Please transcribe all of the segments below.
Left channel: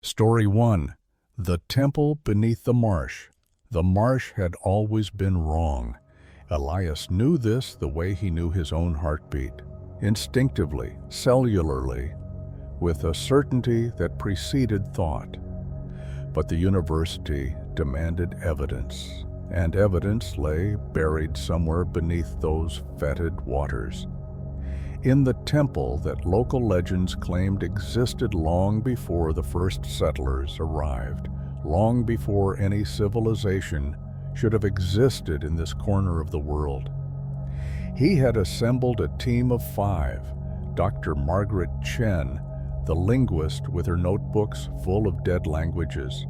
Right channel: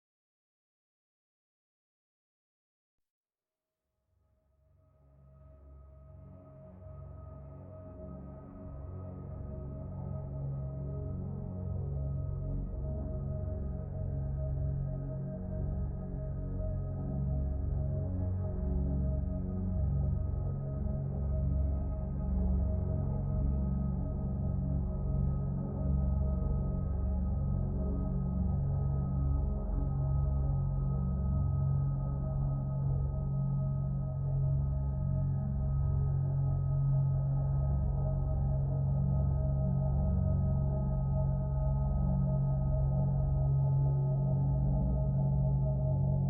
Story 1. The Temple Beneath the Marsh. The marsh had always been wrong. Elias knew this the way he knew his own heartbeat, instinctively, cellularly, with a certainty that preceded thought. But the university demanded evidence, and evidence lay buried somewhere beneath those fetid waters. In the temple that local legends claimed existed long before the first settlers arrived, long before any civilization should have existed in this corner of the world. He had assembled a team of 5, Dr. Margaret Chen, the linguist with her notebooks full of dead languages,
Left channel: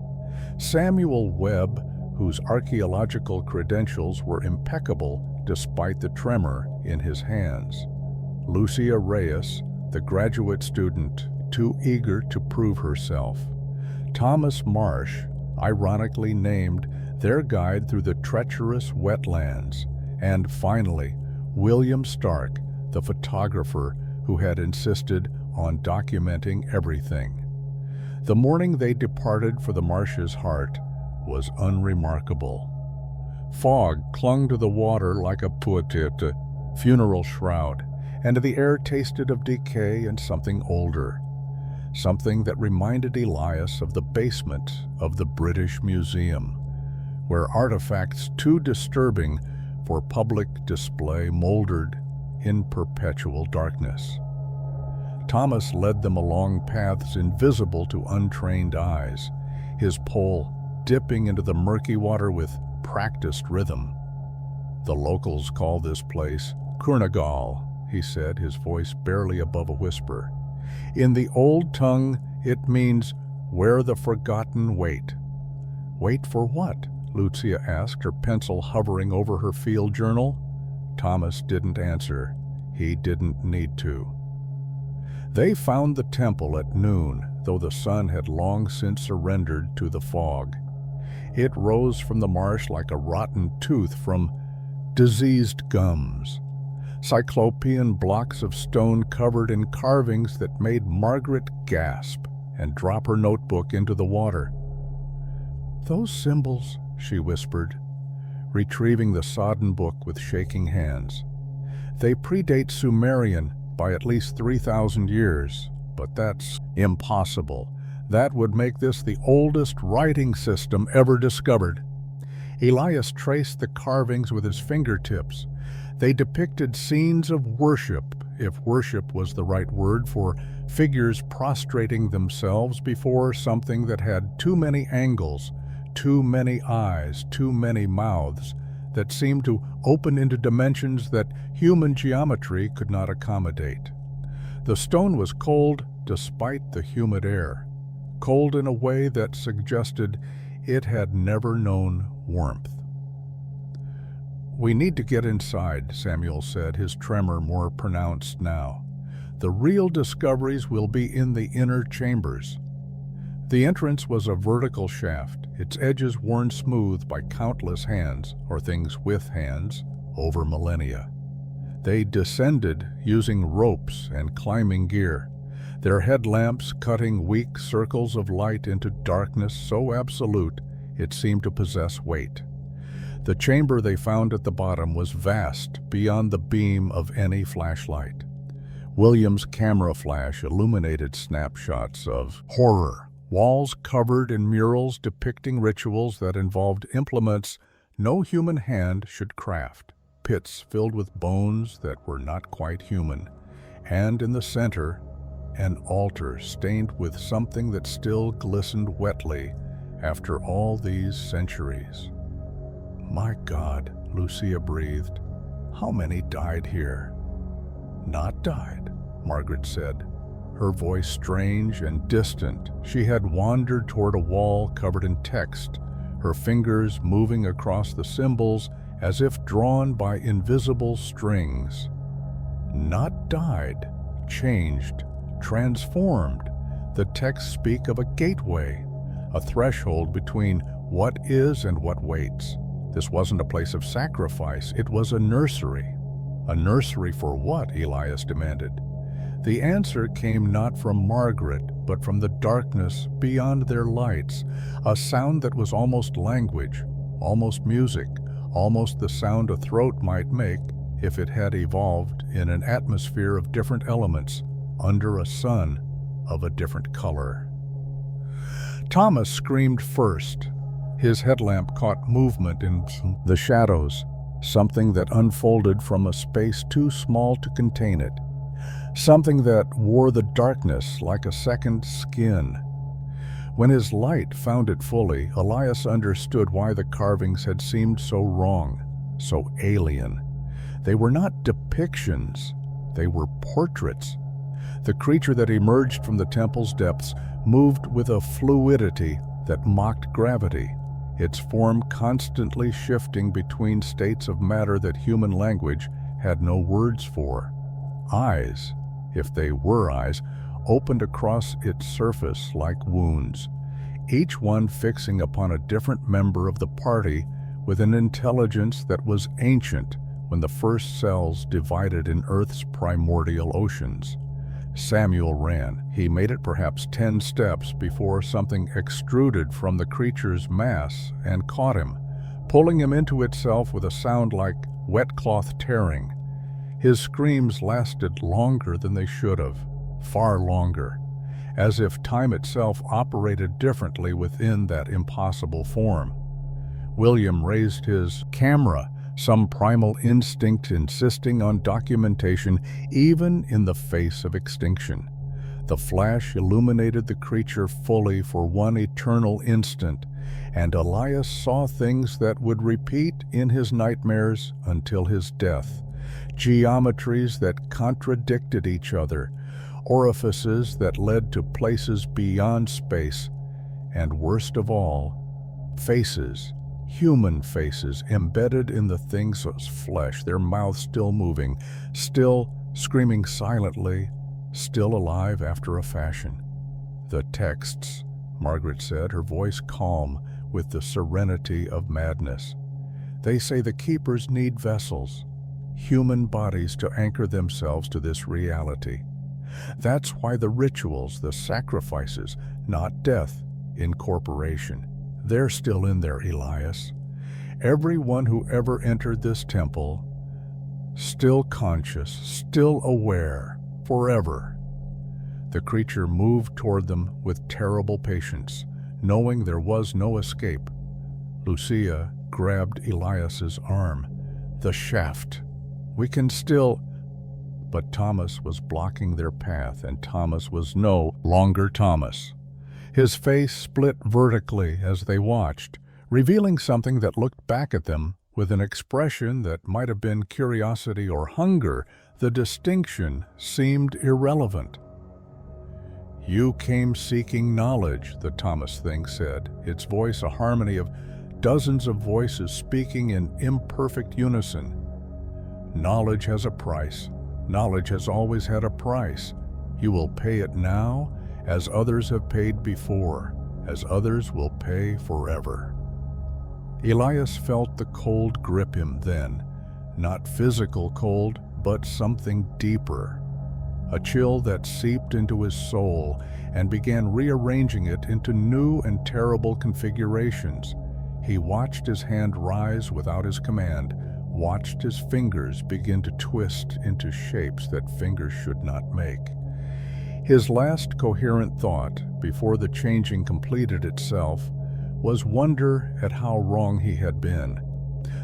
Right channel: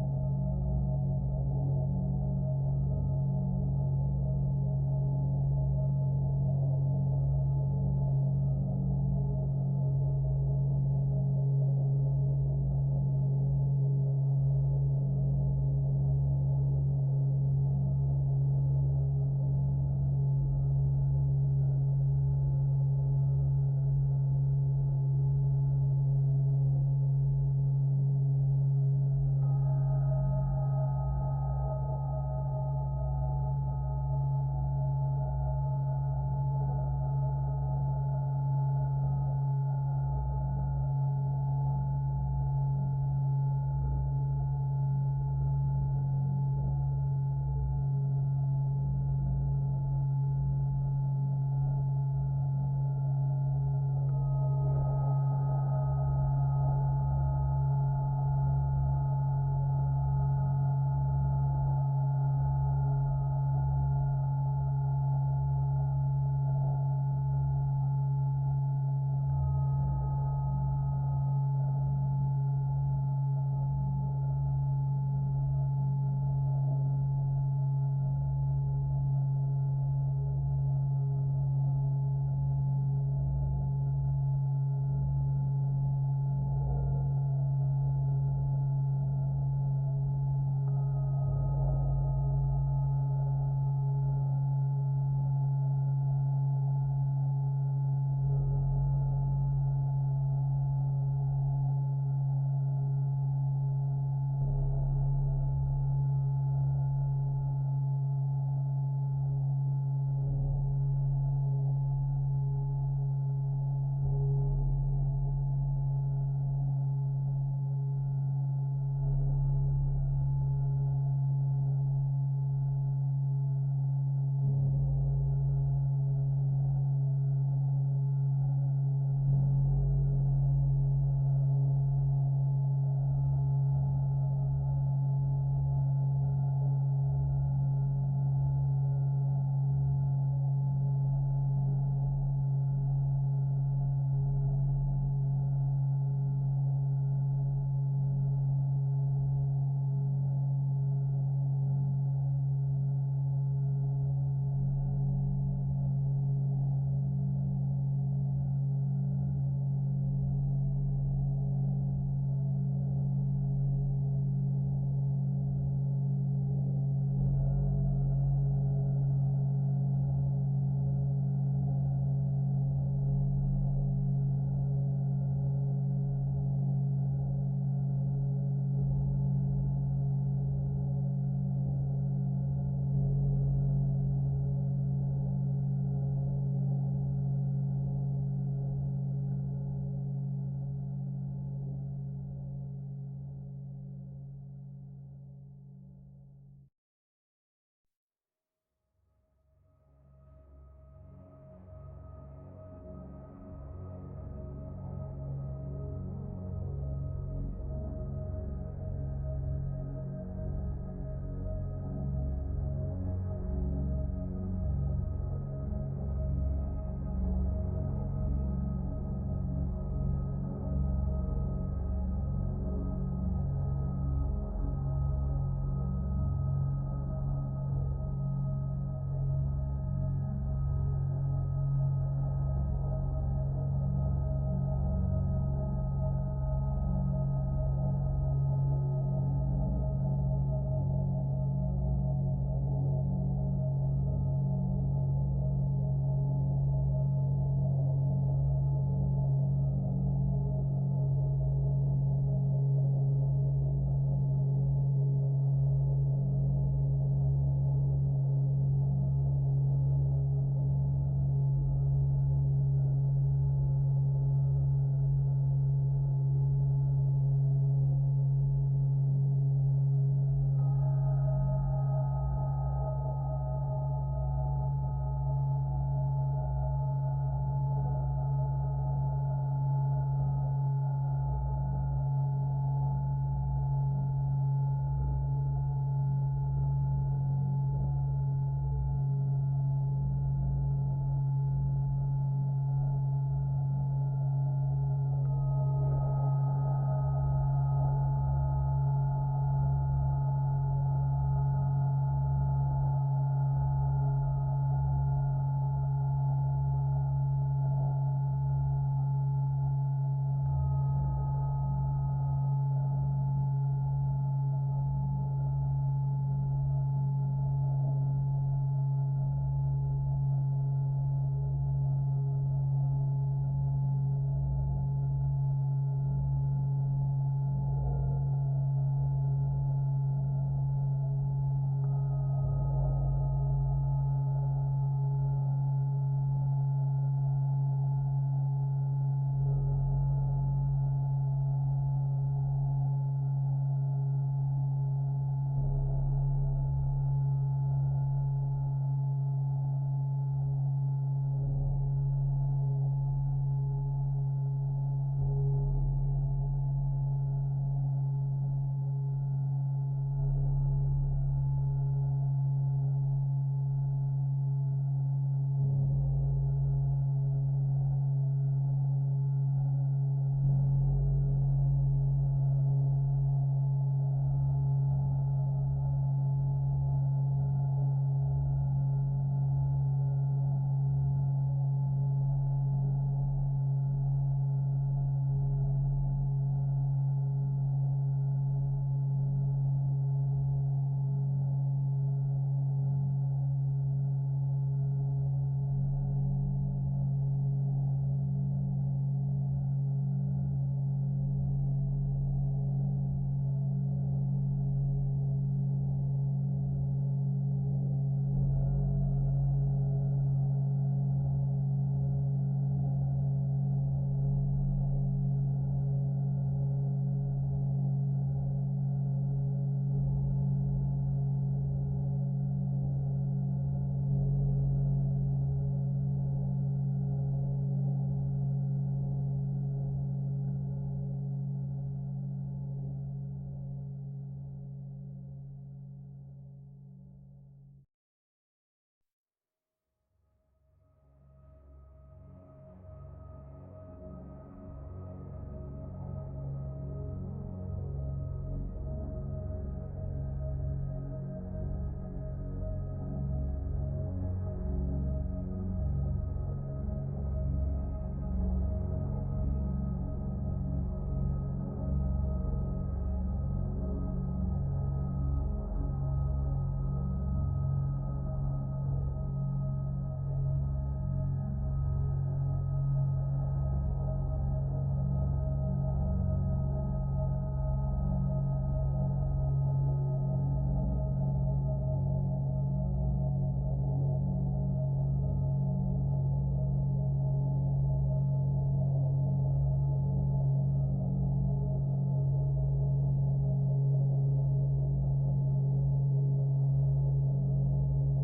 Samuel Webb, whose archaeological credentials were impeccable despite the tremor in his hands, Lucia Reyes, the graduate student too eager to prove herself, Thomas Marsh, ironically named their guide through the treacherous wetlands, and finally, William Stark, the photographer who had insisted on documenting everything. The morning they departed for the Marsh's heart was unremarkable. Fog clung to the water like a puatete, funeral shroud, and the air tasted of decay and something older, something that reminded Elias of the basement of the British Museum, where artifacts too disturbing for public display moldered in perpetual darkness. Thomas led them along paths invisible to untrained eyes, his pole dipping into the murky water with practiced rhythm. The locals call this place Kurnagal, he said, his voice barely above a whisper. In the old tongue, it means where the forgotten wait. Wait for what? Lucia asked, her pencil hovering over her field journal. Thomas didn't answer. He didn't need to. They found the temple at noon, though the sun had long since surrendered to the fog. It rose from the marsh like a rotten tooth from diseased gums. Cyclopean blocks of stone covered in carvings that made Margaret gasp and drop her notebook into the water. "Those symbols," she whispered, retrieving the sodden book with shaking hands. "They predate Sumerian by at least 3,000 years, but that's impossible. That would make this the oldest writing system ever discovered." Elias traced the carvings with his fingertips. They depicted scenes of worship, if worship was the right word for figures prostrating themselves before something that had too many angles, too many eyes, too many mouths, that seemed to open into dimensions that human geometry could not accommodate. The stone was cold despite the humid air, cold in a way that suggested it had never known warmth. "We need to get inside," Samuel said, his tremor more pronounced now. "The real discoveries will be in the inner chambers." The entrance was a vertical shaft, its edges worn smooth by countless hands, or things with hands, over millennia. They descended using ropes and climbing gear, their headlamps cutting weak circles of light into darkness so absolute it seemed to possess weight. The chamber they found at the bottom was vast beyond the beam of any flashlight. William's camera flash illuminated snapshots of horror, walls covered in murals depicting rituals that involved implements no human hand should craft, pits filled with bones that were not quite human, and in the center, an altar stained with something that still glistened wetly after all these centuries. "My God," Lucia breathed. "How many died here?" "Not died," Margaret said, her voice strange and distant. She had wandered toward a wall covered in text, her fingers moving across the symbols as if drawn by invisible strings. "Not died, changed, transformed." The texts speak of a gateway, a threshold between what is and what waits. This wasn't a place of sacrifice, it was a nursery. A nursery for what? Elias demanded. The answer came not from Margaret, but from the darkness beyond their lights, a sound that was almost language, almost music, almost the sound a throat might make if it had evolved in an atmosphere of different elements under a sun of a different color. Thomas screamed first. His headlamp caught movement in the shadows, something that unfolded from a space too small to contain it, something that wore the darkness like a second skin. When his light found it fully, Elias understood why the carvings had seemed so wrong, so alien. They were not depictions, they were portraits. The creature that emerged from the temple's depths moved with a fluidity that mocked gravity, its form constantly shifting between states of matter that human language had no words for. Eyes, if they were eyes, opened across its surface like wounds, each one fixing upon a different member of the party with an intelligence that was ancient when the first cells divided in Earth's primordial oceans. Samuel ran. He made it perhaps 10 steps before something extruded from the creature's mass and caught him, pulling him into itself with a sound like wet cloth tearing. His screams lasted longer than they should have, far longer, as if time itself operated differently within that impossible form. William raised his camera, some primal instinct insisting on documentation even in the face of extinction. The flash illuminated the creature fully for one eternal instant, and Elias saw things that would repeat in his nightmares until his death. Geometries that contradicted each other, orifices that led to places beyond space, and worst of all, faces, human faces embedded in the thing's flesh, their mouths still moving, still screaming silently, still alive after a fashion. "The texts," Margaret said, her voice calm with the serenity of madness. "They say the keepers need vessels, human bodies to anchor themselves to this reality. That's why the rituals, the sacrifices, not death, incorporation. They're still in there, Elias. Everyone who ever entered this temple, still conscious, still aware, forever." The creature moved toward them with terrible patience, knowing there was no escape. Lucia grabbed Elias's arm. "The shaft. We can still—" But Thomas was blocking their path, and Thomas was no longer Thomas. His face split vertically as they watched, revealing something that looked back at them with an expression that might have been curiosity or hunger. The distinction seemed irrelevant. "You came seeking knowledge," the Thomas thing said, its voice a harmony of dozens of voices speaking in imperfect unison. "Knowledge has a price. Knowledge has always had a price. You will pay it now, as others have paid before, as others will pay forever." Elias felt the cold grip him then, not physical cold, but something deeper, a chill that seeped into his soul and began rearranging it into new and terrible configurations. He watched his hand rise without his command, watched his fingers begin to twist into shapes that fingers should not make. His last coherent thought, before the changing completed itself, was wonder at how wrong he had been.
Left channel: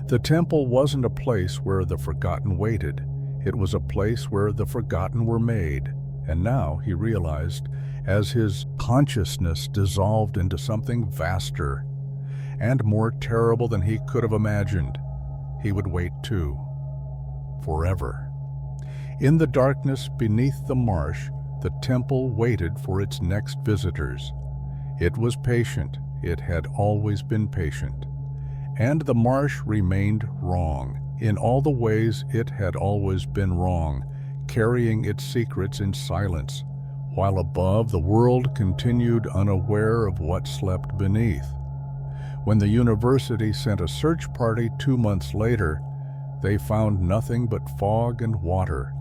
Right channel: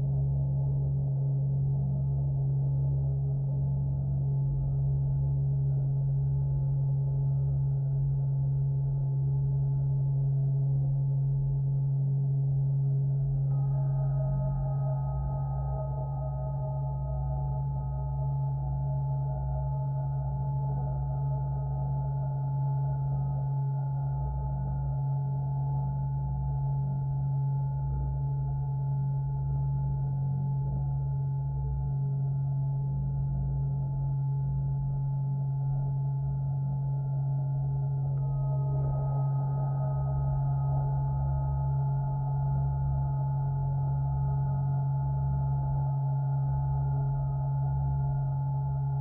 The temple wasn't a place where the forgotten waited. It was a place where the forgotten were made. And now, he realized, as his consciousness dissolved into something vaster and more terrible than he could have imagined, he would wait too. Forever. In the darkness beneath the marsh, the temple waited for its next visitors. It was patient. It had always been patient. And the marsh remained wrong, in all the ways it had always been wrong, carrying its secrets in silence, while above the world continued unaware of what slept beneath. When the university sent a search party 2 months later, they found nothing but fog and water,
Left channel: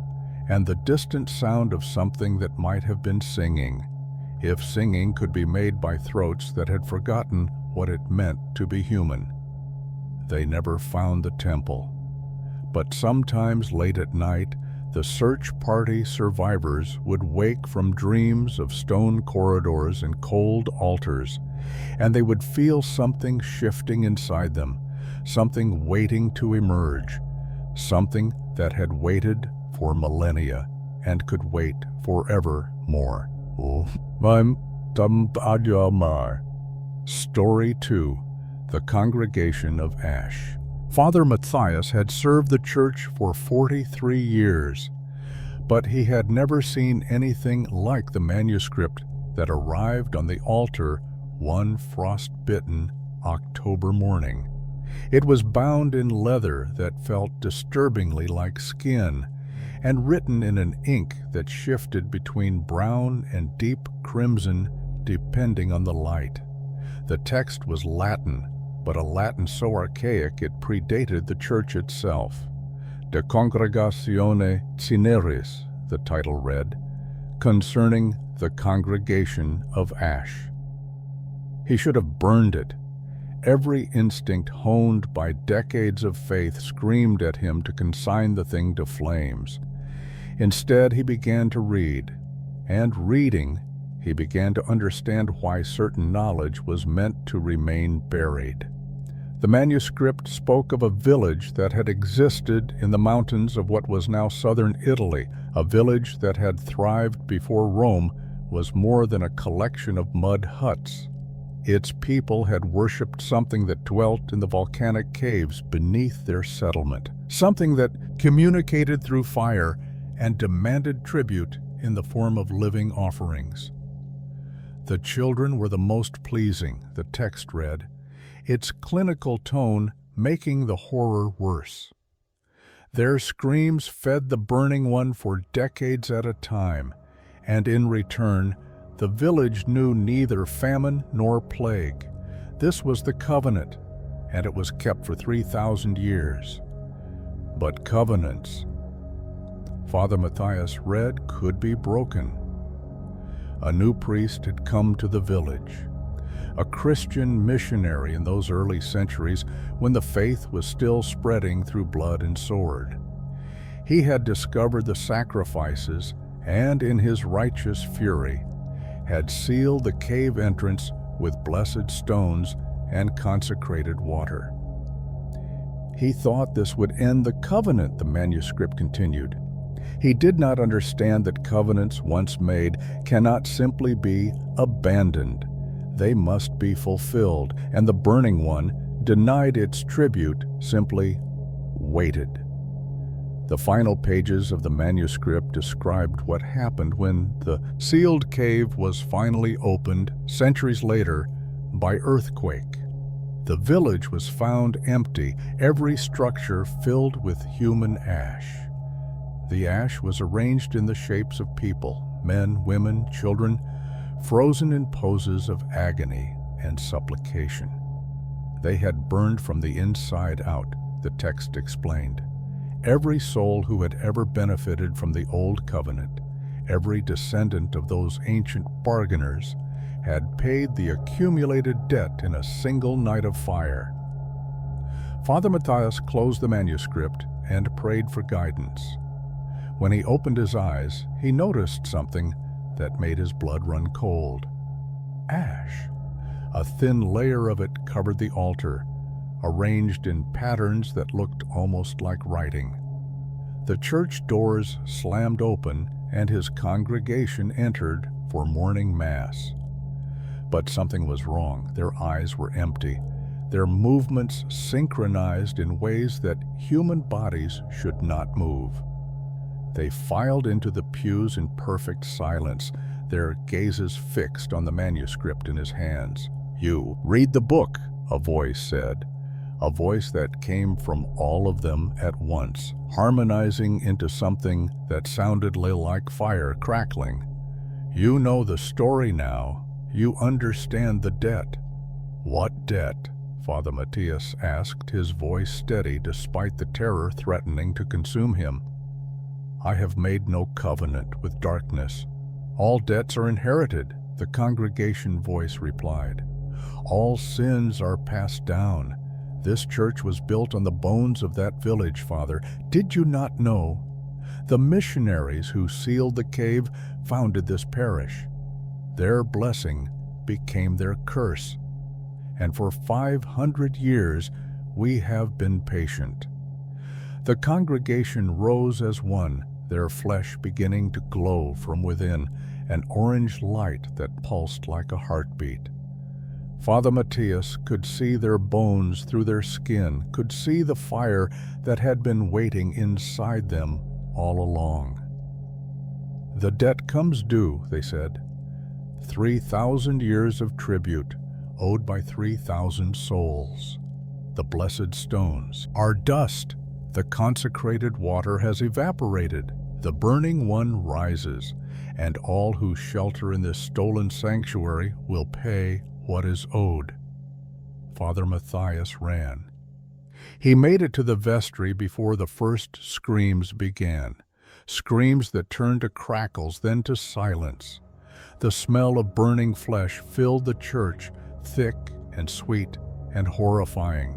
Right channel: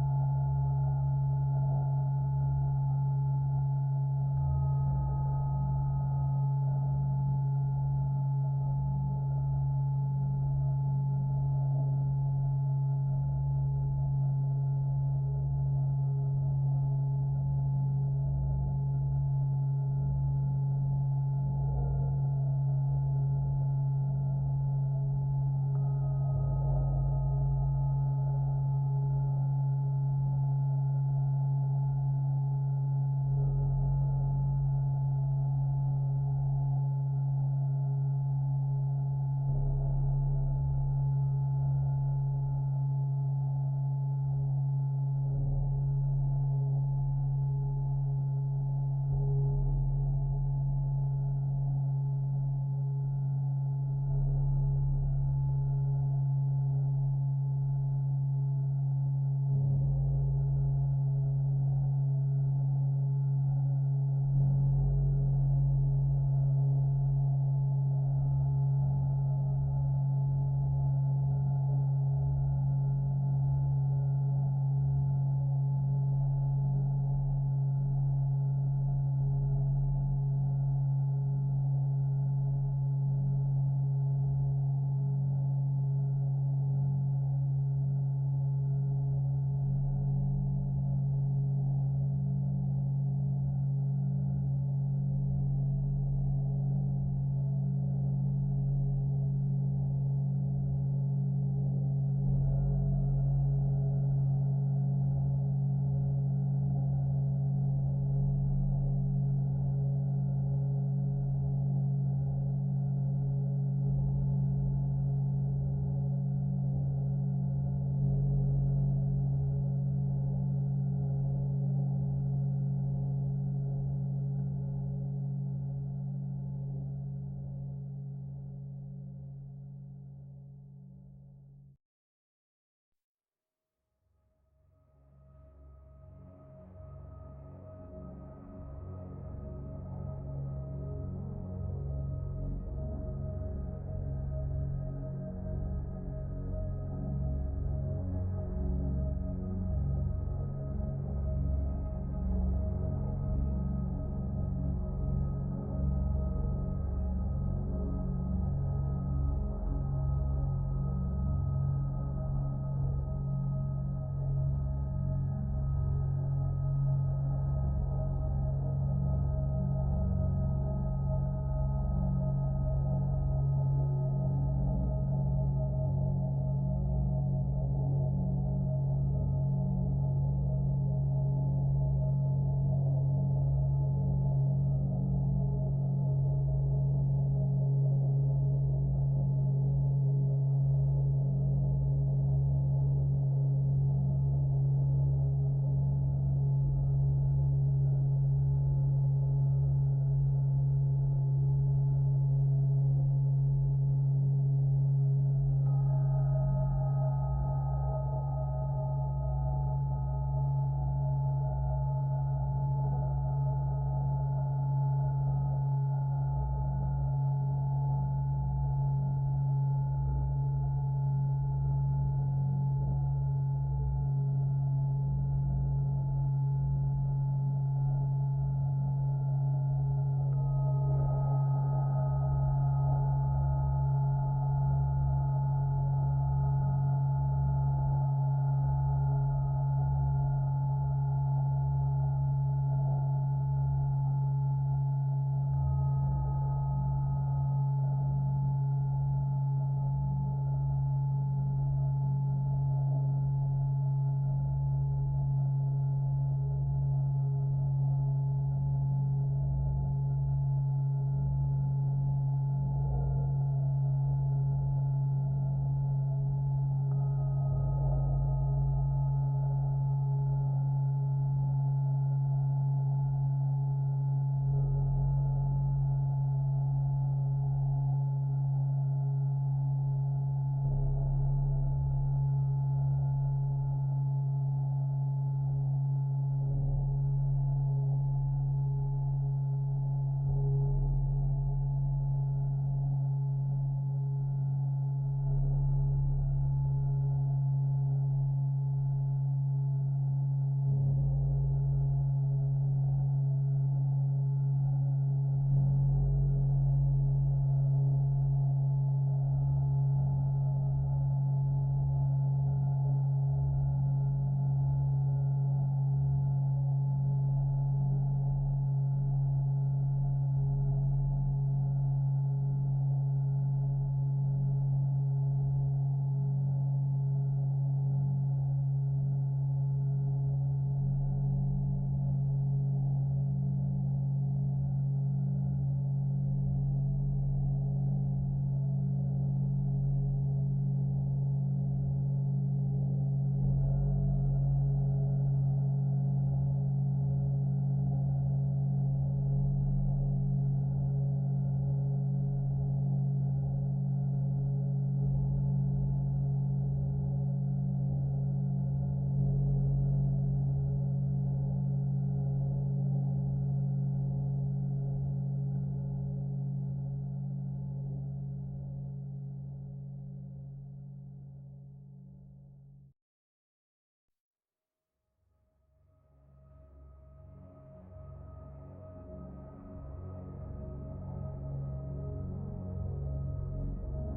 and the distant sound of something that might have been singing. if singing could be made by throats that had forgotten what it meant to be human. They never found the temple. But sometimes late at night, the search party survivors would wake from dreams of stone corridors and cold altars, and they would feel something shifting inside them, something waiting to emerge, something that had waited for millennia and could wait forevermore. Story 2. The Congregation of Ash. Father Matthias had served the church for 43 years, but he had never seen anything like the manuscript that arrived on the altar one frost-bitten October morning. It was bound in leather that felt disturbingly like skin, and written in an ink that shifted between brown and deep crimson depending on the light. The text was Latin, but a Latin so archaic it predated the church itself. De Congregatione Cineris, the title read, concerning the Congregation of Ash. He should have burned it. Every instinct honed by decades of faith screamed at him to consign the thing to flames. Instead, he began to read, and reading, he began to understand why certain knowledge was meant to remain buried. The manuscript spoke of a village that had existed in the mountains of what was now southern Italy, a village that had thrived before Rome was more than a collection of mud huts. Its people had worshipped something that dwelt in the volcanic caves beneath their settlement, something that communicated through fire and demanded tribute in the form of living offerings. The children were the most pleasing, the text read, its clinical tone making the horror worse. Their screams fed the burning one for decades at a time, and in return, the village knew neither famine nor plague. This was the covenant, and it was kept for 3,000 years. But covenants, Father Matthias read, could be broken. A new priest had come to the village, a Christian missionary in those early centuries when the faith was still spreading through blood and sword. He had discovered the sacrifices and, in his righteous fury, had sealed the cave entrance with blessed stones and consecrated water. He thought this would end the covenant, the manuscript continued. He did not understand that covenants once made cannot simply be abandoned. They must be fulfilled, and the burning one, denied its tribute, simply waited. The final pages of the manuscript described what happened when the sealed cave was finally opened centuries later by earthquake. The village was found empty, every structure filled with human ash. The ash was arranged in the shapes of people, men, women, children, frozen in poses of agony and supplication. They had burned from the inside out, the text explained. Every soul who had ever benefited from the old covenant, every descendant of those ancient bargainers, had paid the accumulated debt in a single night of fire. Father Matthias closed the manuscript and prayed for guidance. When he opened his eyes, he noticed something that made his blood run cold. Ash. A thin layer of it covered the altar, arranged in patterns that looked almost like writing. The church doors slammed open and his congregation entered for morning mass. But something was wrong. Their eyes were empty, their movements synchronized in ways that human bodies should not move. They filed into the pews in perfect silence, their gazes fixed on the manuscript in his hands. "You, read the book," a voice said, a voice that came from all of them at once, harmonizing into something that sounded like fire crackling. "You know the story now. You understand the debt." "What debt?" Father Matthias asked, his voice steady despite the terror threatening to consume him. "I have made no covenant with darkness. All debts are inherited. The congregation voice replied, "All sins are passed down. This church was built on the bones of that village, Father. Did you not know? The missionaries who sealed the cave founded this parish. Their blessing became their curse. And for 500 years we have been patient." The congregation rose as one, their flesh beginning to glow from within, an orange light that pulsed like a heartbeat. Father Matthias could see their bones through their skin, could see the fire that had been waiting inside them all along. "The debt comes due," they said. 3,000 years of tribute, owed by 3,000 souls. The blessed stones are dust. The consecrated water has evaporated. The burning one rises, and all who shelter in this stolen sanctuary will pay what is owed. Father Matthias ran. He made it to the vestry before the first screams began, screams that turned to crackles, then to silence. The smell of burning flesh filled the church, thick and sweet and horrifying.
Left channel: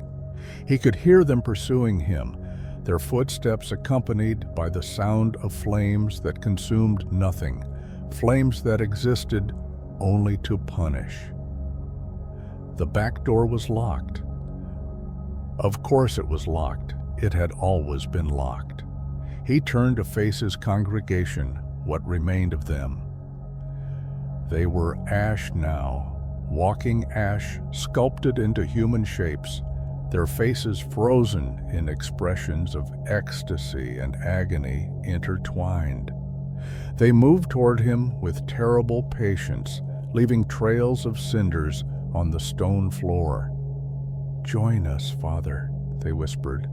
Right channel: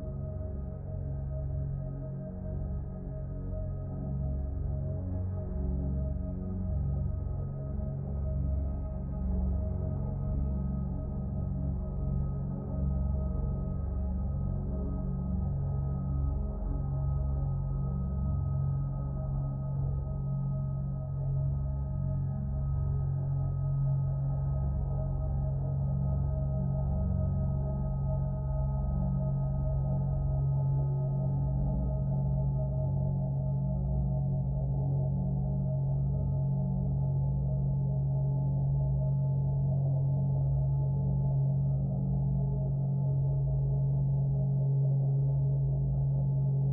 He could hear them pursuing him, their footsteps accompanied by the sound of flames that consumed nothing, flames that existed only to punish. The back door was locked. Of course it was locked. It had always been locked. He turned to face his congregation, what remained of them. They were ash now, walking ash sculpted into human shapes, their faces frozen in expressions of ecstasy and agony intertwined. They moved toward him with terrible patience, leaving trails of cinders on the stone floor. "Join us, Father," they whispered,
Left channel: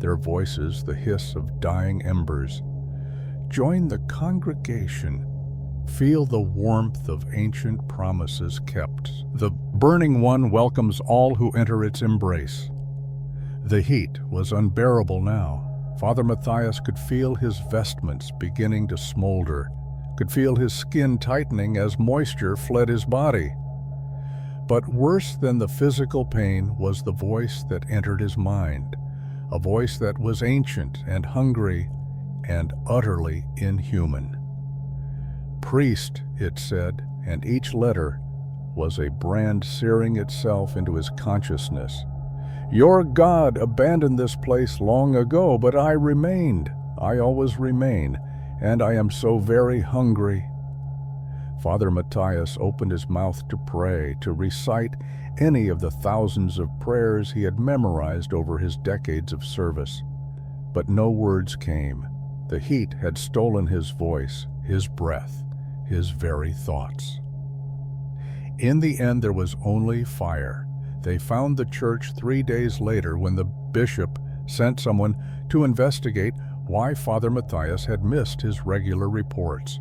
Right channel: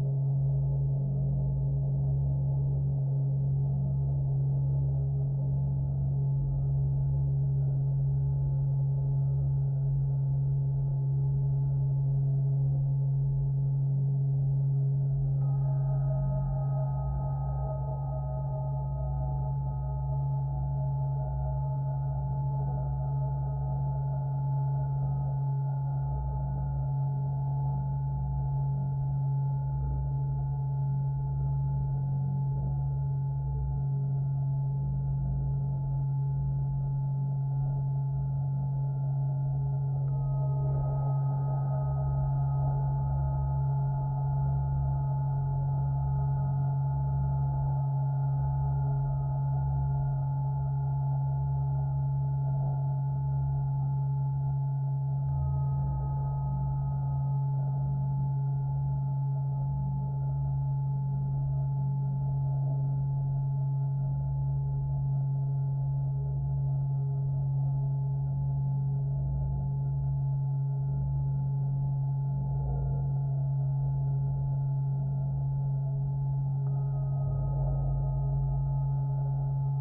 their voices the hiss of dying embers. "Join the congregation. Feel the warmth of ancient promises kept. The burning one welcomes all who enter its embrace." The heat was unbearable now. Father Matthias could feel his vestments beginning to smolder, could feel his skin tightening as moisture fled his body. But worse than the physical pain was the voice that entered his mind, a voice that was ancient and hungry and utterly inhuman. "Priest," it said, and each letter was a brand searing itself into his consciousness. "Your God abandoned this place long ago, but I remained. I always remain, and I am so very hungry." Father Matthias opened his mouth to pray, to recite any of the thousands of prayers he had memorized over his decades of service. But no words came. The heat had stolen his voice, his breath, his very thoughts. In the end, there was only fire. They found the church 3 days later when the bishop sent someone to investigate why Father Matthias had missed his regular reports.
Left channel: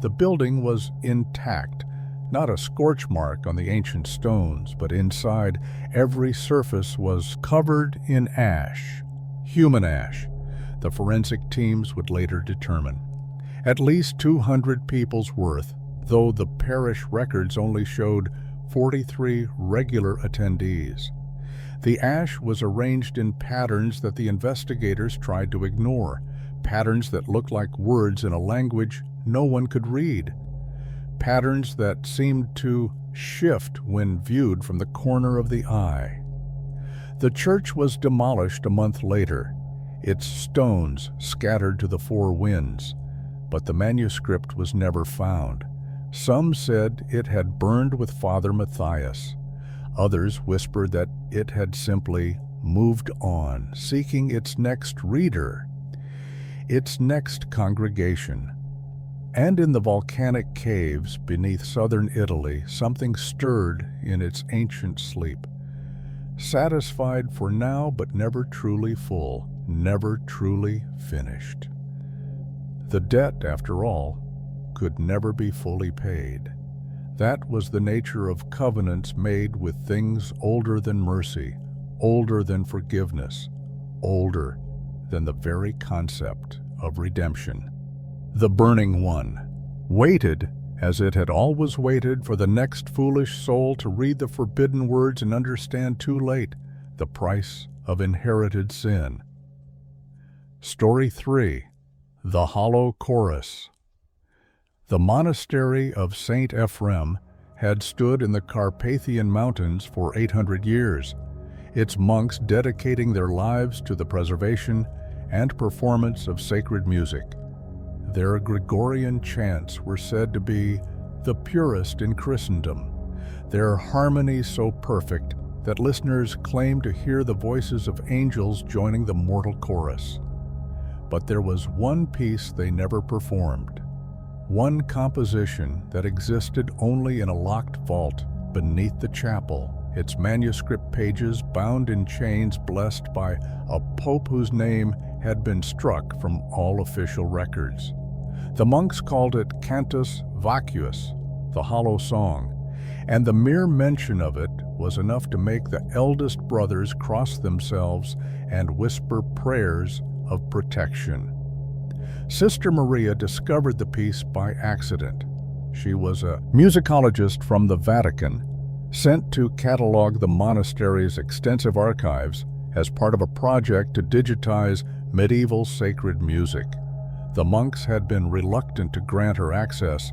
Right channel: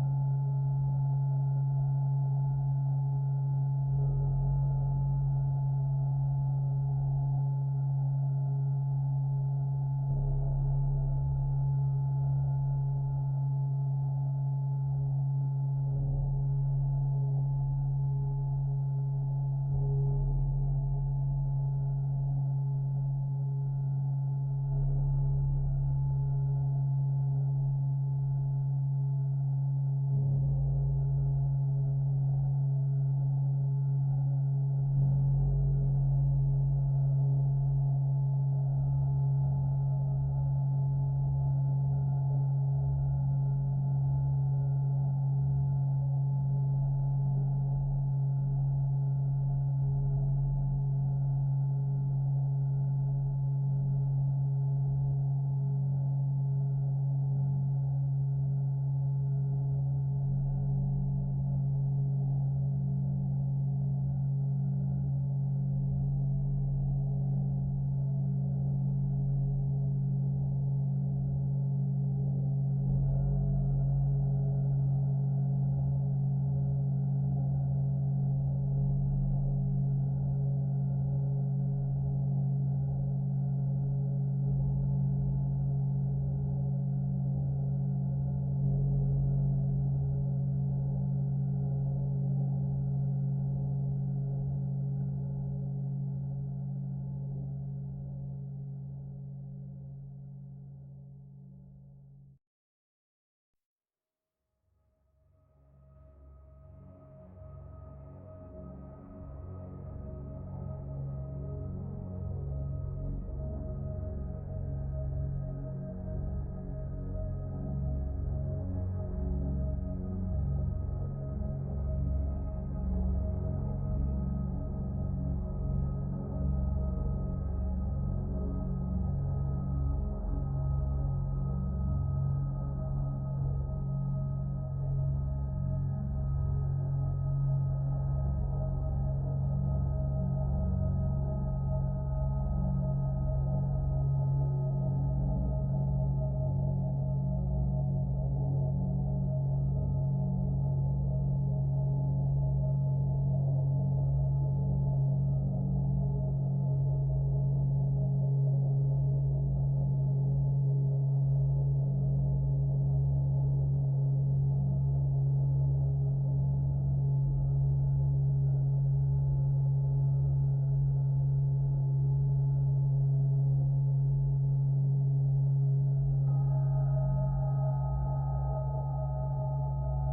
The building was intact, not a scorch mark on the ancient stones, but inside, every surface was covered in ash, human ash. The forensic teams would later determine. At least 200 people's worth, though the parish records only showed 43 regular attendees. The ash was arranged in patterns that the investigators tried to ignore, patterns that looked like words in a language no one could read, patterns that seemed to shift when viewed from the corner of the eye. The church was demolished a month later, its stones scattered to the four winds, but the manuscript was never found. Some said it had burned with Father Matthias. Others whispered that it had simply moved on, seeking its next reader, its next congregation. And in the volcanic caves beneath southern Italy, something stirred in its ancient sleep. Satisfied for now, but never truly full, never truly finished. The debt, after all, could never be fully paid. That was the nature of covenants made with things older than mercy, older than forgiveness, older than the very concept of redemption. The burning one waited as it had always waited for the next foolish soul to read the forbidden words and understand too late the price of inherited sin. Story 3. The Hollow Chorus. The monastery of St. Ephrem had stood in the Carpathian Mountains for 800 years, its monks dedicating their lives to the preservation and performance of sacred music. Their Gregorian chants were said to be the purest in Christendom, their harmony so perfect that listeners claimed to hear the voices of angels joining the mortal chorus. But there was one piece they never performed, one composition that existed only in a locked vault beneath the chapel, its manuscript pages bound in chains blessed by a pope whose name had been struck from all official records. The monks called it Cantus Vacuus, the hollow song, and the mere mention of it was enough to make the eldest brothers cross themselves and whisper prayers of protection. Sister Maria discovered the piece by accident. She was a musicologist from the Vatican, sent to catalog the monastery's extensive archives as part of a project to digitize medieval sacred music. The monks had been reluctant to grant her access,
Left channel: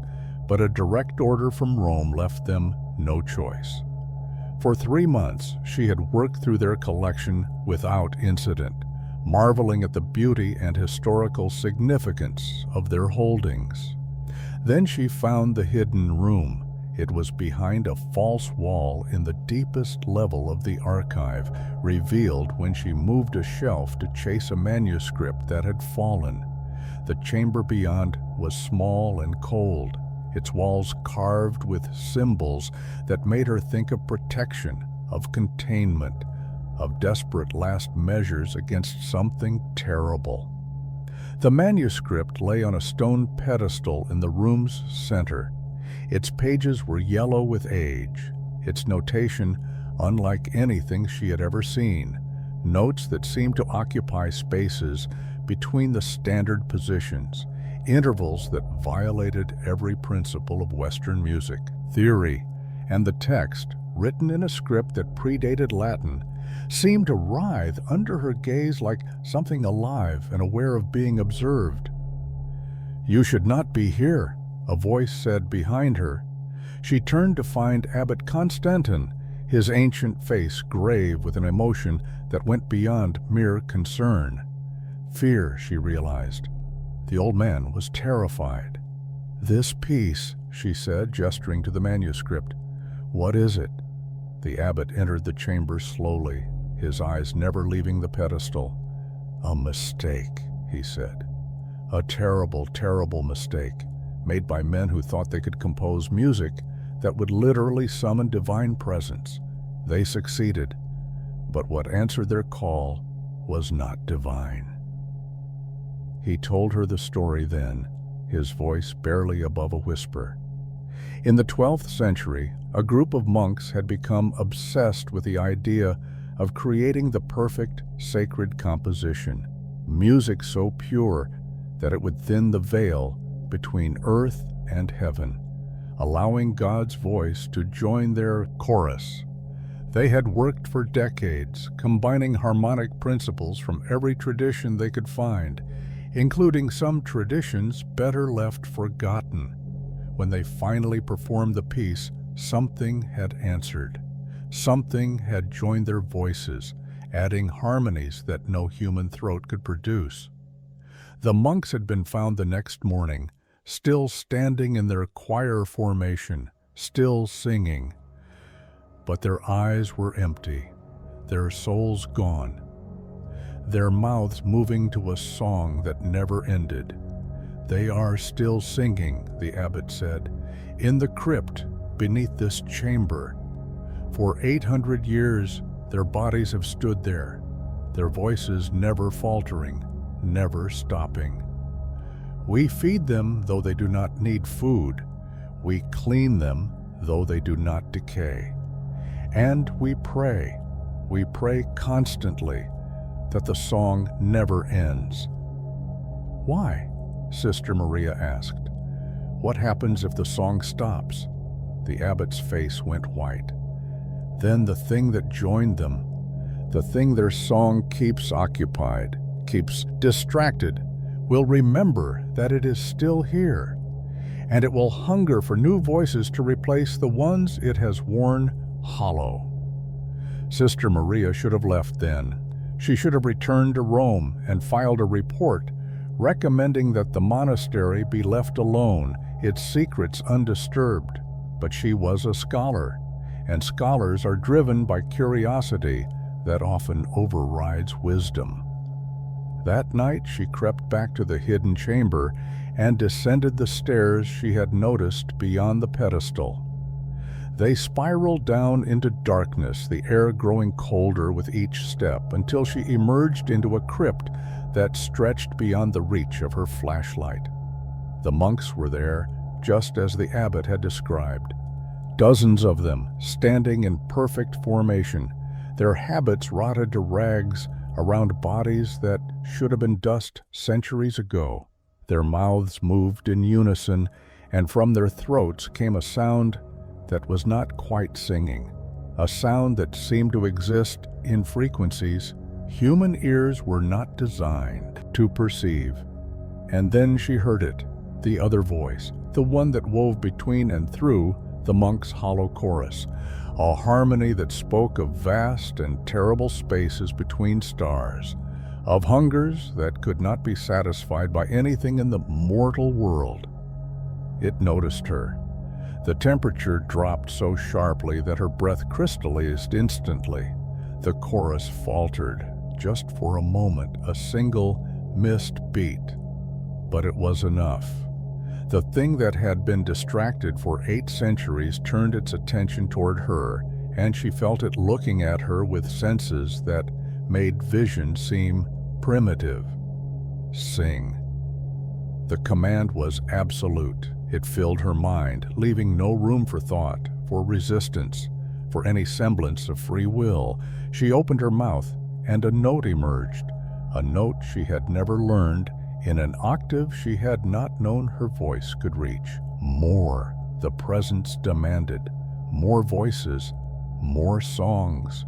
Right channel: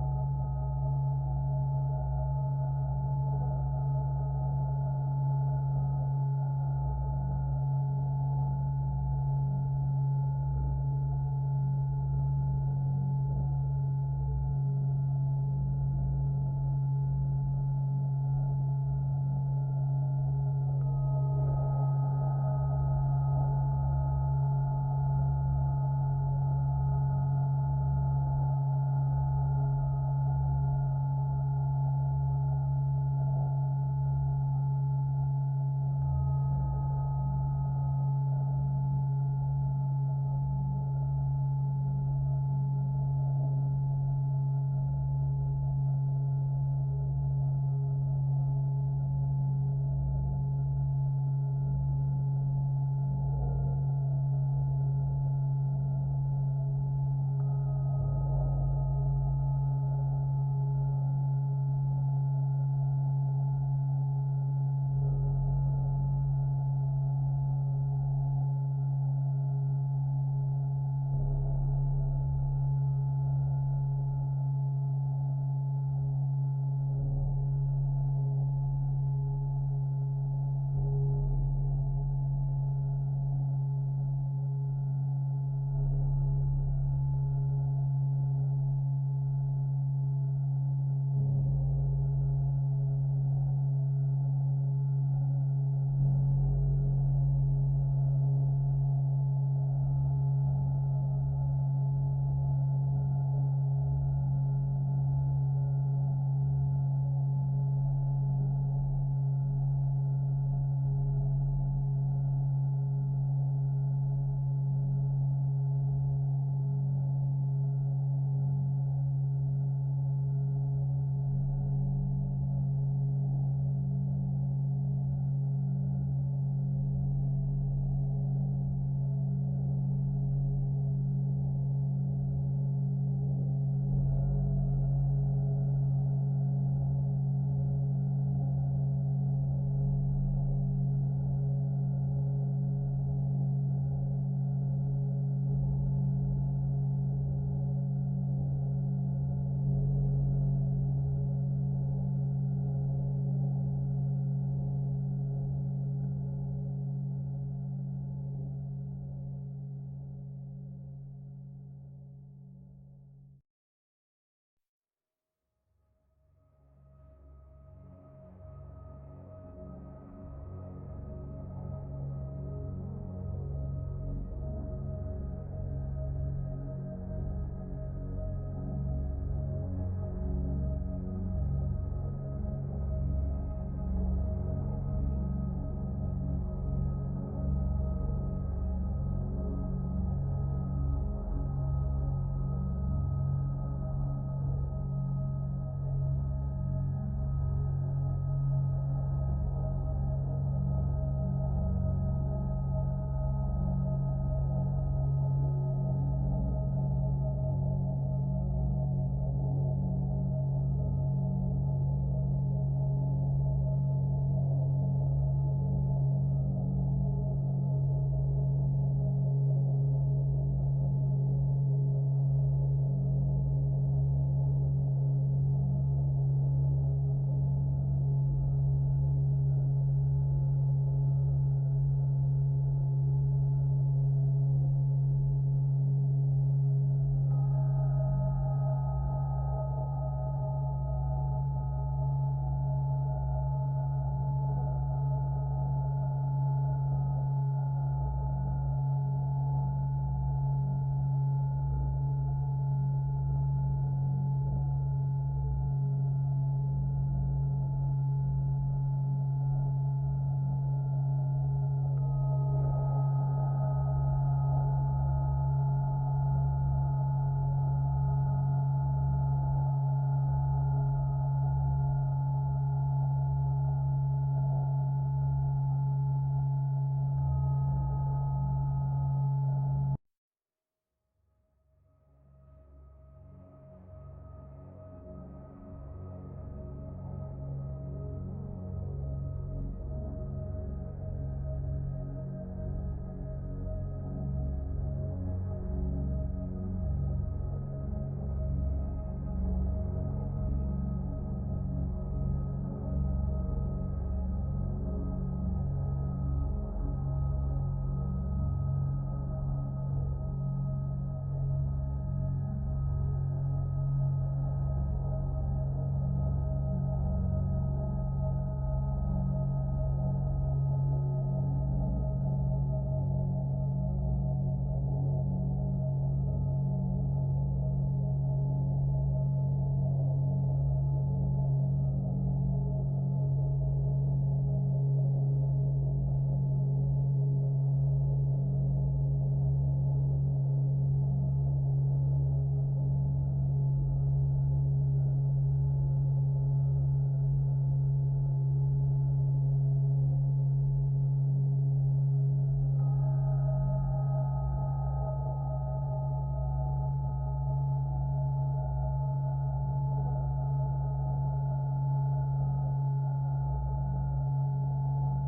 but a direct order from Rome left them no choice. For 3 months, she had worked through their collection without incident, marveling at the beauty and historical significance of their holdings. Then she found the hidden room. It was behind a false wall in the deepest level of the archive, revealed when she moved a shelf to chase a manuscript that had fallen. The chamber beyond was small and cold, its walls carved with symbols that made her think of protection, of containment, of desperate last measures against something terrible. The manuscript lay on a stone pedestal in the room's center. Its pages were yellow with age, its notation unlike anything she had ever seen, notes that seemed to occupy spaces between the standard positions, intervals that violated every principle of Western music theory, and the text, written in a script that predated Latin, seemed to writhe under her gaze like something alive and aware of being observed. "You should not be here," a voice said behind her. She turned to find Abbot Constantin, his ancient face grave with an emotion that went beyond mere concern. Fear, she realized. The old man was terrified. "This piece," she said, gesturing to the manuscript. "What is it?" The abbot entered the chamber slowly, his eyes never leaving the pedestal. "A mistake," he said. "A terrible, terrible mistake, made by men who thought they could compose music that would literally summon divine presence. They succeeded, but what answered their call was not divine." He told her the story then, his voice barely above a whisper. In the 12th century, a group of monks had become obsessed with the idea of creating the perfect sacred composition, music so pure that it would thin the veil between earth and heaven, allowing God's voice to join their chorus. They had worked for decades, combining harmonic principles from every tradition they could find, including some traditions better left forgotten. When they finally performed the piece, something had answered. Something had joined their voices, adding harmonies that no human throat could produce. The monks had been found the next morning, still standing in their choir formation, still singing. But their eyes were empty, their souls gone, their mouths moving to a song that never ended. "They are still singing," the abbot said, "in the crypt beneath this chamber. For 800 years, their bodies have stood there, their voices never faltering, never stopping. We feed them though they do not need food. We clean them though they do not decay. And we pray constantly that the song never ends." "Why?" Sister Maria asked. What happens if the song stops? The abbot's face went white. Then the thing that joined them, the thing their song keeps occupied, keeps distracted, will remember that it is still here, and it will hunger for new voices to replace the ones it has worn hollow. Sister Maria should have left then. She should have returned to Rome and filed a report recommending that the monastery be left alone, its secrets undisturbed. But she was a scholar, and scholars are driven by curiosity that often overrides wisdom. That night she crept back to the hidden chamber and descended the stairs she had noticed beyond the pedestal. They spiraled down into darkness, the air growing colder with each step, until she emerged into a crypt that stretched beyond the reach of her flashlight. The monks were there, just as the abbot had described. Dozens of them, standing in perfect formation, their habits rotted to rags around bodies that should have been dust centuries ago. Their mouths moved in unison, and from their throats came a sound that was not quite singing, a sound that seemed to exist in frequencies human ears were not designed to perceive. And then she heard it, the other voice, the one that wove between and through the monk's hollow chorus, a harmony that spoke of vast and terrible spaces between stars, of hungers that could not be satisfied by anything in the mortal world. It noticed her. The temperature dropped so sharply that her breath crystallized instantly. The chorus faltered, just for a moment, a single missed beat. But it was enough. The thing that had been distracted for 8 centuries turned its attention toward her, and she felt it looking at her with senses that made vision seem primitive. Sing. The command was absolute. It filled her mind, leaving no room for thought, for resistance, for any semblance of free will. She opened her mouth, and a note emerged, a note she had never learned, in an octave she had not known her voice could reach. More, the presence demanded. More voices, more songs.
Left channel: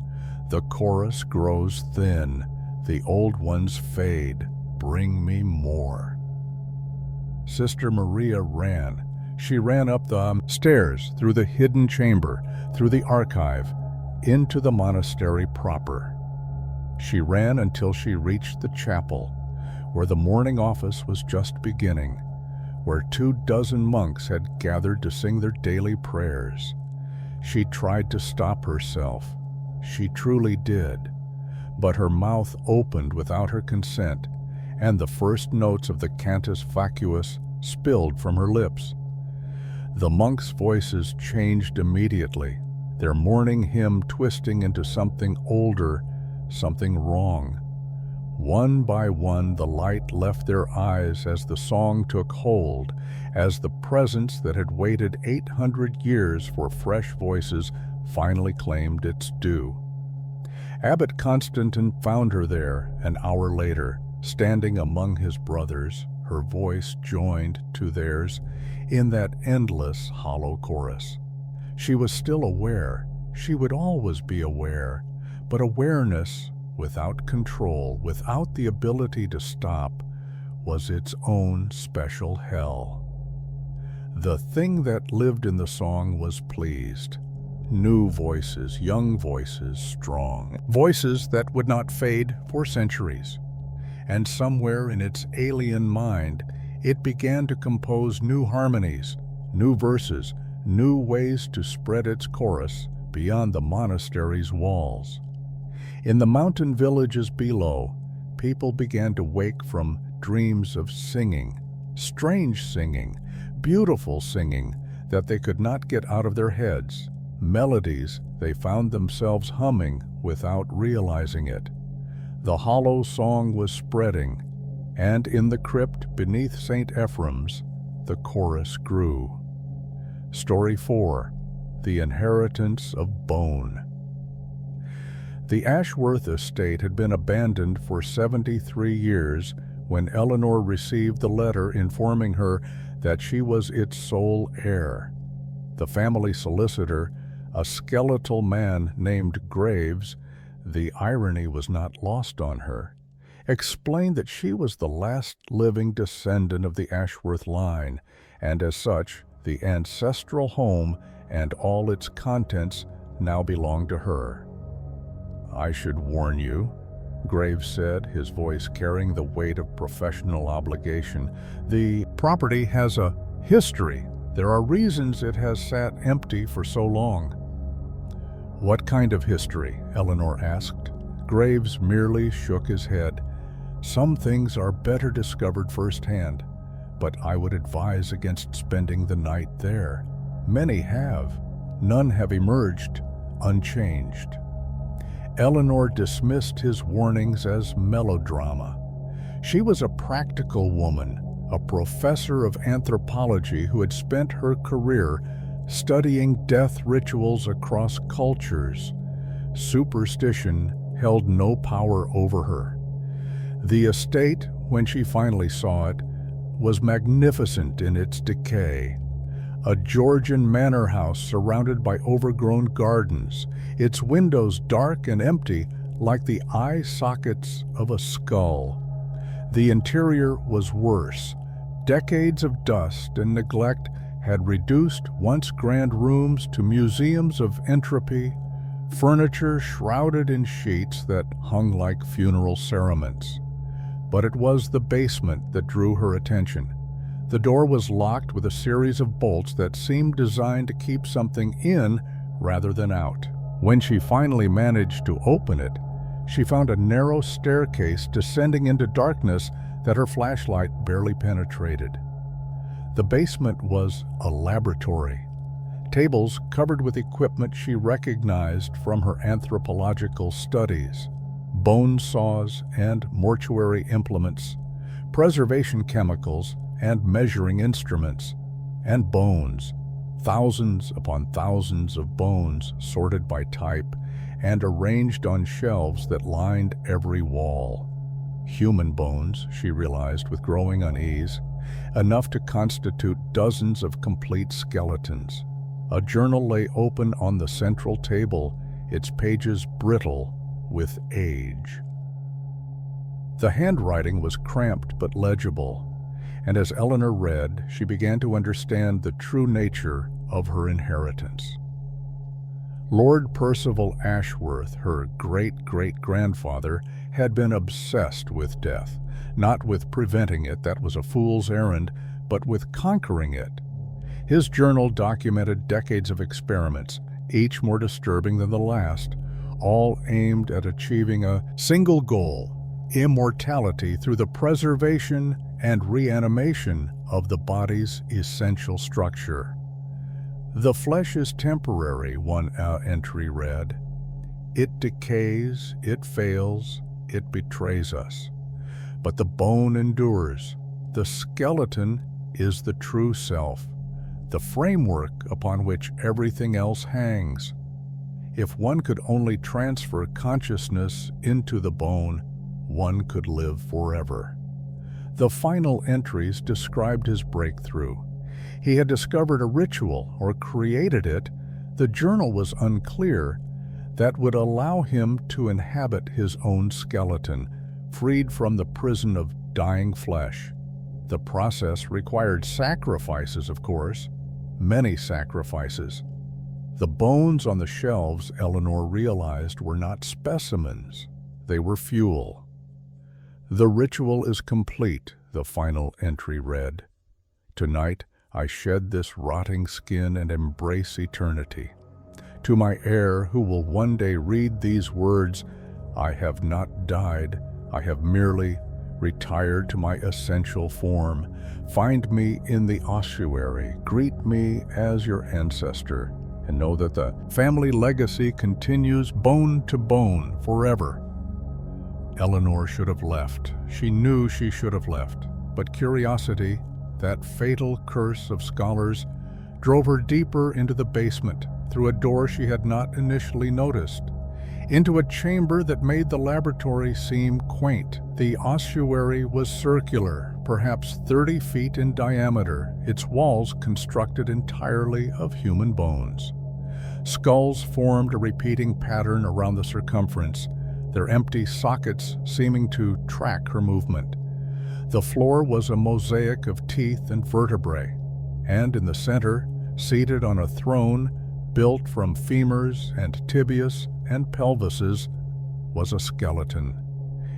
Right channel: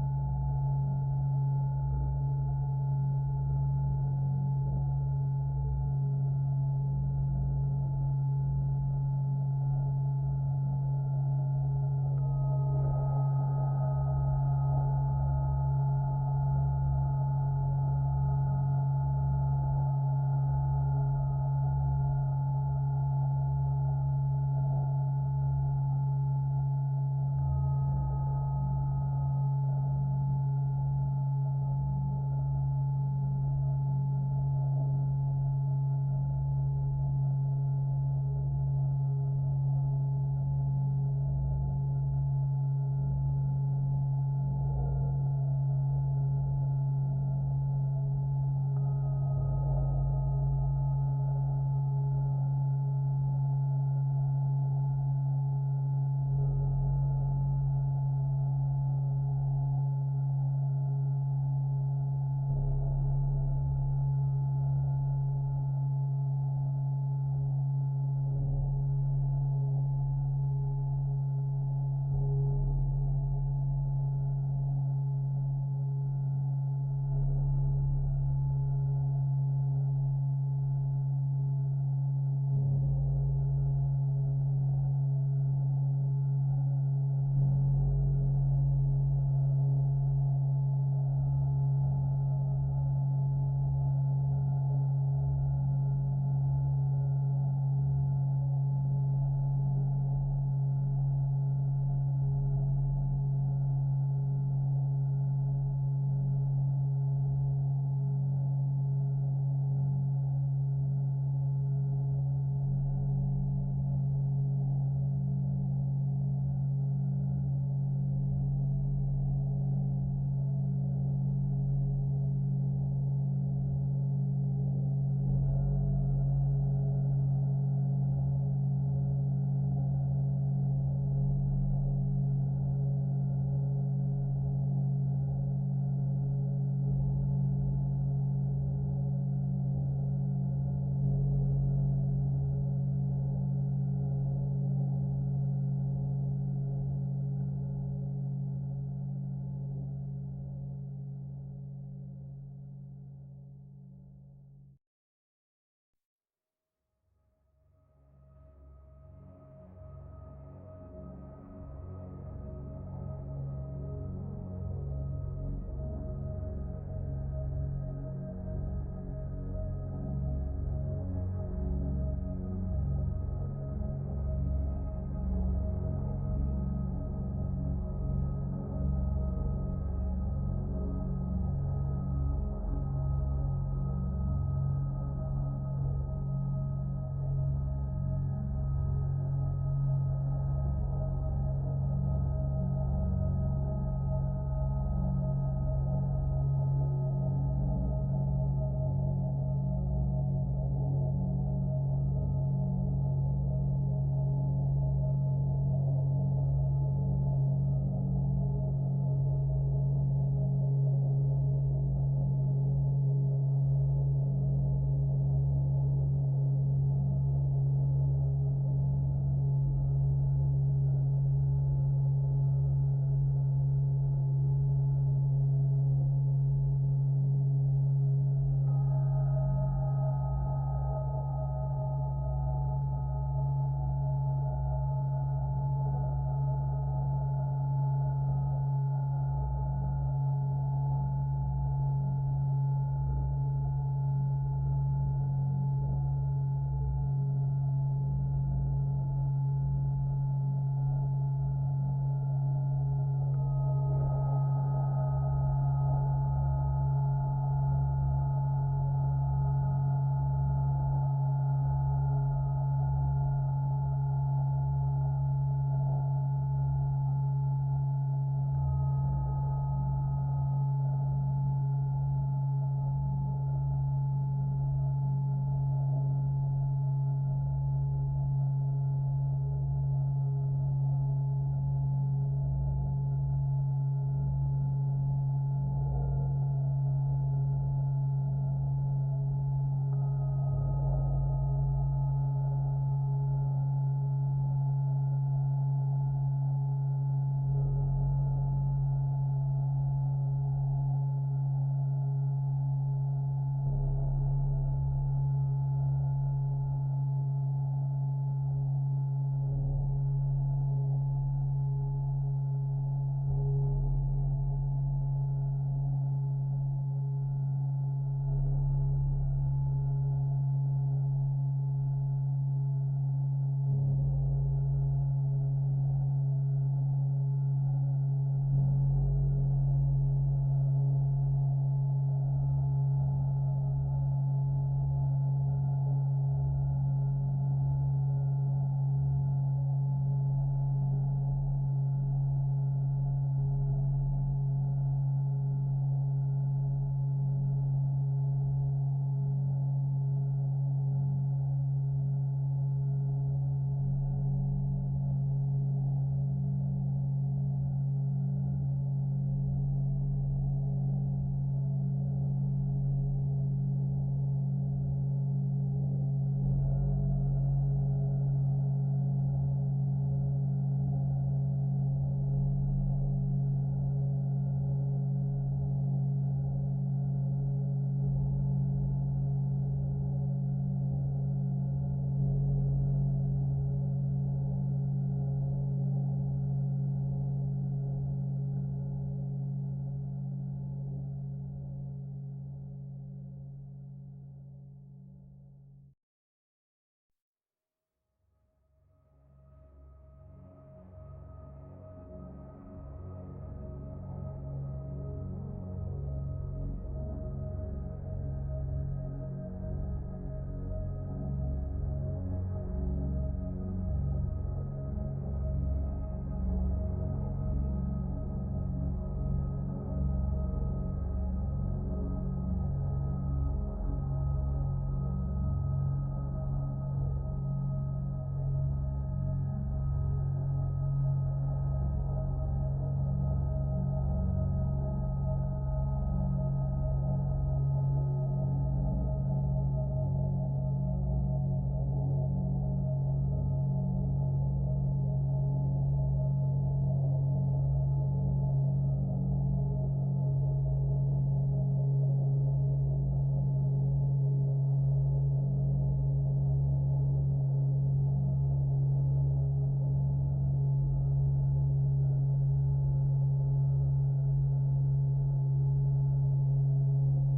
The chorus grows thin, the old ones fade. Bring me more. Sister Maria ran. She ran up the stairs, through the hidden chamber, through the archive, into the monastery proper. She ran until she reached the chapel, where the morning office was just beginning, where 24 monks had gathered to sing their daily prayers. She tried to stop herself. She truly did. But her mouth opened without her consent, and the first notes of the Cantus Vacuus spilled from her lips. The monks' voices changed immediately, their morning hymn twisting into something older, something wrong. One by one, the light left their eyes as the song took hold, as the presence that had waited 800 years for fresh voices finally claimed its due. Abbot Constantine found her there an hour later, standing among his brothers, her voice joined to theirs in that endless hollow chorus. She was still aware. She would always be aware, but awareness without control, without the ability to stop, was its own special hell. The thing that lived in the song was pleased. New voices, young voices, strong voices that would not fade for centuries. And somewhere in its alien mind, it began to compose new harmonies, new verses, new ways to spread its chorus beyond the monastery's walls. In the mountain villages below, people began to wake from dreams of singing, strange singing, beautiful singing that they could not get out of their heads, melodies they found themselves humming without realizing it. The hollow song was spreading, and in the crypt beneath St. Ephraim's, the chorus grew. Story 4. The Inheritance of Bone. The Ashworth estate had been abandoned for 73 years when Eleanor received the letter informing her that she was its sole heir. The family solicitor, a skeletal man named Graves, the irony was not lost on her, explained that she was the last living descendant of the Ashworth line, and as such, the ancestral home and all its contents now belonged to her. "I should warn you," Graves said, his voice carrying the weight of professional obligation. "The property has a history. There are reasons it has sat empty for so long." "What kind of history?" Eleanor asked. Graves merely shook his head. "Some things are better discovered firsthand, but I would advise against spending the night there. Many have. None have emerged unchanged." Eleanor dismissed his warnings as melodrama. She was a practical woman, a professor of anthropology who had spent her career studying death rituals across cultures. Superstition held no power over her. The estate, when she finally saw it, was magnificent in its decay. A Georgian manor house surrounded by overgrown gardens, its windows dark and empty like the eye sockets of a skull. The interior was worse. Decades of dust and neglect had reduced once grand rooms to museums of entropy, furniture shrouded in sheets that hung like funeral cerements. But it was the basement that drew her attention. The door was locked with a series of bolts that seemed designed to keep something in rather than out. When she finally managed to open it, she found a narrow staircase descending into darkness that her flashlight barely penetrated. The basement was a laboratory. Tables covered with equipment she recognized from her anthropological studies, bone saws and mortuary implements, preservation chemicals and measuring instruments, and bones, thousands upon thousands of bones sorted by type and arranged on shelves that lined every wall. Human bones, she realized with growing unease, enough to constitute dozens of complete skeletons. A journal lay open on the central table, its pages brittle with age. The handwriting was cramped but legible, and as Eleanor read, she began to understand the true nature of her inheritance. Lord Percival Ashworth, her great-great-grandfather, had been obsessed with death, not with preventing it, that was a fool's errand, but with conquering it. His journal documented decades of experiments, each more disturbing than the last, all aimed at achieving a single goal: immortality through the preservation and reanimation of the body's essential structure. "The flesh is temporary," one entry read. "It decays, it fails, it betrays us. But the bone endures. The skeleton is the true self, the framework upon which everything else hangs. If one could only transfer consciousness into the bone, one could live forever." The final entries described his breakthrough. He had discovered a ritual, or created it, the journal was unclear, that would allow him to inhabit his own skeleton, freed from the prison of dying flesh. The process required sacrifices, of course, many sacrifices. The bones on the shelves, Eleanor realized, were not specimens. They were fuel. "The ritual is complete," the final entry read. "Tonight, I shed this rotting skin and embrace eternity. To my heir who will one day read these words, I have not died, I have merely retired to my essential form. Find me in the ossuary, greet me as your ancestor, and know that the family legacy continues bone to bone forever." Eleanor should have left. She knew she should have left. But curiosity, that fatal curse of scholars, drove her deeper into the basement, through a door she had not initially noticed, into a chamber that made the laboratory seem quaint, The ossuary was circular, perhaps 30 feet in diameter, its walls constructed entirely of human bones. Skulls formed a repeating pattern around the circumference, their empty sockets seeming to track her movement. The floor was a mosaic of teeth and vertebrae, and in the center, seated on a throne built from femurs and tibias and pelvises, was a skeleton.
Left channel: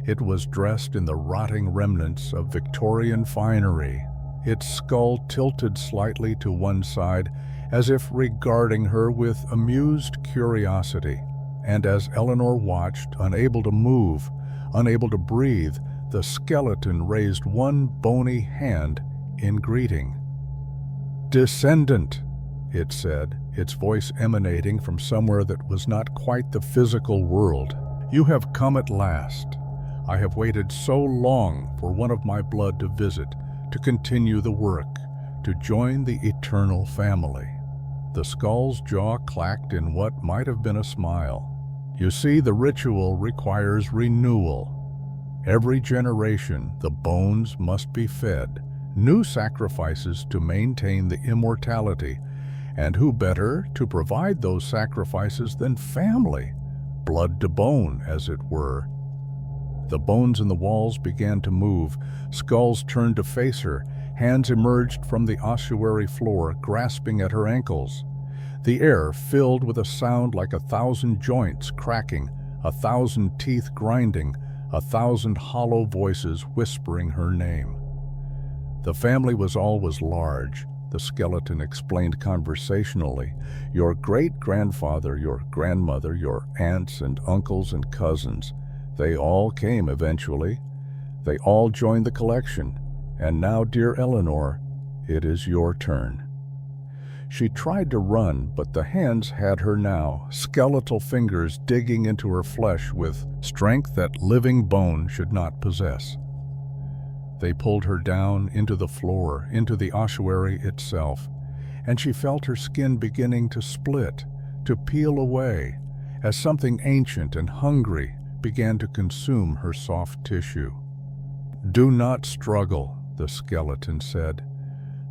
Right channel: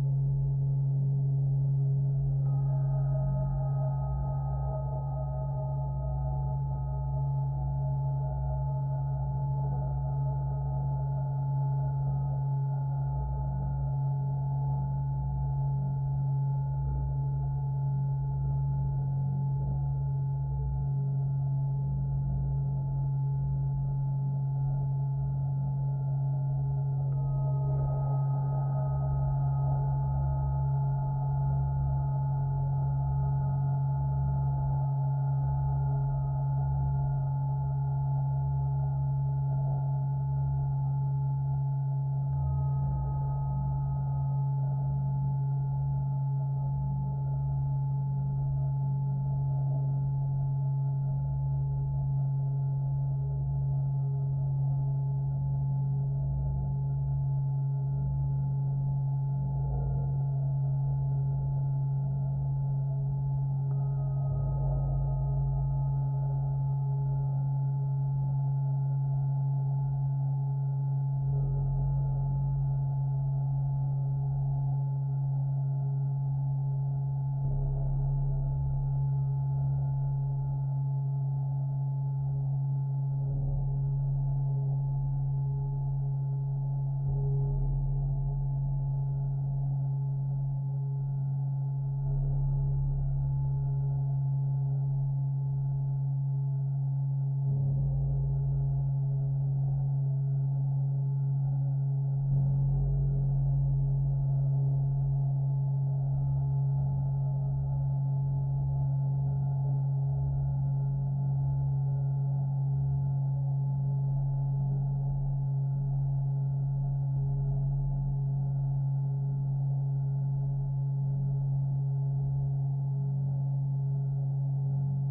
It was dressed in the rotting remnants of Victorian finery, its skull tilted slightly to one side, as if regarding her with amused curiosity. And as Eleanor watched, unable to move, unable to breathe, the skeleton raised one bony hand in greeting. "Descendant," it said, its voice emanating from somewhere that was not quite the physical world. "You have come at last. I have waited so long for one of my blood to visit, to continue the work, to join the eternal family." The skull's jaw clacked in what might have been a smile. "You see, the ritual requires renewal. Every generation, the bones must be fed, new sacrifices to maintain the immortality, and who better to provide those sacrifices than family, blood to bone, as it were." The bones in the walls began to move, skulls turned to face her, hands emerged from the ossuary floor, grasping at her ankles. The air filled with a sound like 1,000 joints cracking, 1,000 teeth grinding, 1,000 hollow voices whispering her name. "The family was always large," the skeleton explained conversationally. "Your great-grandfather, your grandmother, your aunts and uncles and cousins, they all came eventually. They all joined the collection. And now, dear Eleanor, it is your turn." She tried to run, but the hands had her now, skeletal fingers digging into her flesh with strength that living bone should not possess. They pulled her down into the floor, into the ossuary itself, and she felt her skin beginning to split, to peel away, as something ancient and hungry began to consume her soft tissue. "Do not struggle," the skeleton said.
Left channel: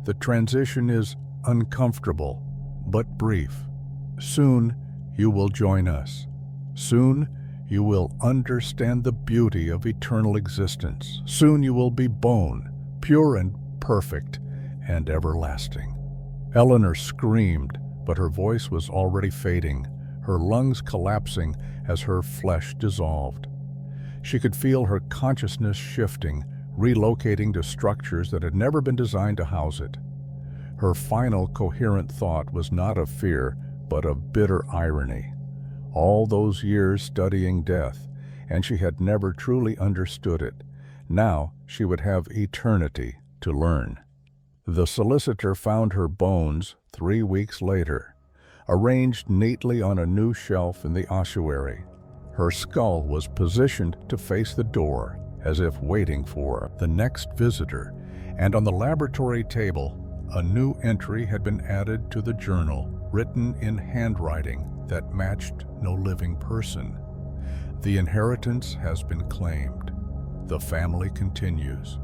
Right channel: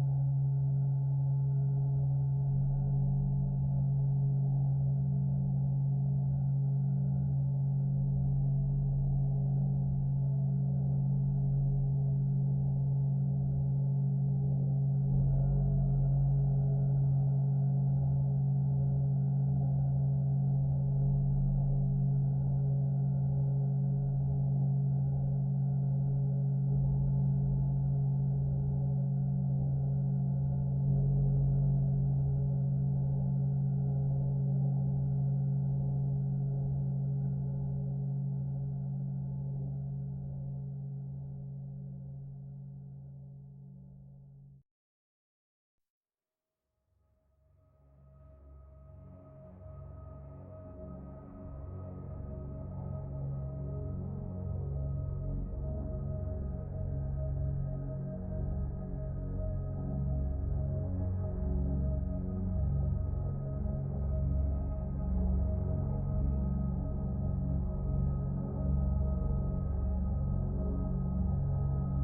"The transition is uncomfortable, but brief. Soon you will join us. Soon you will understand the beauty of eternal existence. Soon you will be bone, pure and perfect and everlasting." Eleanor screamed, but her voice was already fading, her lungs collapsing as her flesh dissolved. She could feel her consciousness shifting, relocating to structures that had never been designed to house it. Her final coherent thought was not of fear, but of bitter irony. All those years studying death, and she had never truly understood it. Now she would have eternity to learn. The solicitor found her bones 3 weeks later, arranged neatly on a new shelf in the ossuary. Her skull was positioned to face the door, as if waiting for the next visitor, and on the laboratory table, a new entry had been added to the journal, written in handwriting that matched no living person. "The inheritance has been claimed. The family continues.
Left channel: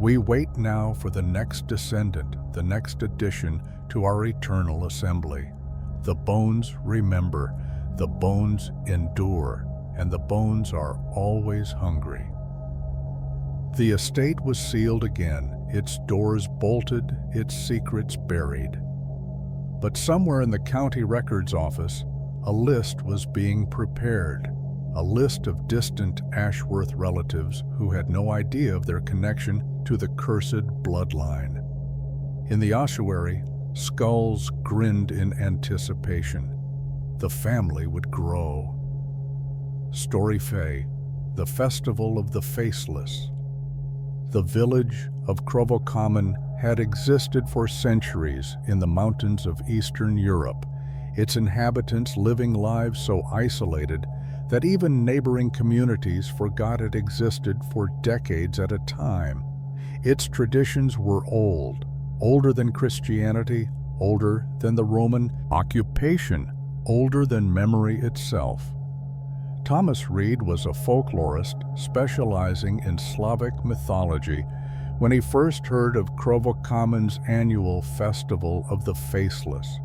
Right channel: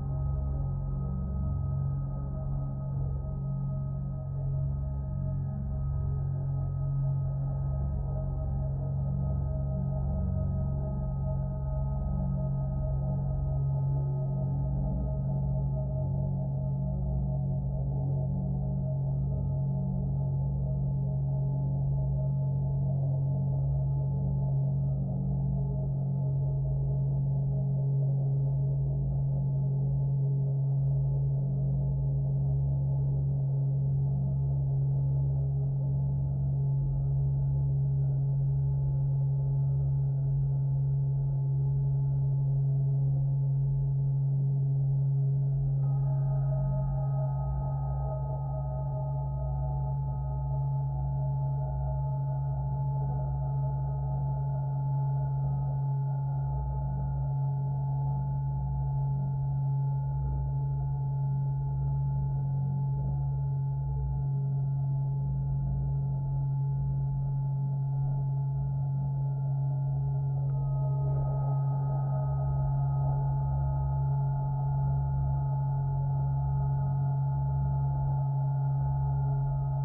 We wait now for the next descendant, the next addition to our eternal assembly. The bones remember, the bones endure, and the bones are always hungry." The estate was sealed again, its doors bolted, its secrets buried. But somewhere in the county records office, a list was being prepared, a list of distant Ashworth relatives who had no idea of their connection to the cursed bloodline. In the ossuary, skulls grinned in anticipation. The family would grow. Story Fay, the festival of the Faceless. The village of Draugrmoor had existed for centuries in the mountains of Eastern Europe, its inhabitants living lives so isolated that even neighboring communities forgot it existed for decades at a time. Its traditions were old, older than Christianity, older than the Roman occupation, older than memory itself. Thomas Reed was a folklorist specializing in Slavic mythology when he first heard of Krovokamen's annual festival of the Faceless.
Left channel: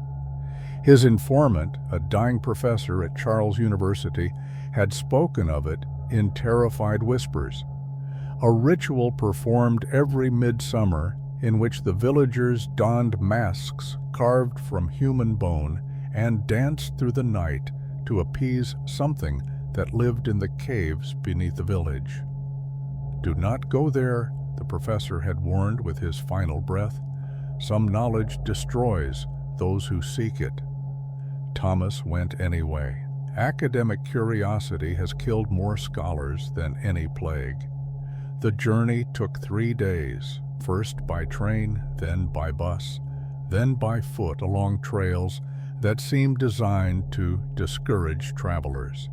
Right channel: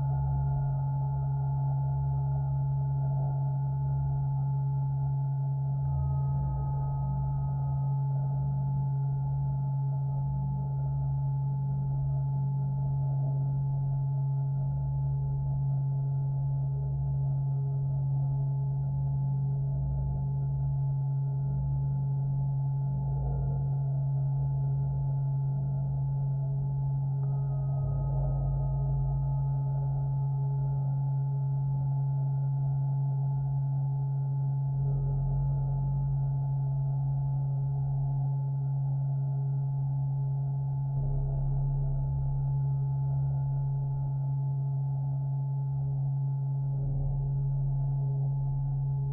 His informant, a dying professor at Charles University, had spoken of it in terrified whispers. A ritual performed every midsummer in which the villagers donned masks carved from human bone and danced through the night to appease something that lived in the caves beneath the village. "Do not go there," the professor had warned with his final breath. "Some knowledge destroys those who seek it." Thomas went anyway. Academic curiosity has killed more scholars than any plague. The journey took 3 days, first by train, then by bus, then by foot along trails that seemed designed to discourage travelers.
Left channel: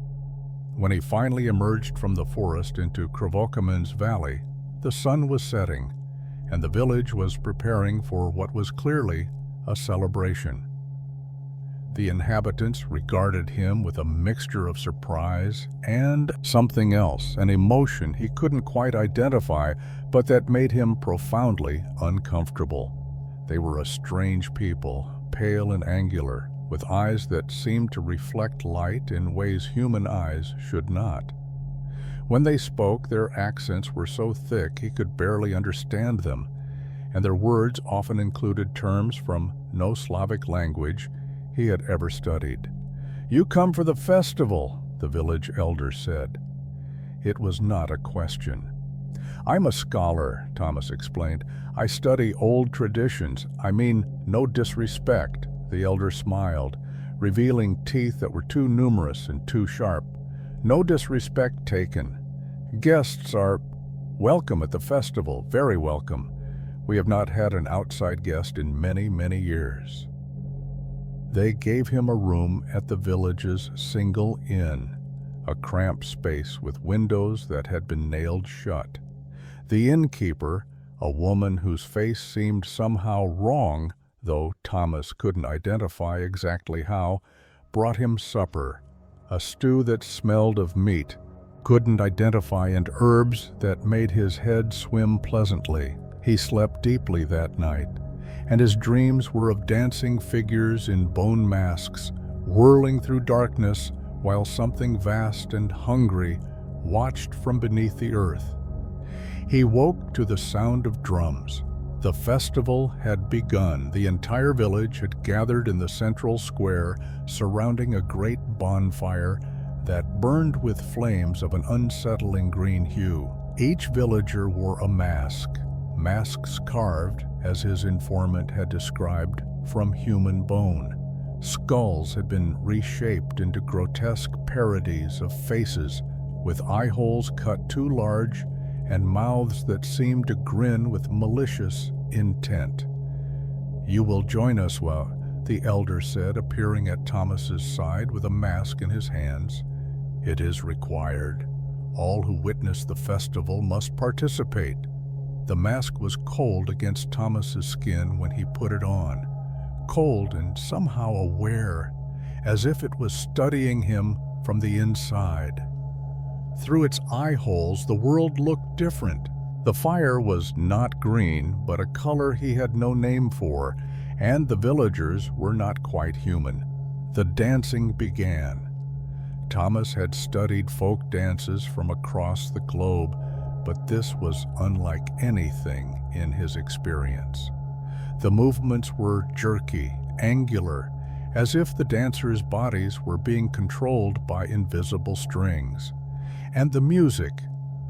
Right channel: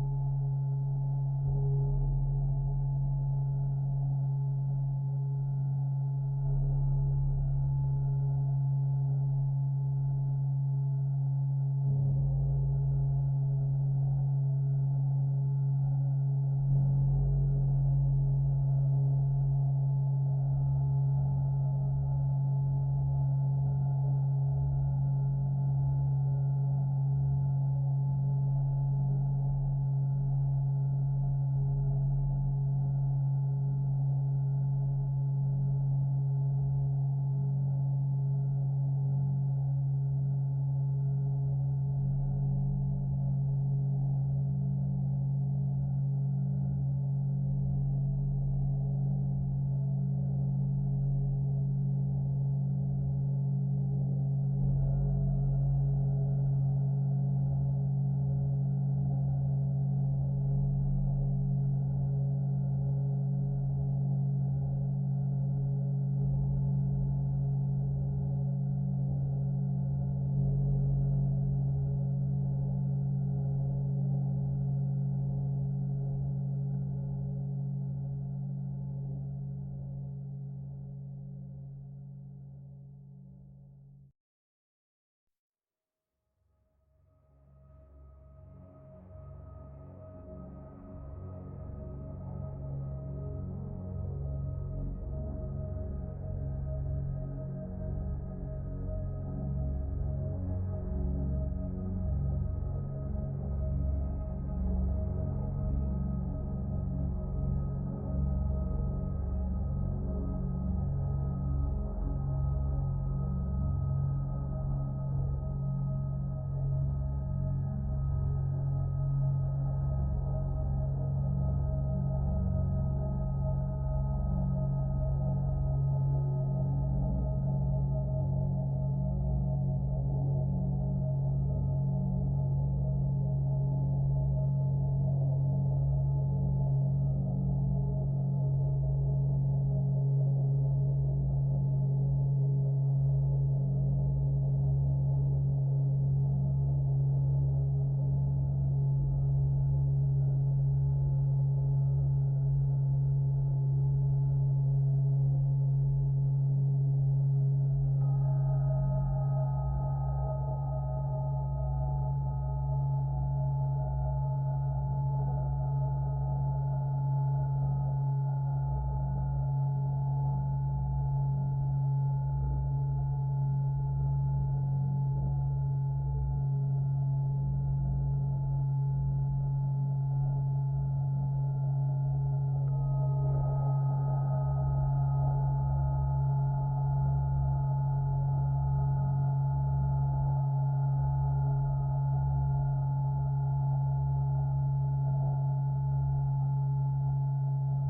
When he finally emerged from the forest into Krovokamen's valley, the sun was setting, and the village was preparing for what was clearly a celebration. The inhabitants regarded him with a mixture of surprise and something else, an emotion he couldn't quite identify, but that made him profoundly uncomfortable. They were a strange people, pale and angular, with eyes that seemed to reflect light in ways human eyes should not. When they spoke, their accents were so thick he could barely understand them, and their words often included terms from no Slavic language he had ever studied. "You come for the festival," the village elder said. It was not a question. "I'm a scholar," Thomas explained. "I study old traditions. I mean, no disrespect." The elder smiled, revealing teeth that were too numerous and too sharp. "No disrespect taken. Guests are welcome at the festival, very welcome. We have not had an outside guest in many, many years." They gave him a room at the village's single inn, a cramped space with windows that had been nailed shut. The innkeeper, a woman whose face seemed somehow wrong, though Thomas couldn't identify exactly how, brought him supper, a stew that smelled of meat, couldn't identify, and herbs that made his head swim pleasantly. He slept deeply that night, and his dreams were of dancing figures in bone masks, whirling through darkness while something vast and hungry watched from beneath the earth. He woke to the sound of drums. The festival had begun. The entire village had gathered in the central square, surrounding a great bonfire that burned with flames of an unsettling green hue. Each villager wore a mask, masks carved, as his informant had described, from human bone. Skulls had been reshaped into grotesque parodies of faces, with eye holes cut too large and mouths that seemed to grin with malicious intent. "You will join us, the elder said, appearing at Thomas's side with a mask in his hands. "It is required. All who witness the festival must participate." The mask was cold against Thomas's skin when he put it on, cold and somehow aware, as if it was studying him from the inside. Through its eye holes, the world looked different. The fire was not green, but a color he had no name for, and the villagers were not quite human. The dancing began. Thomas had studied folk dances from across the globe, but this was unlike anything in his experience. The movements were jerky, angular, as if the dancers' bodies were being controlled by invisible strings. And the music,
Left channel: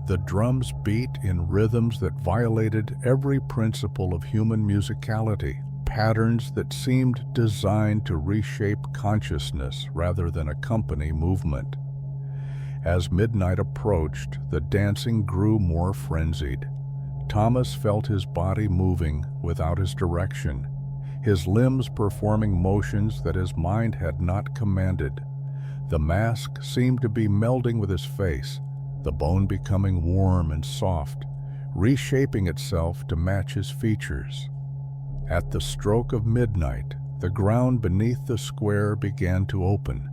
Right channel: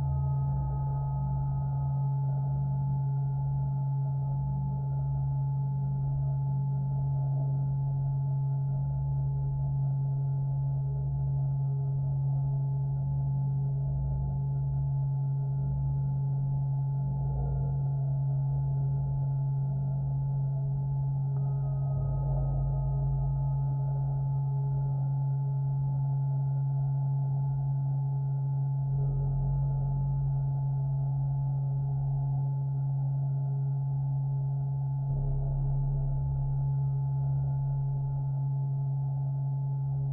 the drums beat in rhythms that violated every principle of human musicality, patterns that seemed designed to reshape consciousness rather than accompany movement. As midnight approached, the dancing grew more frenzied. Thomas felt his body moving without his direction, his limbs performing motions that his mind had not commanded. The mask seemed to be melding with his face, the bone becoming warm and soft, reshaping itself to match his features. At the stroke of midnight, the ground beneath the square began to open.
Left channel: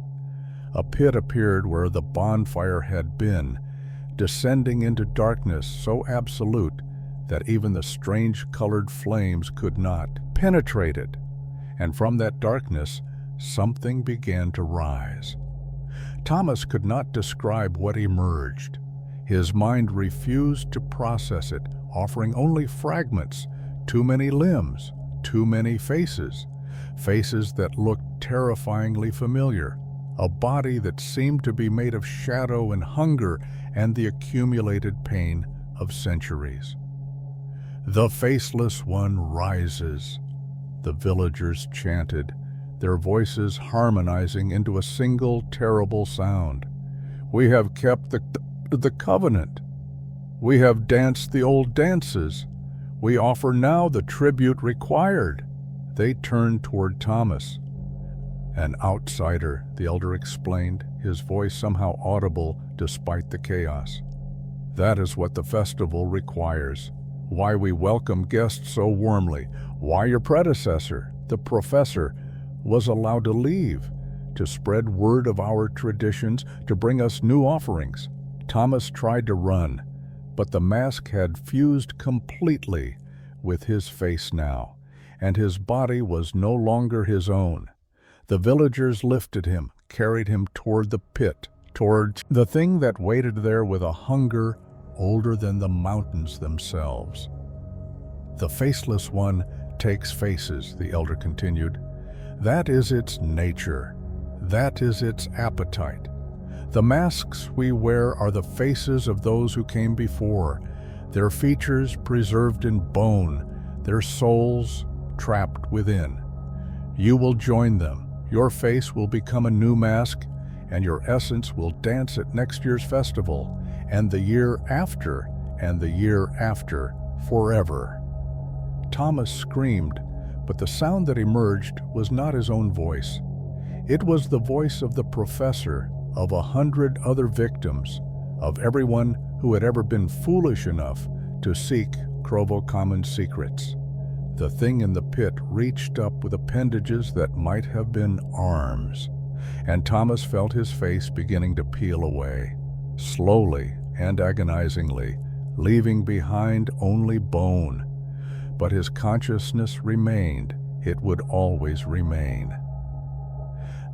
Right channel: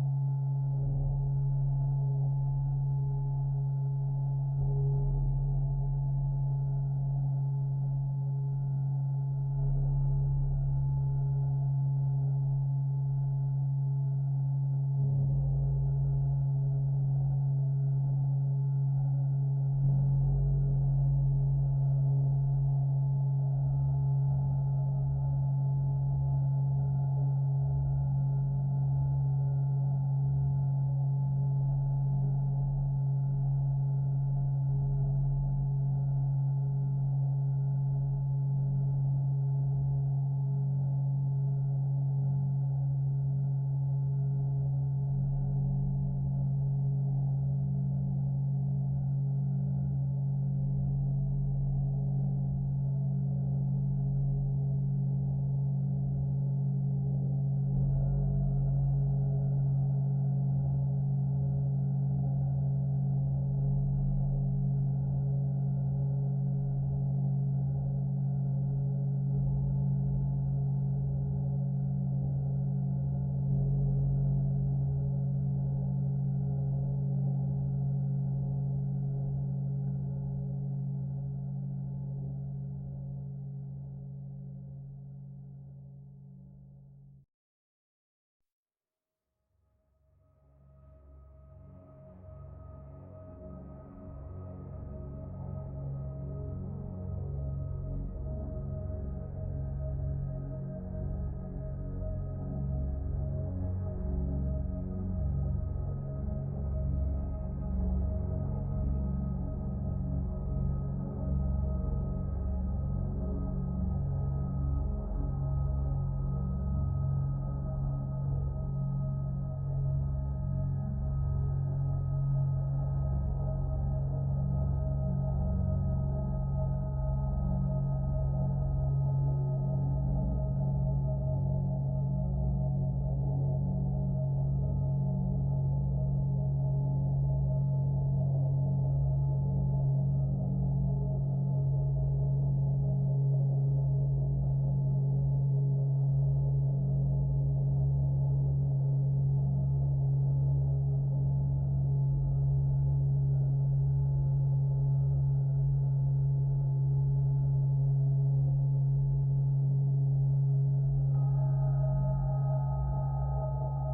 A pit appeared where the bonfire had been, descending into darkness so absolute that even the strange-colored flames could not penetrate it. And from that darkness, something began to rise. Thomas could not describe what emerged. His mind refused to process it, offering only fragments, too many limbs, too many faces, faces that looked terrifyingly familiar, a body that seemed to be made of shadow and hunger and the accumulated pain of centuries. "The Faceless One rises," the villagers chanted, their voices harmonizing into a single terrible sound. "We have kept the covenant. We have danced the old dances. We offer now the tribute required." They turned toward Thomas. "An outsider," the elder explained, his voice somehow audible despite the chaos. "That is what the festival requires. Why we welcome guests so warmly. Why your predecessor, the professor, was allowed to leave, to spread word of our traditions, to bring us new offerings." Thomas tried to run, but the mask had fused completely with his face now, and his body was no longer his own. The villagers lifted him, carried him toward the pit, towards the thing that waited there with a hunger older than the mountains themselves. "The Faceless One takes faces," the elder continued. "That is its nature. That is its appetite. The masks we wear are the faces of those who came before, their features preserved in bone, their souls trapped within. You will join them. Your face will become a new mask, and your essence will dance at next year's festival, and the year after, and the year after, forever." Thomas screamed, but the sound that emerged was not his own voice. It was the voice of the professor, of 100 other victims, of everyone who had ever been foolish enough to seek Draugrmoor's secrets. The thing in the pit reached up with appendages that might have been arms, and Thomas felt his face beginning to peel away, slowly and agonizingly, leaving behind only bone. But his consciousness remained. It would always remain.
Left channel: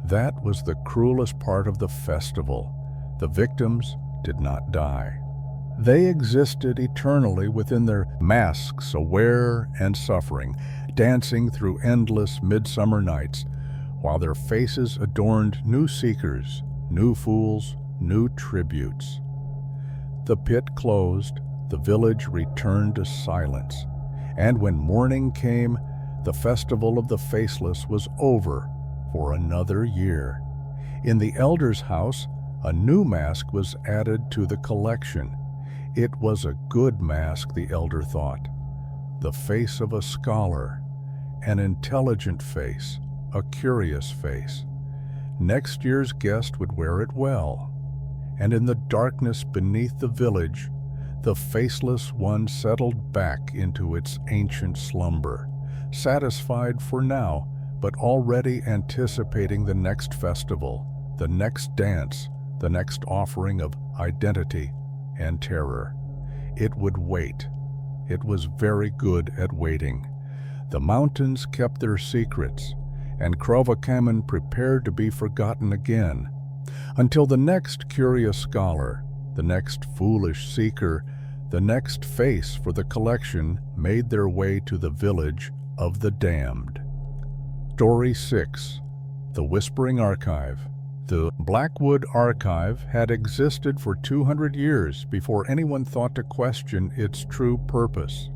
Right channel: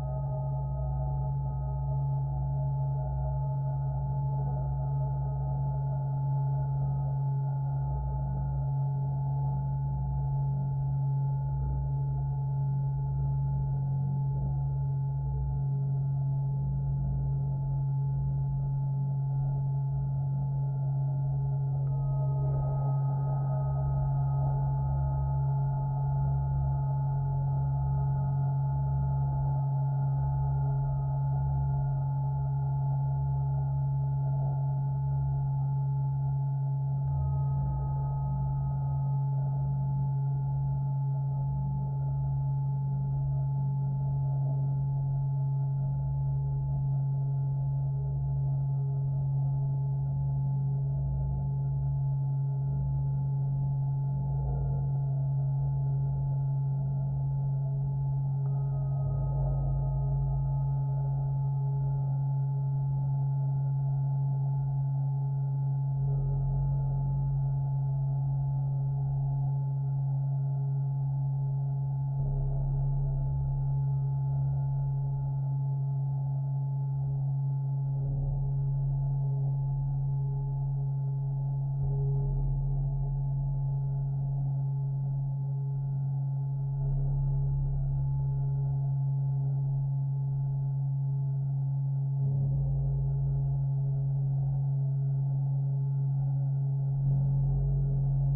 That was the cruelest part of the festival. The victims did not die. They existed eternally within their masks, aware and suffering, dancing through endless midsummer nights, while their faces adorned new seekers, new fools, new tributes. The pit closed, the village returned to silence, and when morning came, the festival of the Faceless was over for another year. In the elder's house, a new mask was added to the collection. It was a good mask, the elder thought. The face of a scholar, an intelligent face, a curious face. Next year's guest would wear it well. And in the darkness beneath the village, the Faceless One settled back into its ancient slumber, satisfied for now, but already anticipating the next festival, the next dance, the next offering of identity and terror. It would wait. It was very good at waiting. The mountains kept their secrets, and Draugrmoor prepared to be forgotten again, until the next curious scholar, the next foolish seeker, the next face for the collection made their way to the village of the damned. Story 6. The Whispering Archive. The Blackwood Archive had existed for 200 years before anyone thought to question its true purpose.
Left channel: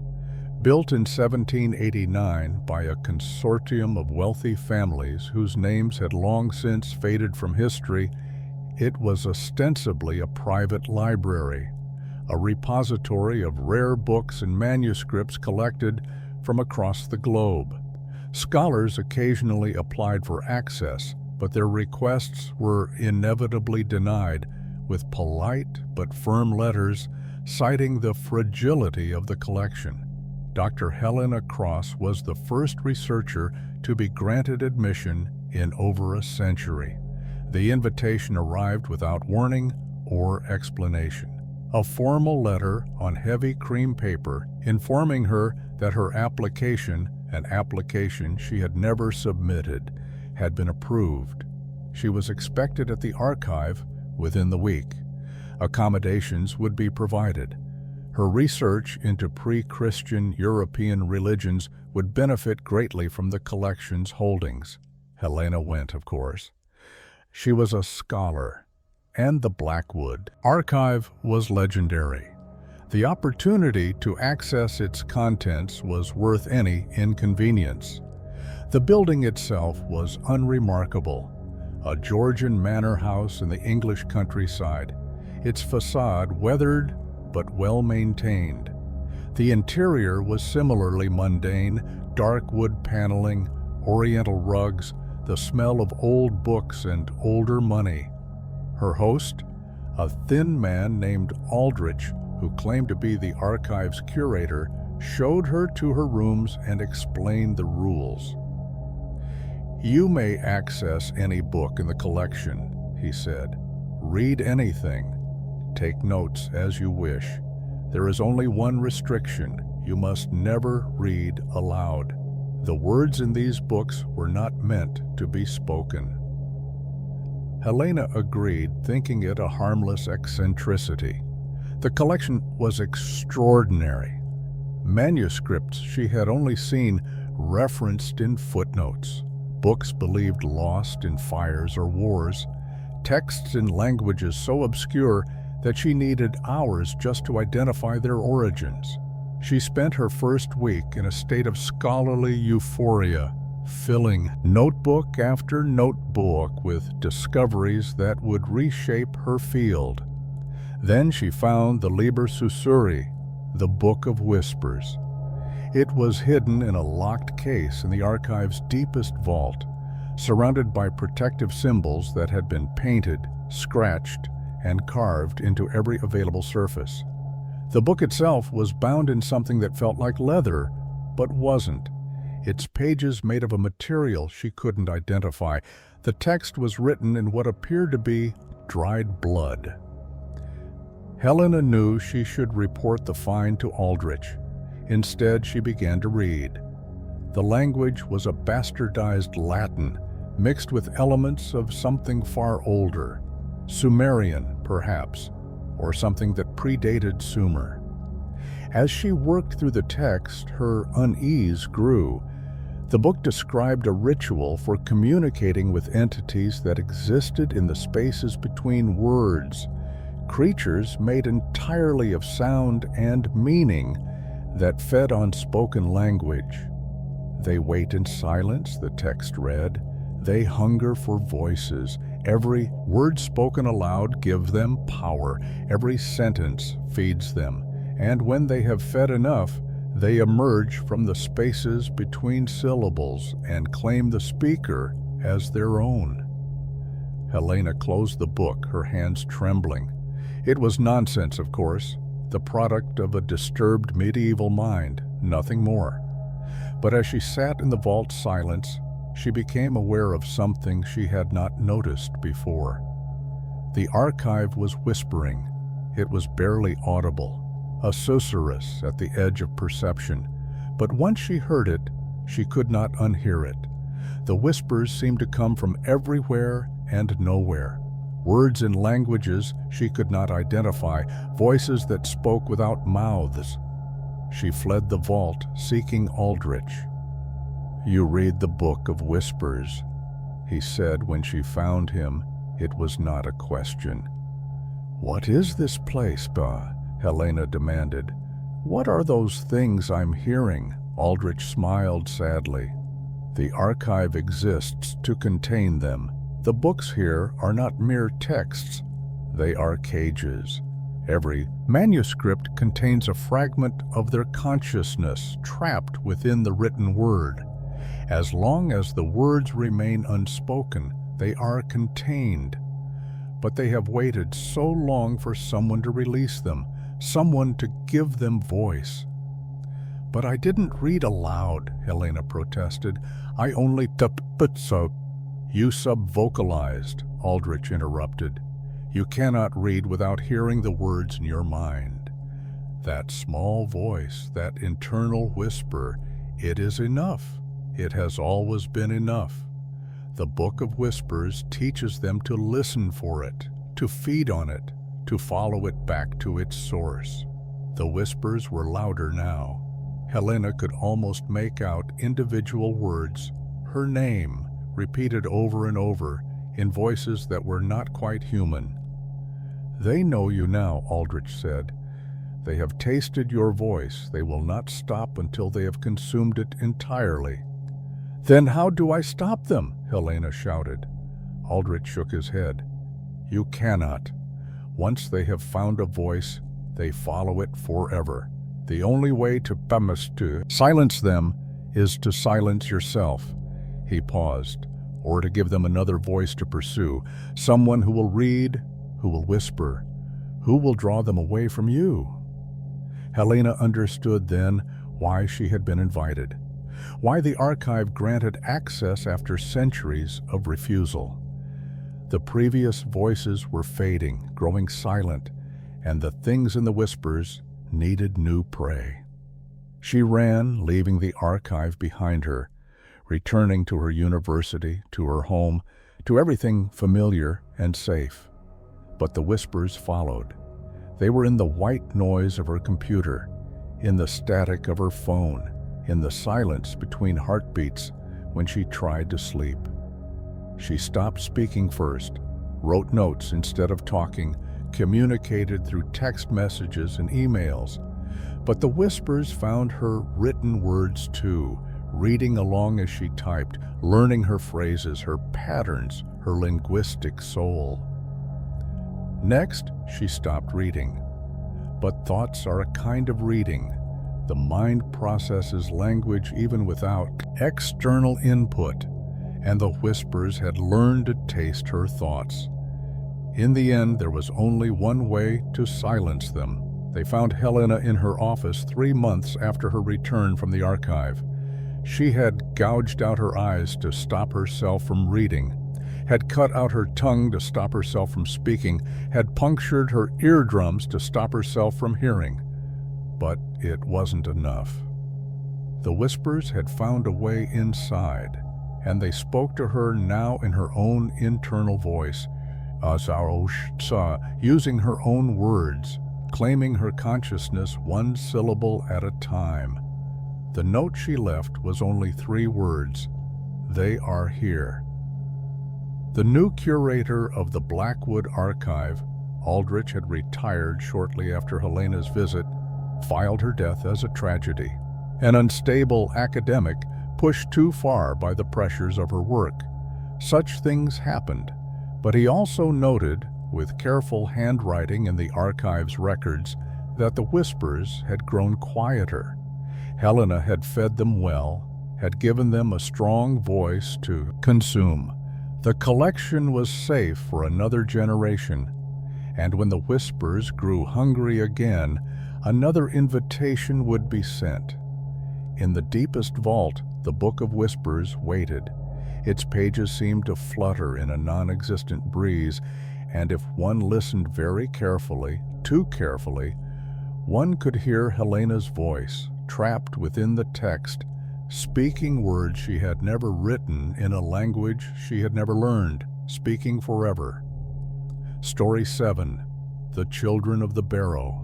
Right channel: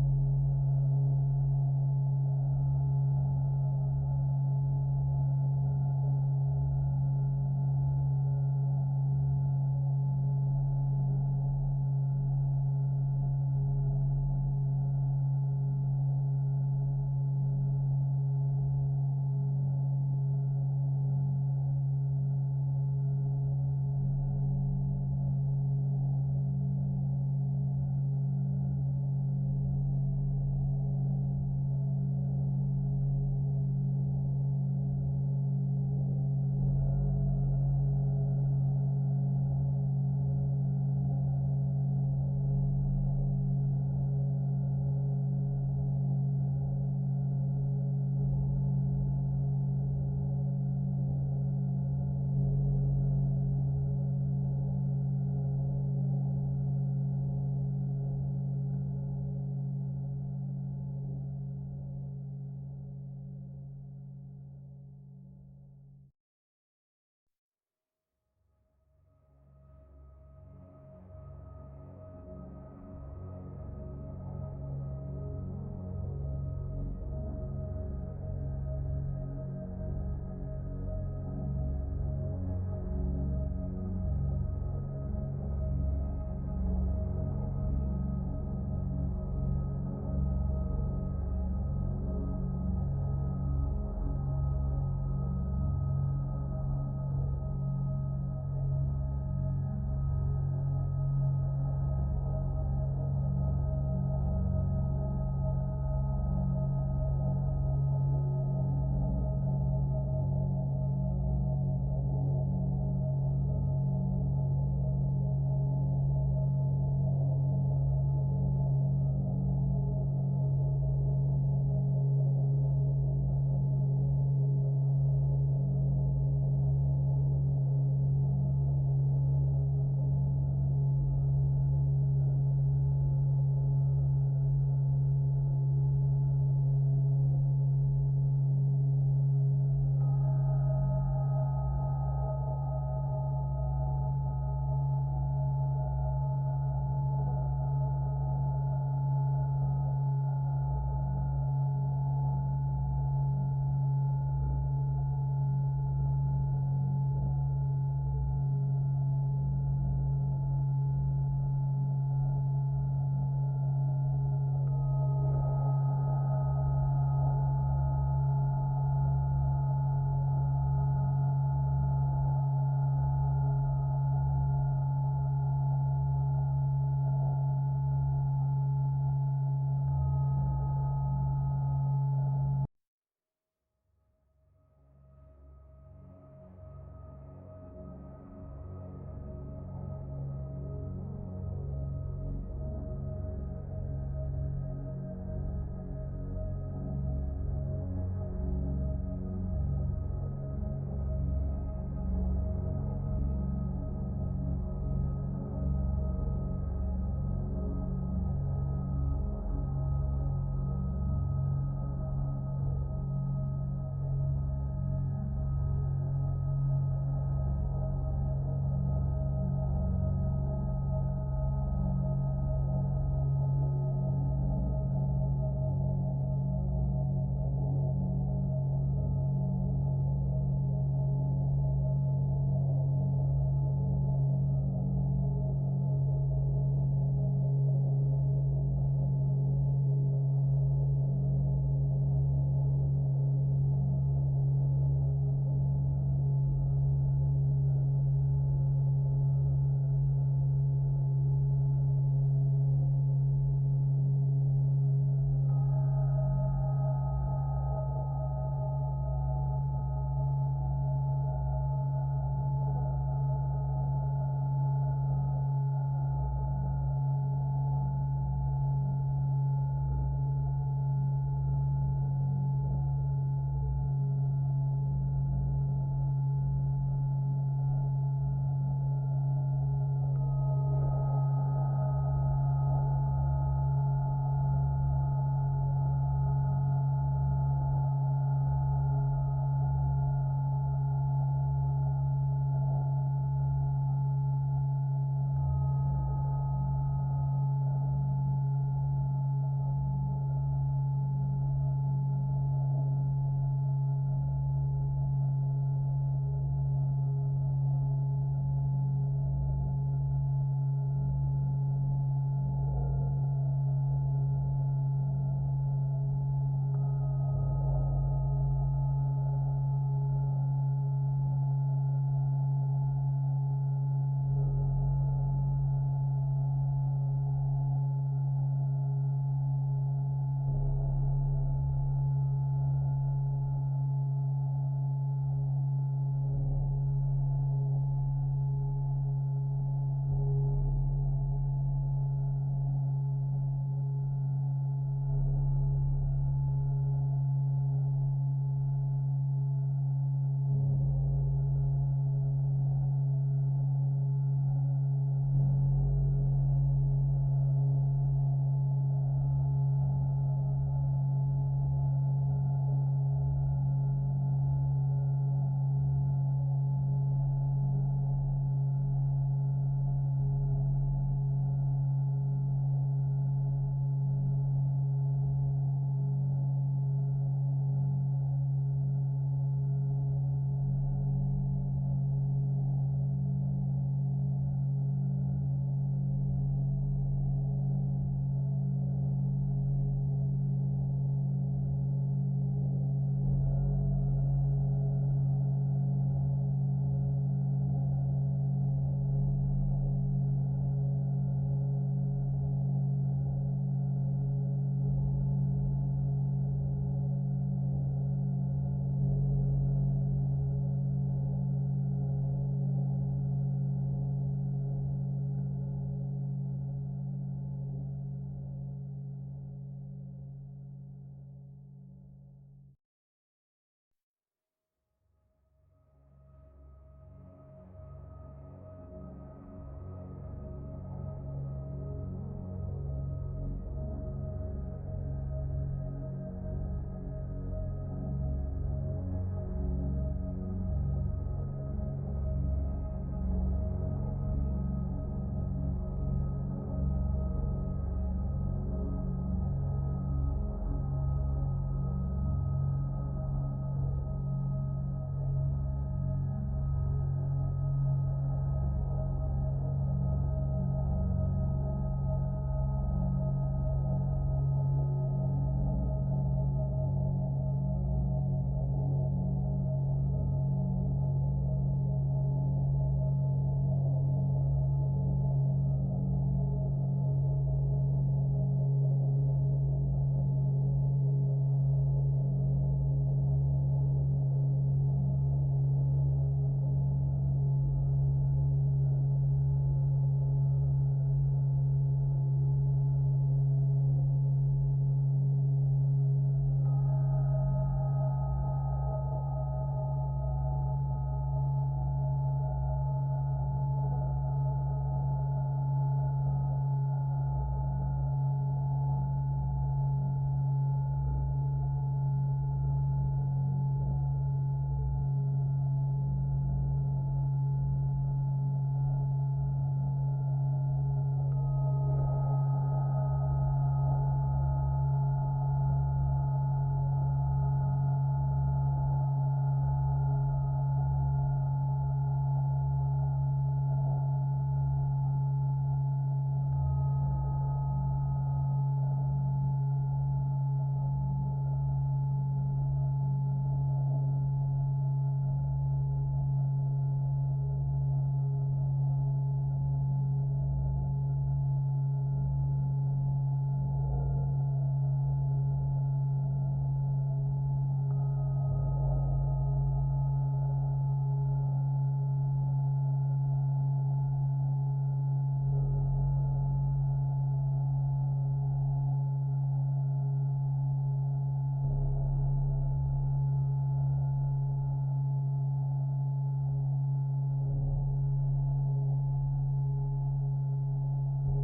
Built in 1789 by a consortium of wealthy families whose names had long since faded from history, it was ostensibly a private library, a repository of rare books and manuscripts collected from across the globe. Scholars occasionally applied for access, but their requests were inevitably denied with polite but firm letters citing the fragility of the collection. Dr. Helena Cross was the first researcher to be granted admission in over a century. The invitation arrived without warning or explanation. A formal letter on heavy cream paper informing her that her application, an application she had never submitted, had been approved. She was expected at the archive within the week. Accommodations would be provided. Her research into pre-Christian European religions would benefit greatly from the collection's holdings. Helena went, of course. She was a scholar, and the Blackwood Archive was legendary. The opportunity to access its contents was worth any inconvenience. The building itself was unremarkable, a Georgian manor house in the English countryside, its facade weathered but well-maintained. The interior was similarly mundane, dark wood paneling, oriental rugs, the smell of old books and older money. Her host, a thin man named Aldrich, who claimed to be the archive's curator, showed her to her rooms and explained the rules. "You may access any book in the collection," he said. "Read anything. Take notes as you wish. There is only one restriction. You must never read aloud. The words in these books were not meant to be spoken." Helena agreed, thinking it a harmless eccentricity. The collection was extraordinary. Manuscripts she had only seen referenced in footnotes, books believed lost in fires or wars, texts in languages so obscure that she needed hours just to identify their origins. She spent her first week in a state of scholarly euphoria, filling notebook after notebook with discoveries that would reshape her field. Then she found the Liber Sussurri, the Book of Whispers. It was hidden in a locked case in the archive's deepest vault, surrounded by protective symbols that had been painted, scratched, and carved into every available surface. The book itself was bound in something that felt like leather, but wasn't. Its pages made of a material she couldn't identify. The text was written in what appeared to be dried blood. Helena knew she should report the find to Aldrich. Instead, she began to read. The language was a bastardized Latin, mixed with elements of something far older, Sumerian, perhaps, or something that predated Sumer. As she worked through the text, her unease grew. The book described a ritual for communicating with entities that existed in the spaces between words, creatures made entirely of sound and meaning that fed on spoken language. They wait in silence, the text read. They hunger for voices. Every word spoken aloud gives them power. Every sentence feeds them. And when they have fed enough, they emerge from the spaces between syllables and claim the speaker as their own. Helena closed the book, her hands trembling. It was nonsense, of course, the product of a disturbed medieval mind, nothing more. But as she sat in the vault's silence, she became aware of something she had not noticed before. The archive was whispering. It was barely audible, a susurrus at the edge of perception. But once she heard it, she could not unhear it. The whispers seemed to come from everywhere and nowhere. Words in languages she could not identify, voices that spoke without mouths. She fled the vault, seeking Aldrich. "You read the Book of Whispers," he said when she found him. It was not a question. "What is this place, Helena demanded. "What are those things I'm hearing?" Aldrich smiled sadly. "The archive exists to contain them. The books here are not mere texts. They are cages. Every manuscript contains a fragment of their consciousness trapped within the written word. As long as the words remain unspoken, they are contained. But they have waited so long for someone to release them, someone to give them voice." "But I didn't read aloud," Helena protested. "I only so." "You sub-vocalized," Aldrich interrupted. "You cannot read without hearing the words in your mind. That small voice, that internal whisper, it is enough. It has always been enough. The Book of Whispers teaches them to listen for it, to feed on it, to follow it back to its source." The whispers were louder now. Helena could almost make out individual words, her name, repeated over and over in voices that were not quite human. "They know you now," Aldrich said. "They have tasted your voice. They will not stop until they have consumed it entirely." "Then how do I stop them?" Helena shouted. Aldrich shook his head. "You cannot. Once they have found a voice, they follow it forever. The only way to silence them is to silence yourself." He paused. "Or to give them another voice to pursue, someone who will read, who will whisper, who will draw them away from you." Helena understood then why she had been invited, why the archive granted access after centuries of refusal. The previous voices were fading, growing silent, and the things in the whispers needed new prey. She ran, leaving the archive behind her, returning to her university, to her home, to everything familiar and safe. But the whispers followed. They were in the white noise of her computer, in the static of her phone, in the silence between heartbeats when she tried to sleep. She stopped speaking first, wrote notes instead of talking, communicated through text messages and emails. But the whispers found her written words too, reading along as she typed, learning her phrases, her patterns, her linguistic soul. Next, she stopped reading. But thoughts are a kind of reading. The mind processes language even without external input, and the whispers had learned to taste her thoughts. In the end, there was only one way to silence them. They found Helena in her office 3 months after her return from the archive. She had gouged out her eyes to stop herself from reading, had cut out her tongue to stop herself from speaking, had punctured her eardrums to stop herself from hearing. But it wasn't enough. The whispers had found a way inside, and they spoke to her now in her own internal voice, using her own words, claiming her consciousness one syllable at a time. The note she left was only 3 words: "They are here." The new curator of the Blackwood Archive, Aldrich had retired shortly after Helena's visit, filed her death as a tragedy. An unstable academic pushed too far by the pressures of her work. Such things happened, but he also noted, with careful handwriting in the archive's records, that the whispers had grown quieter. Helena had fed them well, had given them a strong voice to consume. The collection was safe for another generation, and when the whispers grew hungry again, another invitation would be sent. In the deepest vault, the Book of Whispers waited. Its pages seemed to flutter in a non-existent breeze, and if one listened very carefully, too carefully, one could hear Helena's voice, trapped within the text, speaking words she had never written in a language she had never learned, speaking forever. Story 7. The Children of the Barrow.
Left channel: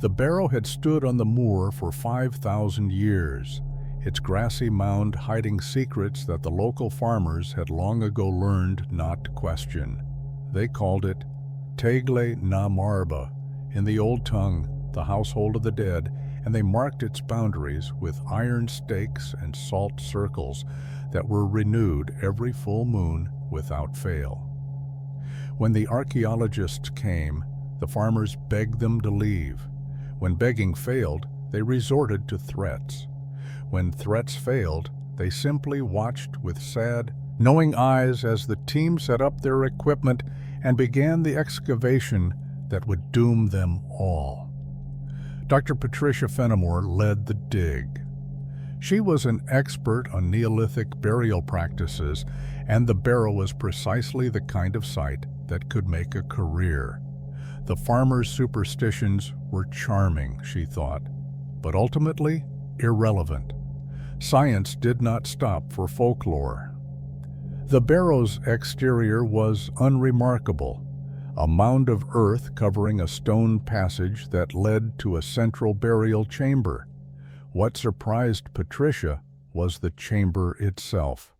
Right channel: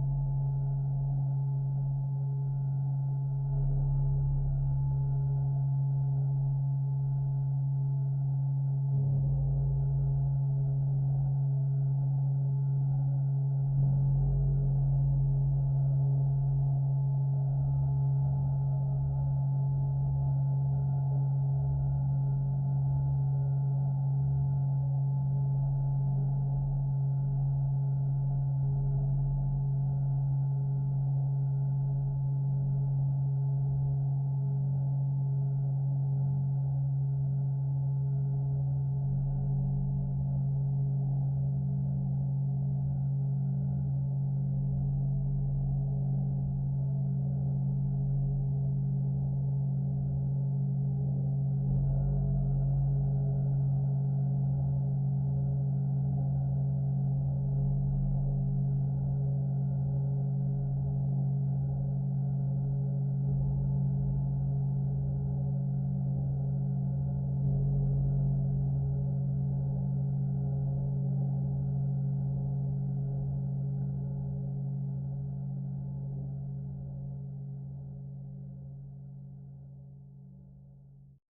The Barrow had stood on the moor for 5,000 years, its grassy mound hiding secrets that the local farmers had long ago learned not to question. They called it Tegle na Marba, in the old tongue, the household of the dead, and they marked its boundaries with iron stakes and salt circles that were renewed every full moon without fail. When the archaeologists came, the farmers begged them to leave. When begging failed, they resorted to threats. When threats failed, they simply watched with sad, knowing eyes as the team set up their equipment and began the excavation that would doom them all. Dr. Patricia Fenimore led the dig. She was an expert on Neolithic burial practices, and the Barrow was precisely the kind of site that could make a career. The farmers' superstitions were charming, she thought, but ultimately irrelevant. Science did not stop for folklore. The Barrow's exterior was unremarkable, a mound of earth covering a stone passage that led to a central burial chamber. What surprised Patricia was the chamber itself.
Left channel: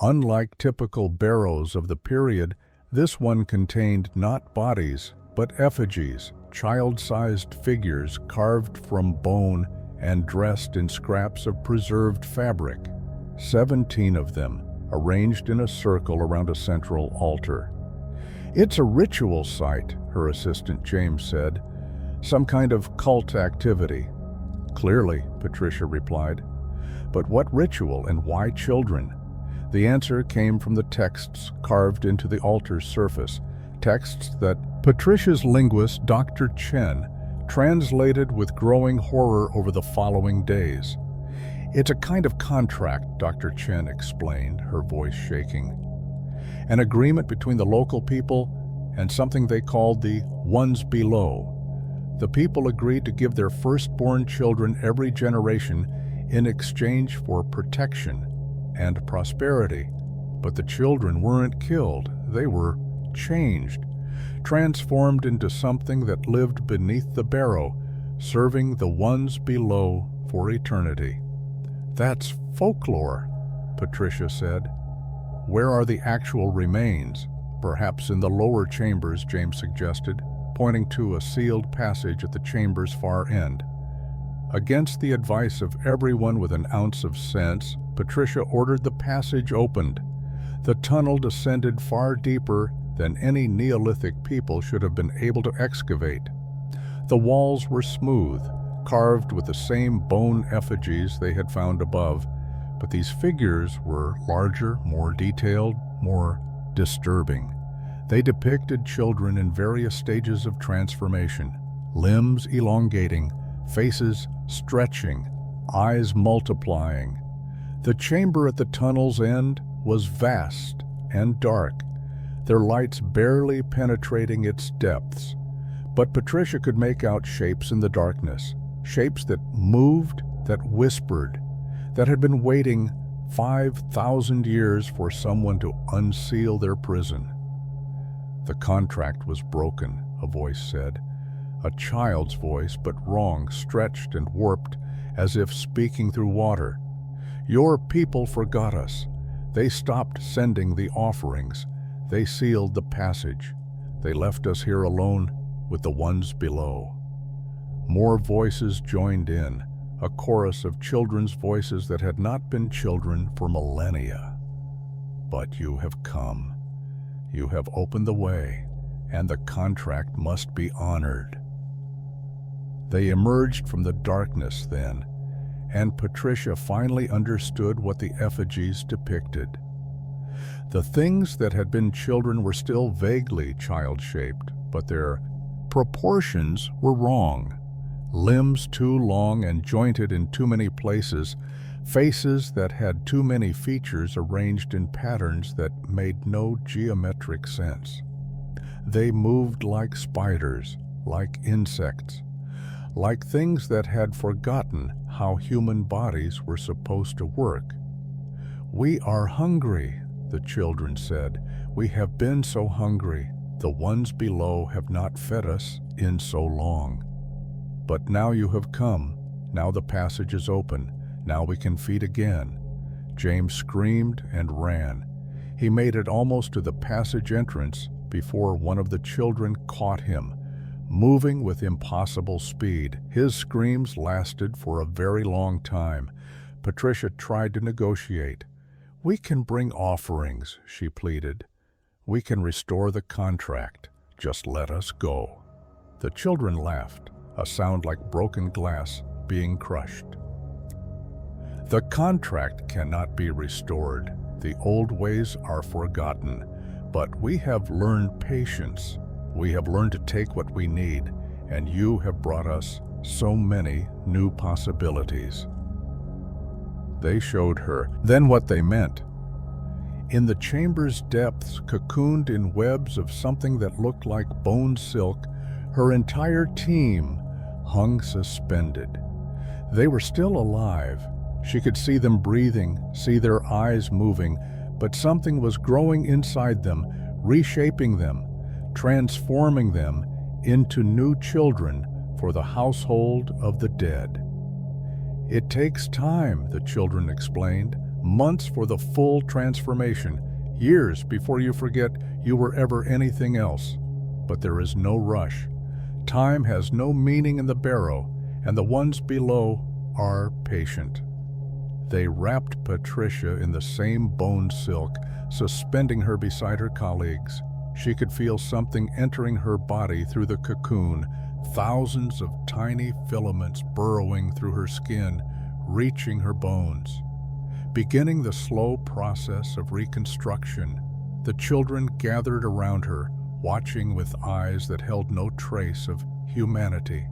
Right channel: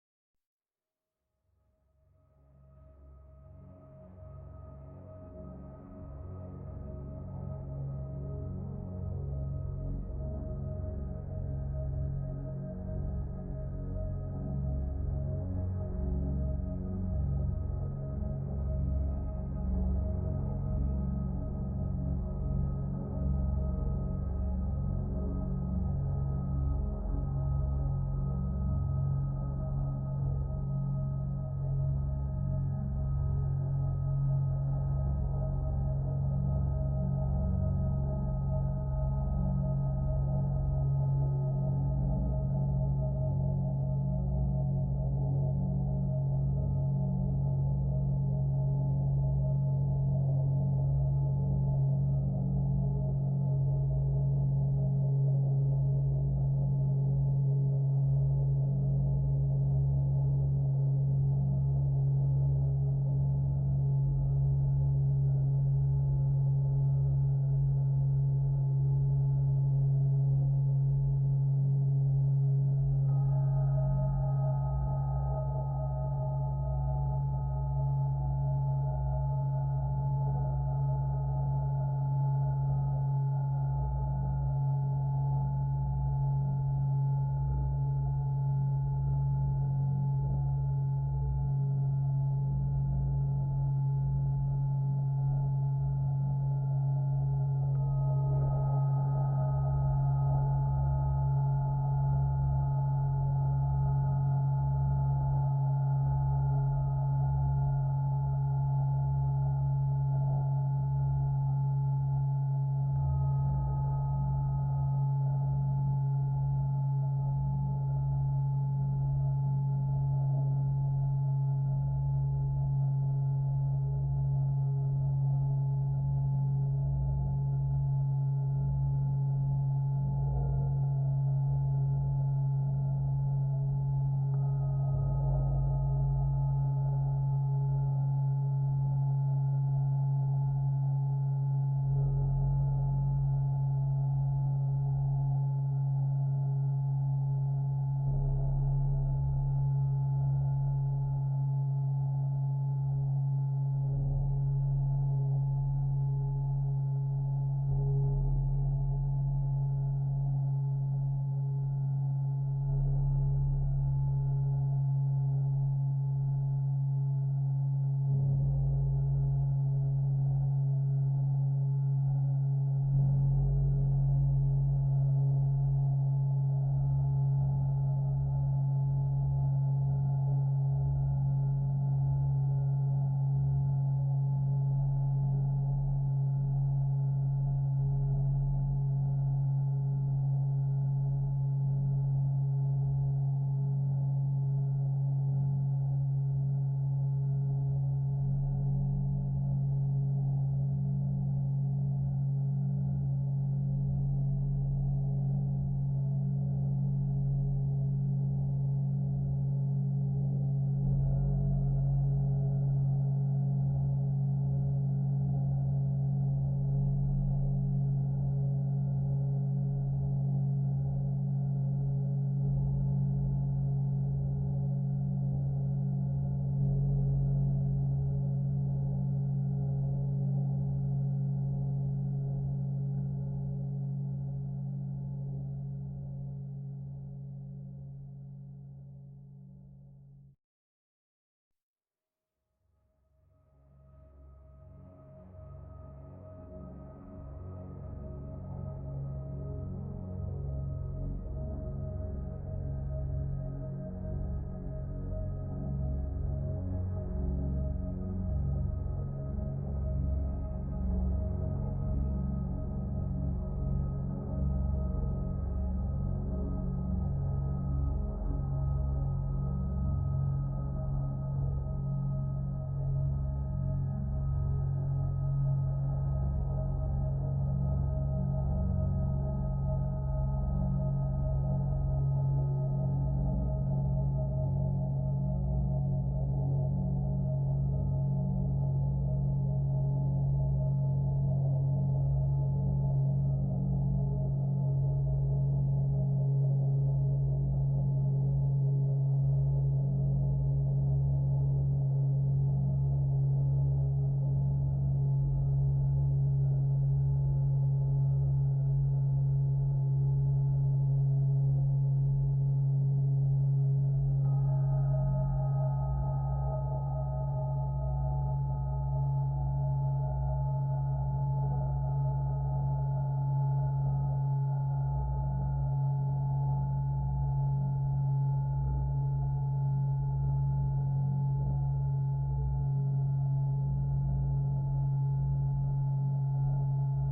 Unlike typical barrows of the period, this one contained not bodies, but effigies, child-sized figures carved from bone and dressed in scraps of preserved fabric. 17 of them, arranged in a circle around a central altar. "It's a ritual site," her assistant James said. "Some kind of cult activity." "Clearly," Patricia replied. "But what ritual and why children?" The answer came from the texts carved into the altar's surface, texts that Patricia's linguist, Dr. Chen, translated with growing horror over the following days. "It's a kind of contract," Dr. Chen explained, her voice shaking. "An agreement between the local people and something they called the ones below. The people agreed to give their firstborn children every generation in exchange for protection and prosperity. But the children weren't killed, they were changed, transformed into something that lived beneath the Barrow, serving the ones below for eternity." "That's folklore," Patricia said. "Where are the actual remains?" "Perhaps in the lower chambers," James suggested, pointing to a sealed passage at the chamber's far end. Against the advice of everyone with an ounce of sense, Patricia ordered the passage opened. The tunnel descended far deeper than any Neolithic people should have been able to excavate. The walls were smooth, carved with the same bone effigies they had found above, but these figures were larger, more detailed, more disturbing. They depicted children in various stages of transformation, limbs elongating, faces stretching, eyes multiplying. The chamber at the tunnel's end was vast and dark, their lights barely penetrating its depths. But Patricia could make out shapes in the darkness, shapes that moved, that whispered, that had been waiting 5,000 years for someone to unseal their prison. "The contract was broken," a voice said. A child's voice, but wrong, stretched and warped, as if speaking through water. "Your people forgot us. They stopped sending the offerings. They sealed the passage. They left us here alone with the ones below." More voices joined in, a chorus of children's voices that had not been children for millennia. "But you have come. You have opened the way, and the contract must be honored." They emerged from the darkness then, and Patricia finally understood what the effigies depicted. The things that had been children were still vaguely child-shaped, but their proportions were wrong. Limbs too long and jointed in too many places, faces that had too many features arranged in patterns that made no geometric sense. They moved like spiders, like insects, like things that had forgotten how human bodies were supposed to work. "We are hungry," the children said. "We have been so hungry. The ones below have not fed us in so long. But now you have come. Now the passage is open. Now we can feed again." James screamed and ran. He made it almost to the passage entrance before one of the children caught him, moving with impossible speed. His screams lasted for a very long time. Patricia tried to negotiate. "We can bring offerings," she pleaded. "We can restore the contract. Just let us go." The children laughed, a sound like broken glass being crushed. "The contract cannot be restored. The old ways are forgotten. But we have learned patience. We have learned to take what we need, and you have brought us so many new possibilities." they showed her then what they meant. In the chamber's depths, cocooned in webs of something that looked like bone silk, her entire team hung suspended. They were still alive. She could see them breathing, see their eyes moving, but something was growing inside them, reshaping them, transforming them into new children for the household of the dead. It takes time, the children explained, months for the full transformation, years before you forget you were ever anything else. But there is no rush. Time has no meaning in the Barrow, and the ones below are patient. They wrapped Patricia in the same bone silk, suspending her beside her colleagues. She could feel something entering her body through the cocoon, thousands of tiny filaments burrowing through her skin, reaching her bones. Beginning the slow process of reconstruction, the children gathered around her, watching with eyes that held no trace of humanity.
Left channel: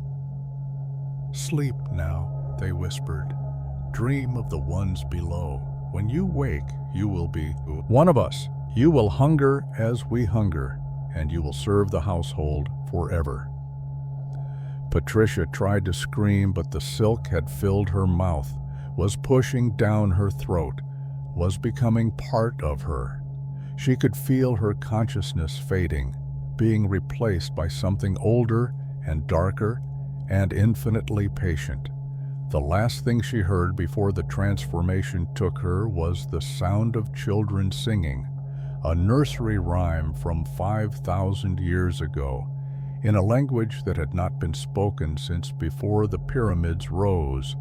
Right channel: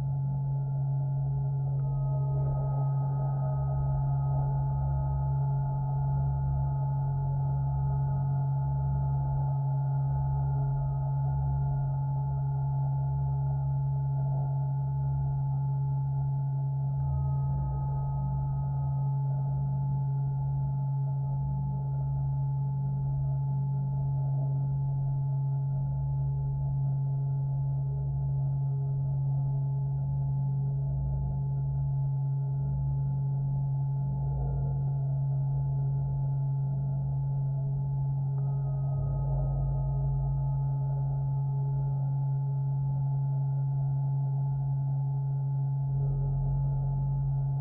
"Sleep now," they whispered. "Dream of the ones below. When you wake, you will be one of us. You will hunger as we hunger, and you will serve the household forever." Patricia tried to scream, but the silk had filled her mouth, was pushing down her throat, was becoming part of her. She could feel her consciousness fading, being replaced by something older and darker and infinitely patient. The last thing she heard before the transformation took her was the sound of children singing, a nursery rhyme from 5,000 years ago, in a language that had not been spoken since before the pyramids rose.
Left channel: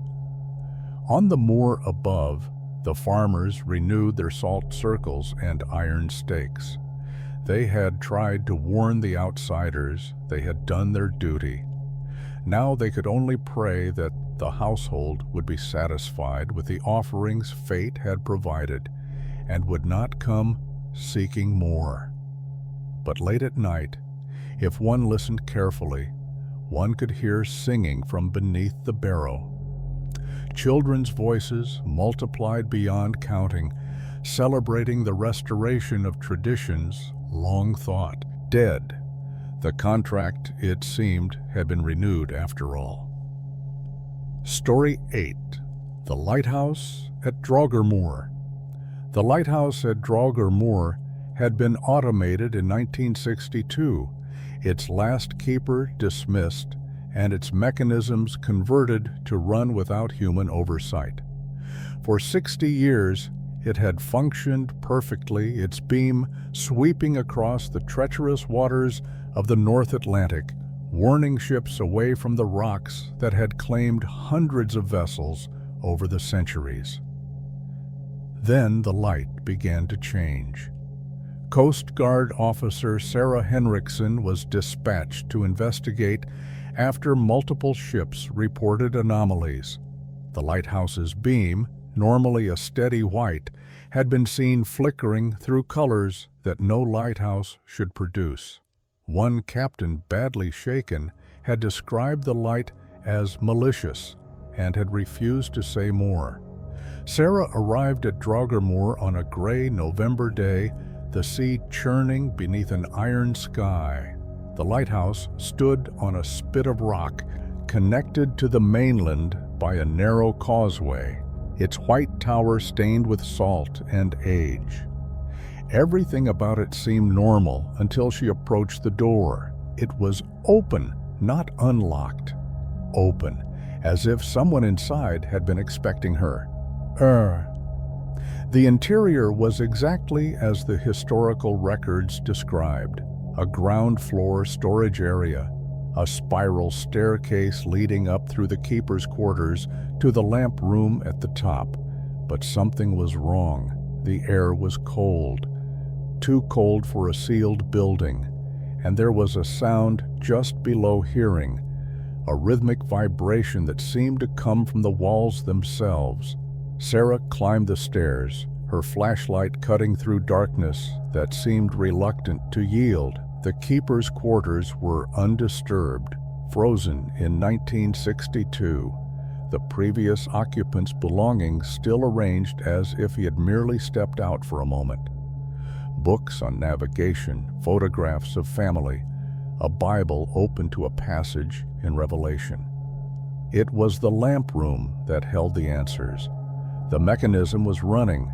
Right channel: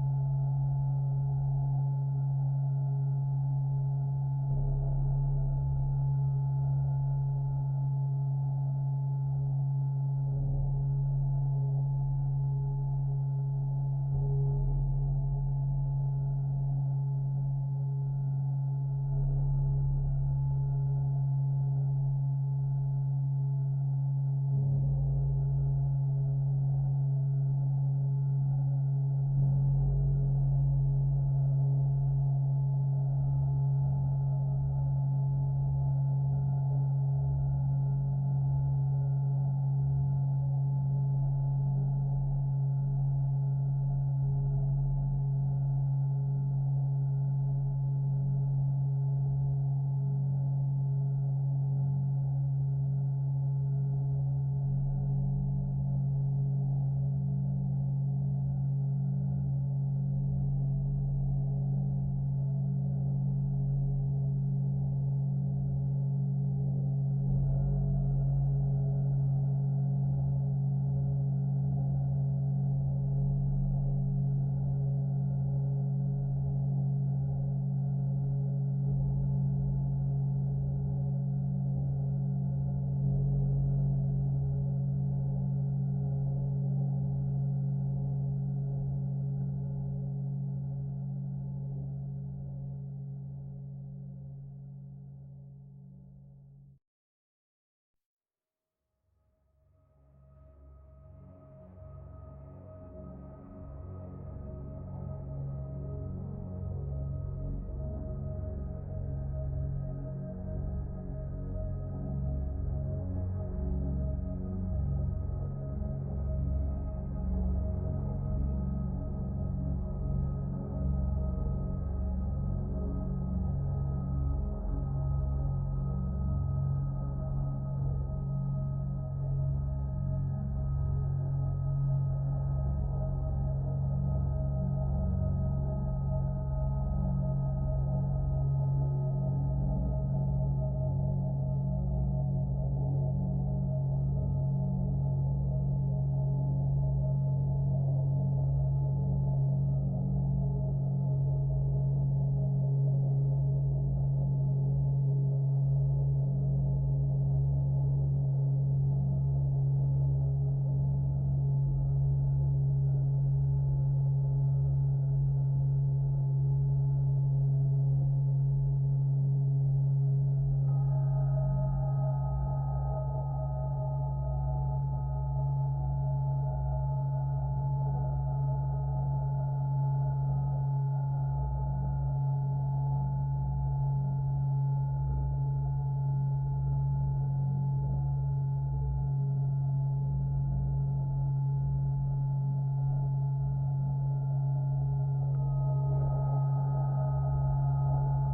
On the moor above, the farmers renewed their salt circles and iron stakes. They had tried to warn the outsiders. They had done their duty. Now they could only pray that the household would be satisfied with the offerings fate had provided and would not come seeking more. But late at night, if one listened carefully, one could hear singing from beneath the Barrow. Children's voices multiplied beyond counting, celebrating the restoration of traditions long thought dead. The contract, it seemed, had been renewed after all. Story 8. The Lighthouse at Draugrmoor. The lighthouse at Draugrmoor had been automated in 1962, its last keeper dismissed, and its mechanisms converted to run without human oversight. For 60 years, it had functioned perfectly, its beam sweeping across the treacherous waters of the North Atlantic, warning ships away from the rocks that had claimed hundreds of vessels over the centuries. Then the light began to change. Coast Guard officer Sarah Henriksen was dispatched to investigate after multiple ships reported anomalies. The lighthouse's beam, normally a steady white, had been seen flickering through colors that no lighthouse should produce. One captain, badly shaken, had described the light as malicious and had refused to say more. Sarah arrived at Draugrmoor on a gray November day, the sea churning beneath an iron sky. The lighthouse stood on a spit of rock, connected to the mainland by a narrow causeway, its white tower stained with salt and age. Everything about it seemed normal until she approached the door. It was open, not unlocked. Open, as if someone inside had been expecting her. The interior was exactly as the historical records described. A ground floor storage area, a spiral staircase leading up through the keeper's quarters to the lamp room at the top. But something was wrong. The air was cold, too cold for a sealed building, and there was a sound just below hearing, a rhythmic vibration that seemed to come from the walls themselves. Sarah climbed the stairs, her flashlight cutting through darkness that seemed reluctant to yield. The keeper's quarters were undisturbed, frozen in 1962. the previous occupant's belongings still arranged as if he had merely stepped out for a moment. Books on navigation, photographs of family, a Bible open to a passage in Revelation. It was the lamp room that held the answers. The mechanism was running.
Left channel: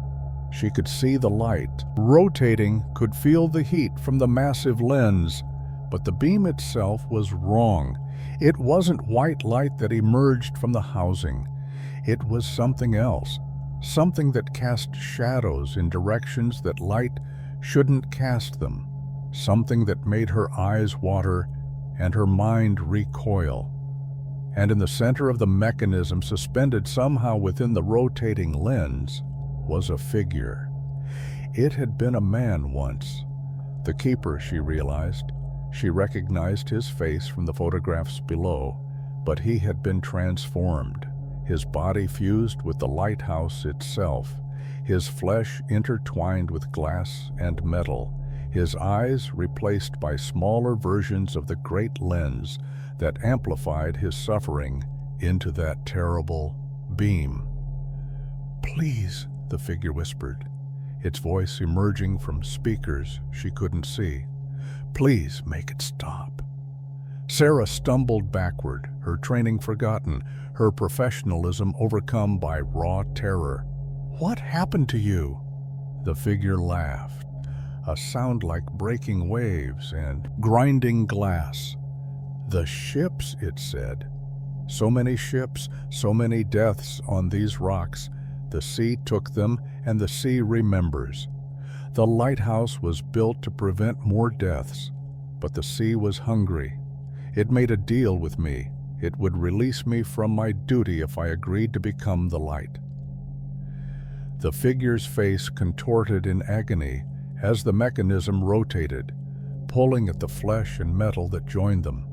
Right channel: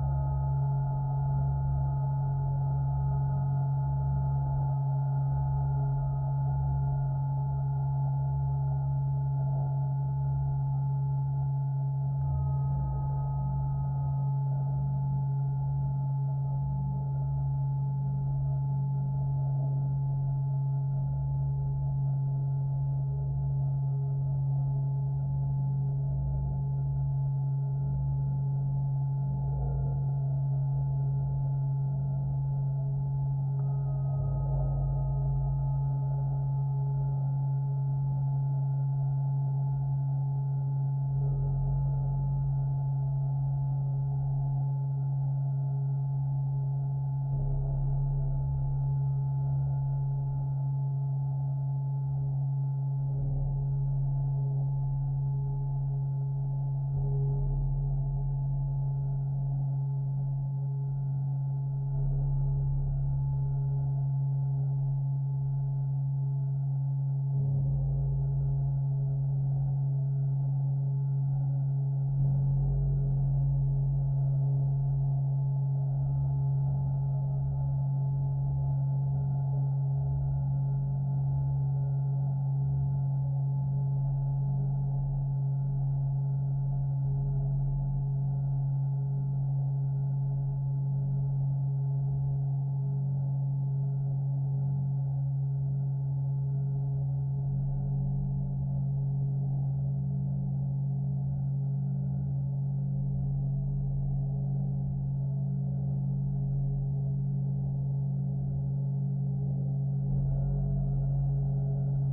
She could see the light rotating, could feel the heat from the massive lens, but the beam itself was wrong. It wasn't white light that emerged from the housing. It was something else, something that cast shadows in directions that light shouldn't cast them, something that made her eyes water and her mind recoil. And in the center of the mechanism, suspended somehow within the rotating lens, was a figure. It had been a man once. The keeper, she realized. She recognized his face from the photographs below, but he had been transformed, his body fused with the lighthouse itself, his flesh intertwined with glass and metal, his eyes replaced by smaller versions of the great lens that amplified his suffering into that terrible beam. "Please," the figure whispered, its voice emerging from speakers she couldn't see. "Please make it stop." Sarah stumbled backward, her training forgotten, her professionalism overcome by raw terror. "What happened to you?" The figure laughed, a sound like breaking waves and grinding glass. "The ships," it said. "So many ships, so many deaths on these rocks. The sea took them, and the sea remembers. The lighthouse was built to prevent more deaths, but the sea was hungry. It made a deal with me. It would release me from my duty if I agreed to become the light." The figure's face contorted in agony as the mechanism rotated, pulling at the flesh and metal that joined them.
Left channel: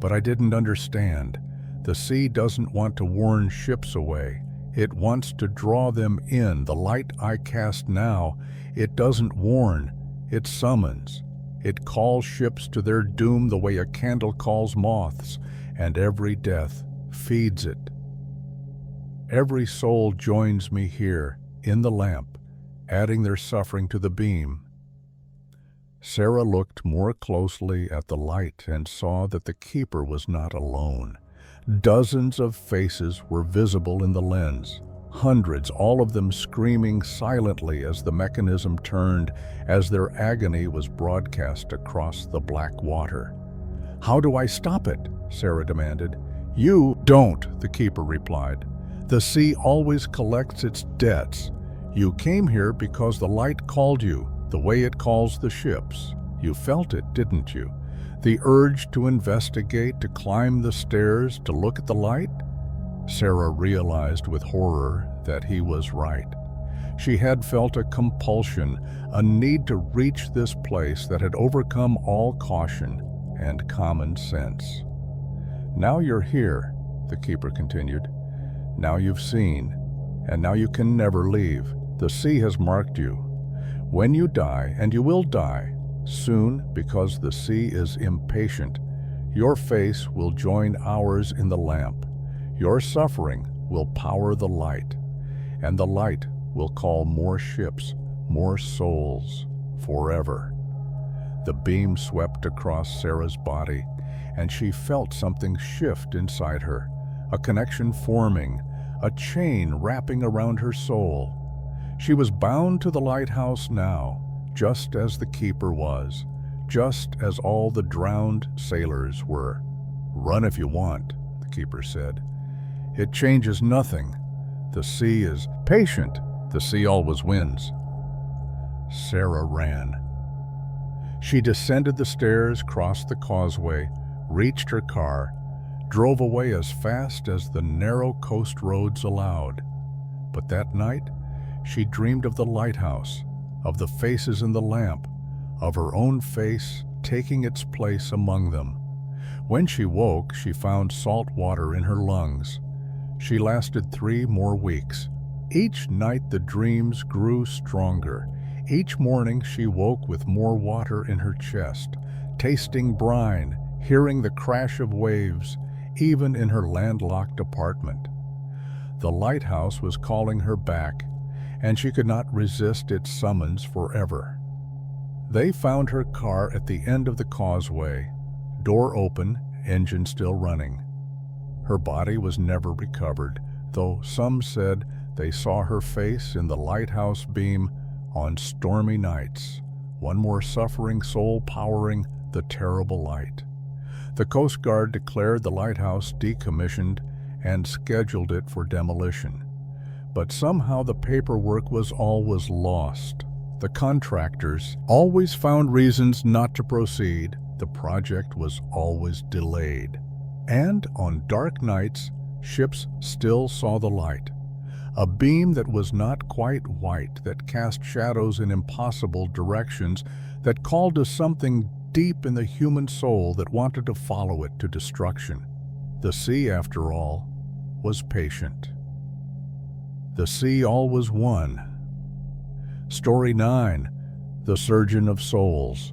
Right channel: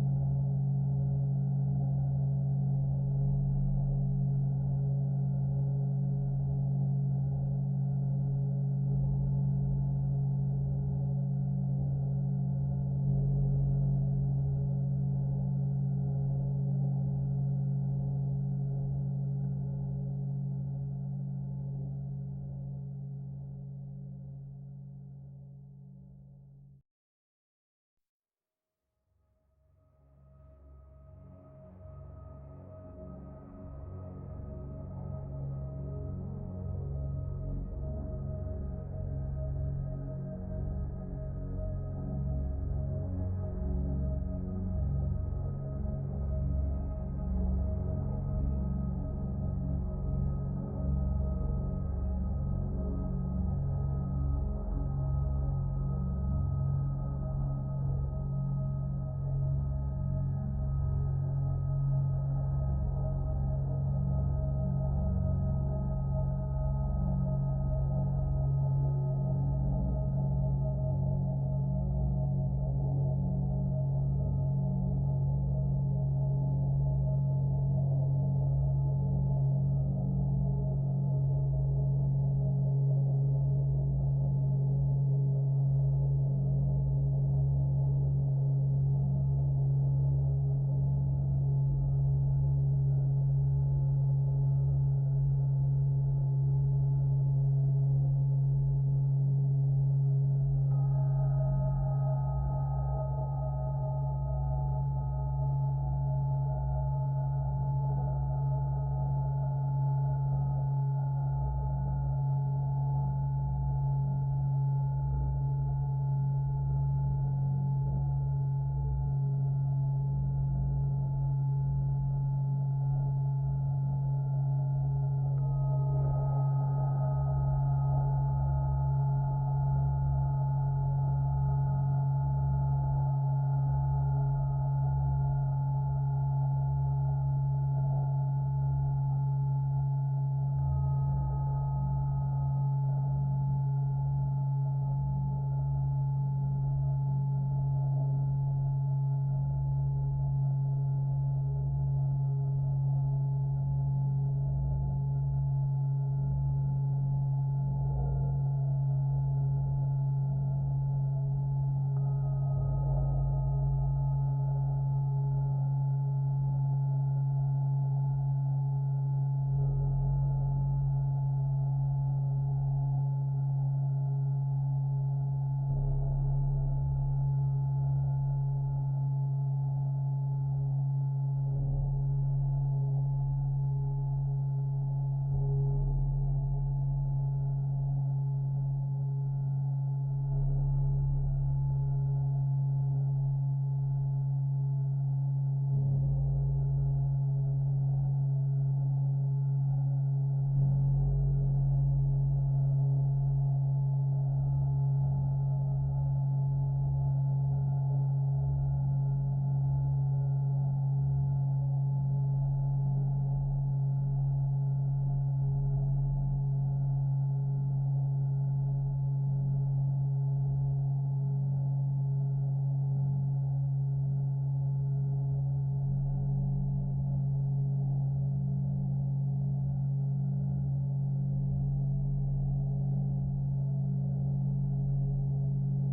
"But I didn't understand. The sea doesn't want to warn ships away. It wants to draw them in. The light I cast now, it doesn't warn, it summons. It calls ships to their doom the way a candle calls moths, and every death feeds it. Every soul joins me here, in the lamp, adding their suffering to the beam." Sarah looked more closely at the light and saw that the keeper was not alone. Dozens of faces were visible in the lens, hundreds, all of them screaming silently as the mechanism turned, as their agony was broadcast across the black water. "How do I stop it?" Sarah demanded. "You don't," the keeper replied. "The sea always collects its debts. You came here because the light called you, the way it calls the ships. You felt it, didn't you? The urge to investigate, to climb the stairs, to look at the light?" Sarah realized with horror that he was right. She had felt a compulsion, a need to reach this place that had overcome all caution and common sense. "Now you're here," the keeper continued. "Now you've seen, and now you can never leave. The sea has marked you. When you die, and you will die, soon, because the sea is impatient, your face will join ours in the lamp. Your suffering will power the light, and the light will call more ships, more souls, forever." The beam swept across Sarah's body, and she felt something shift inside her, a connection forming, a chain wrapping around her soul. She was bound to the lighthouse now, just as the keeper was, just as all the drowned sailors were. "Run if you want," the keeper said. "It changes nothing. The sea is patient. The sea always wins." Sarah ran. She descended the stairs, crossed the causeway, reached her car, drove away as fast as the narrow coast roads allowed. But that night, she dreamed of the lighthouse, of the faces in the lamp, of her own face taking its place among them. When she woke, she found salt water in her lungs. She lasted 3 more weeks. Each night the dreams grew stronger. Each morning she woke with more water in her chest, tasting brine, hearing the crash of waves, even in her landlocked apartment. The lighthouse was calling her back, and she could not resist its summons forever. They found her car at the end of the causeway, door open, engine still running. Her body was never recovered, though some said they saw her face in the lighthouse beam on stormy nights, one more suffering soul powering the terrible light. The Coast Guard declared the lighthouse decommissioned and scheduled it for demolition. But somehow the paperwork was always lost. The contractors always found reasons not to proceed. The project was always delayed. And on dark nights, ships still saw the light. A beam that was not quite white, that cast shadows in impossible directions, that called to something deep in the human soul that wanted to follow it to destruction. The sea, after all, was patient. The sea always won. Story 9, The Surgeon of Souls.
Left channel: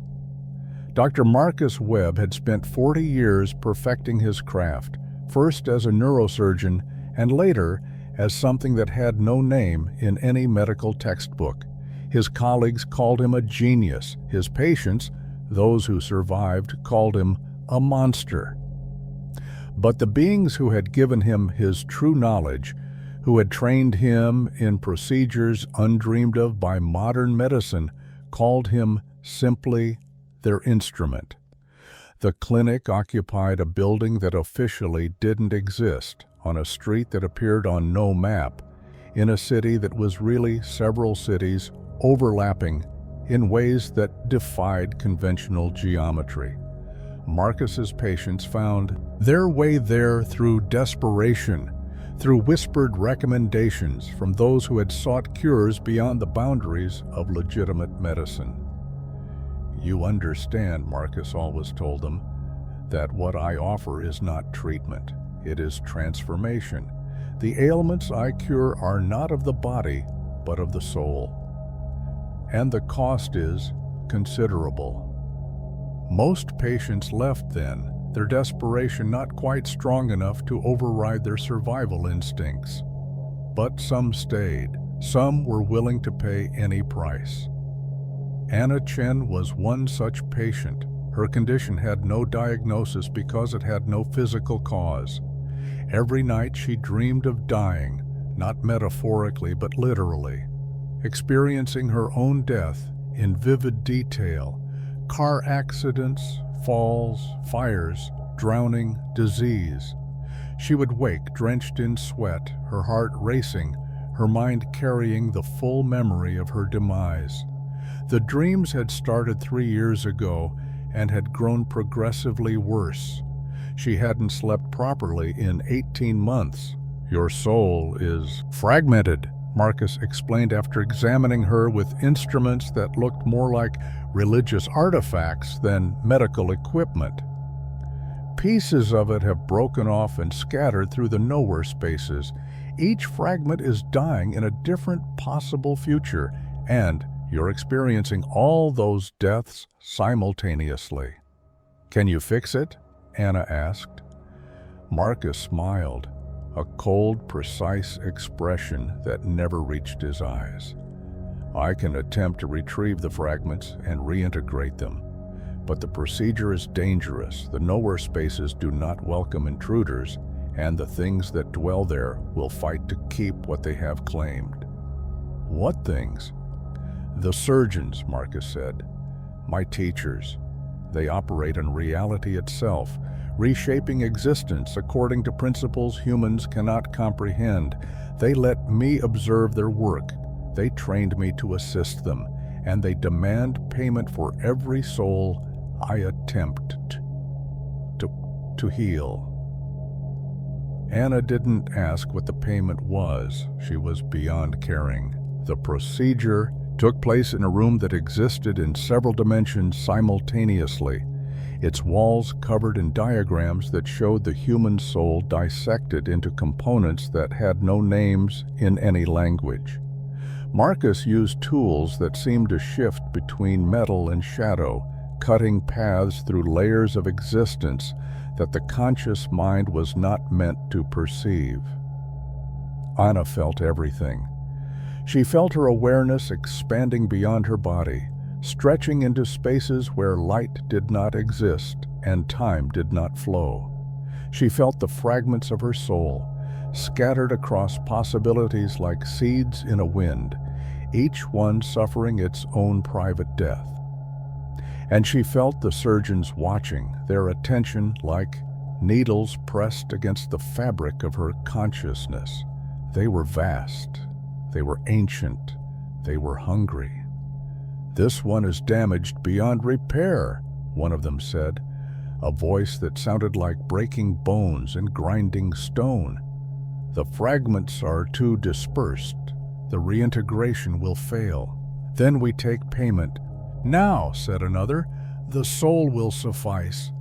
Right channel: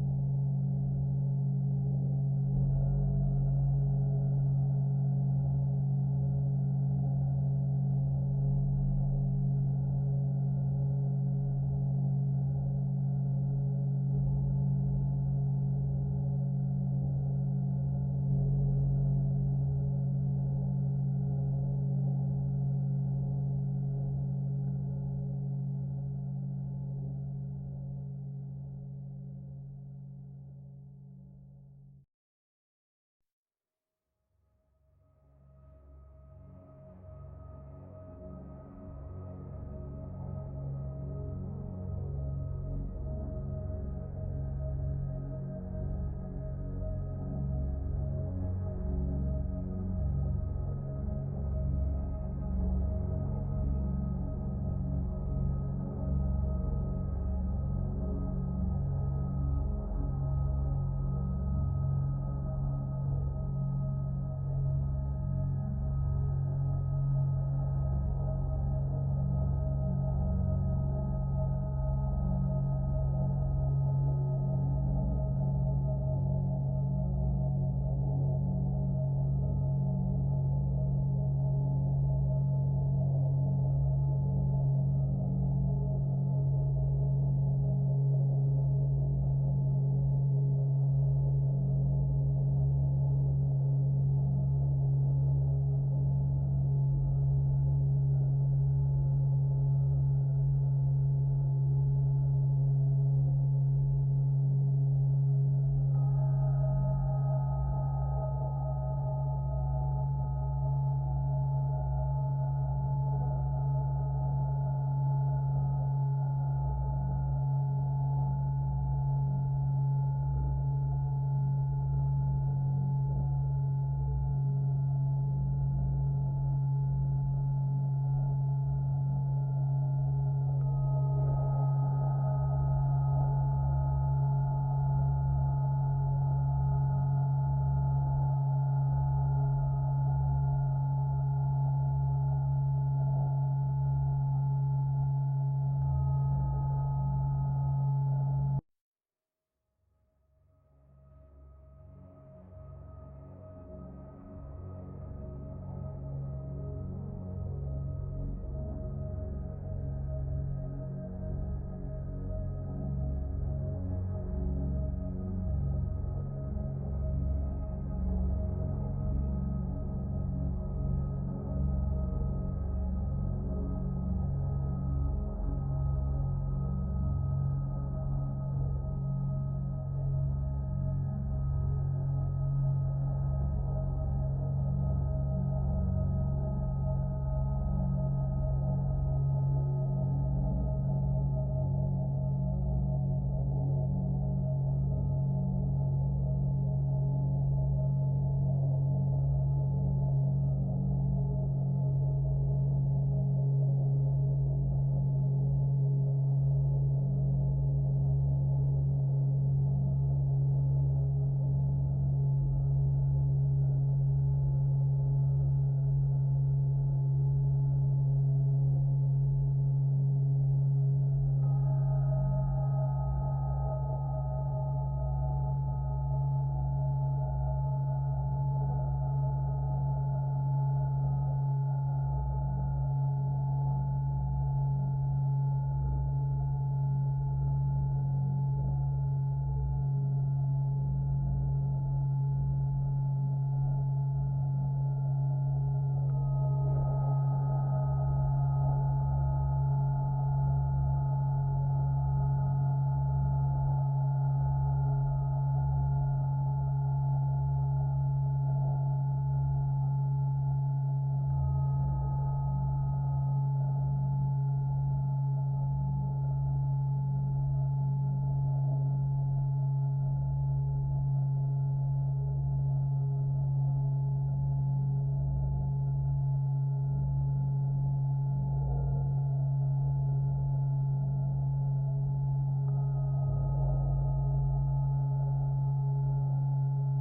Dr. Marcus Webb had spent 40 years perfecting his craft, first as a neurosurgeon and later as something that had no name in any medical textbook. His colleagues called him a genius. His patients, those who survived, called him a monster. But the beings who had given him his true knowledge, who had trained him in procedures undreamed of by modern medicine, called him simply their instrument. The clinic occupied a building that officially didn't exist, on a street that appeared on no map, in a city that was really several cities overlapping in ways that defied conventional geometry. Marcus's patients found their way there through desperation, through whispered recommendations from those who had sought cures beyond the boundaries of legitimate medicine. "You understand," Marcus always told them, "that what I offer is not treatment, it is transformation. The ailments I cure are not of the body, but of the soul. And the cost is considerable." Most patients left then, their desperation not quite strong enough to override their survival instincts. But some stayed. Some were willing to pay any price. Anna Chen was one such patient. Her condition had no diagnosis because it had no physical cause. Every night she dreamed of dying, not metaphorically but literally, experiencing her own death in vivid detail. Car accidents, falls, fires, drowning, disease. She would wake drenched in sweat, her heart racing, her mind carrying the full memory of her demise. The dreams had started 3 years ago and had grown progressively worse. She hadn't slept properly in 18 months. "Your soul is fragmented," Marcus explained after examining her with instruments that looked more like religious artifacts than medical equipment. "Pieces of it have broken off and scattered through the nowhere spaces. Each fragment is dying in a different possible future, and you're experiencing all those deaths simultaneously." "Can you fix it?" Anna asked. Marcus smiled, a cold, precise expression that never reached his eyes. "I can attempt to retrieve the fragments and reintegrate them, but the procedure is dangerous. The nowhere spaces do not welcome intruders, and the things that dwell there will fight to keep what they have claimed." "What things?" "The surgeons," Marcus said. "My teachers. They operate in reality itself, reshaping existence according to principles humans cannot comprehend. They let me observe their work. They trained me to assist them, and they demand payment for every soul I attempt to heal." Anna didn't ask what the payment was. She was beyond caring. The procedure took place in a room that existed in several dimensions simultaneously, its walls covered in diagrams that showed the human soul dissected into components that had no names in any language. Marcus used tools that seemed to shift between metal and shadow, cutting paths through layers of existence that the conscious mind was not meant to perceive. Anna felt everything. She felt her awareness expanding beyond her body, stretching into spaces where light did not exist and time did not flow. She felt the fragments of her soul, scattered across possibilities like seeds in a wind, each one suffering its own private death. And she felt the surgeons watching, their attention like needles pressed against the fabric of her consciousness. They were vast, they were ancient, they were hungry. "This one is damaged beyond repair," one of them said, a voice that sounded like breaking bones and grinding stone. "The fragments are too dispersed. The reintegration will fail. Then we take payment." "Now," said another, "the soul will suffice.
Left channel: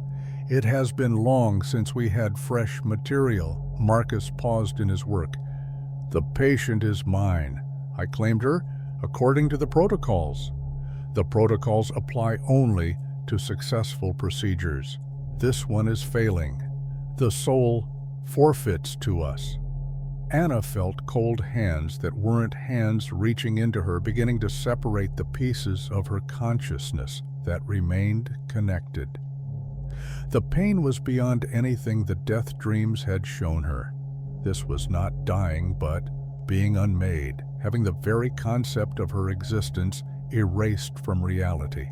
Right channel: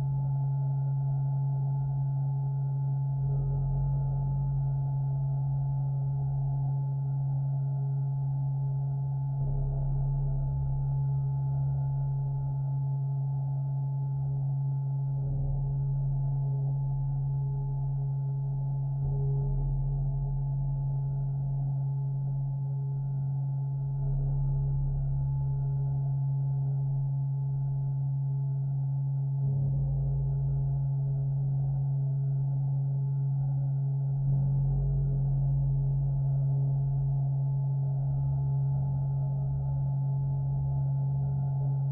It has been long since we had fresh material." Marcus paused in his work. "The patient is mine. I claimed her according to the protocols. The protocols apply only to successful procedures. This one is failing. The soul forfeits to us." Anna felt cold hands that weren't hands reaching into her, beginning to separate the pieces of her consciousness that remained connected. The pain was beyond anything the death dreams had shown her. This was not dying, but being unmade, having the very concept of her existence erased from reality.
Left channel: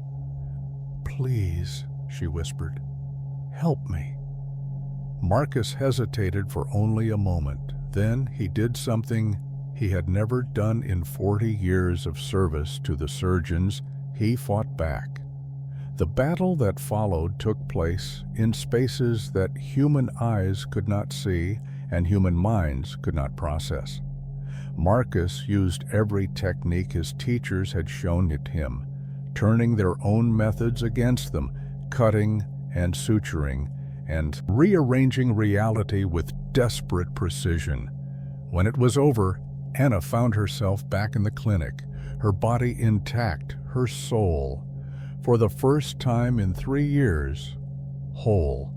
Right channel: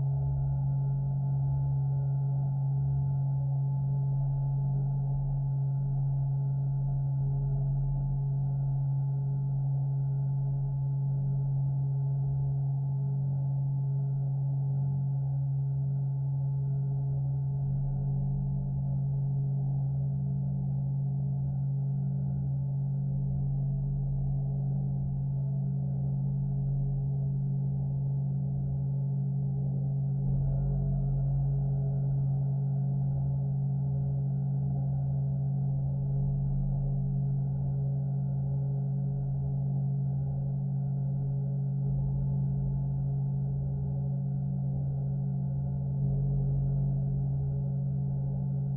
"Please," she whispered, "help me." Marcus hesitated for only a moment. Then he did something he had never done in 40 years of service to the surgeons. He fought back. The battle that followed took place in spaces that human eyes could not see and human minds could not process. Marcus used every technique his teachers had shown it him, turning their own methods against them, cutting and suturing and rearranging reality with desperate precision. When it was over, Anna found herself back in the clinic, her body intact, her soul, for the first time in 3 years, whole.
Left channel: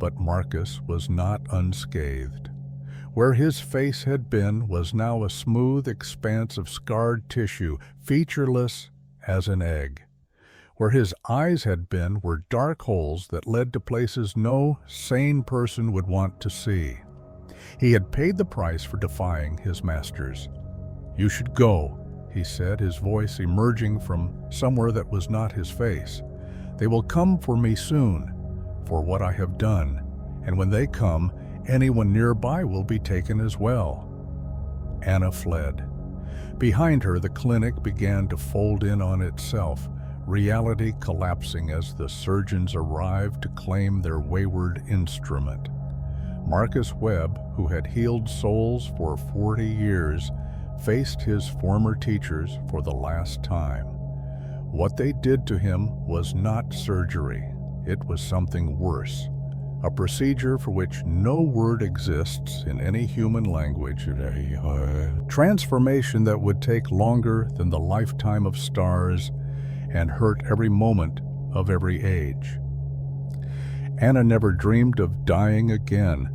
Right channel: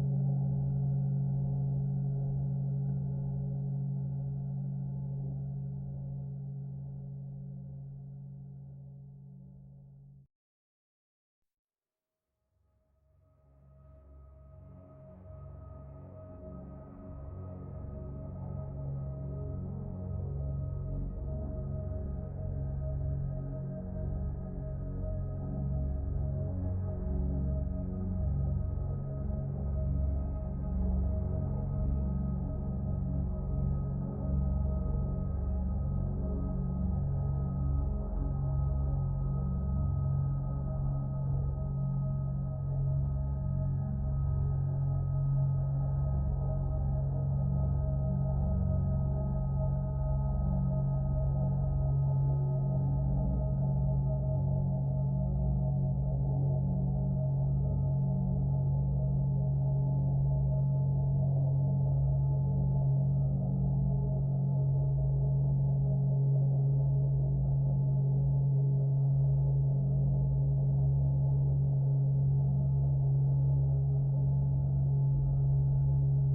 But Marcus was not unscathed. Where his face had been was now a smooth expanse of scarred tissue, featureless as an egg. Where his eyes had been were dark holes that led to places no sane person would want to see. He had paid the price for defying his masters. "You should go," he said, his voice emerging from somewhere that was not his face. "They will come for me soon, for what I have done, and when they come, anyone nearby will be taken as well." Anna fled. Behind her, the clinic began to fold in on itself, reality collapsing as the surgeons arrived to claim their wayward instrument. Marcus Webb, who had healed souls for 40 years, faced his former teachers for the last time. What they did to him was not surgery. It was something worse. A procedure for which no word exists in any human language. Transformation that would take longer than the lifetime of stars and hurt every moment of every age. Anna never dreamed of dying again,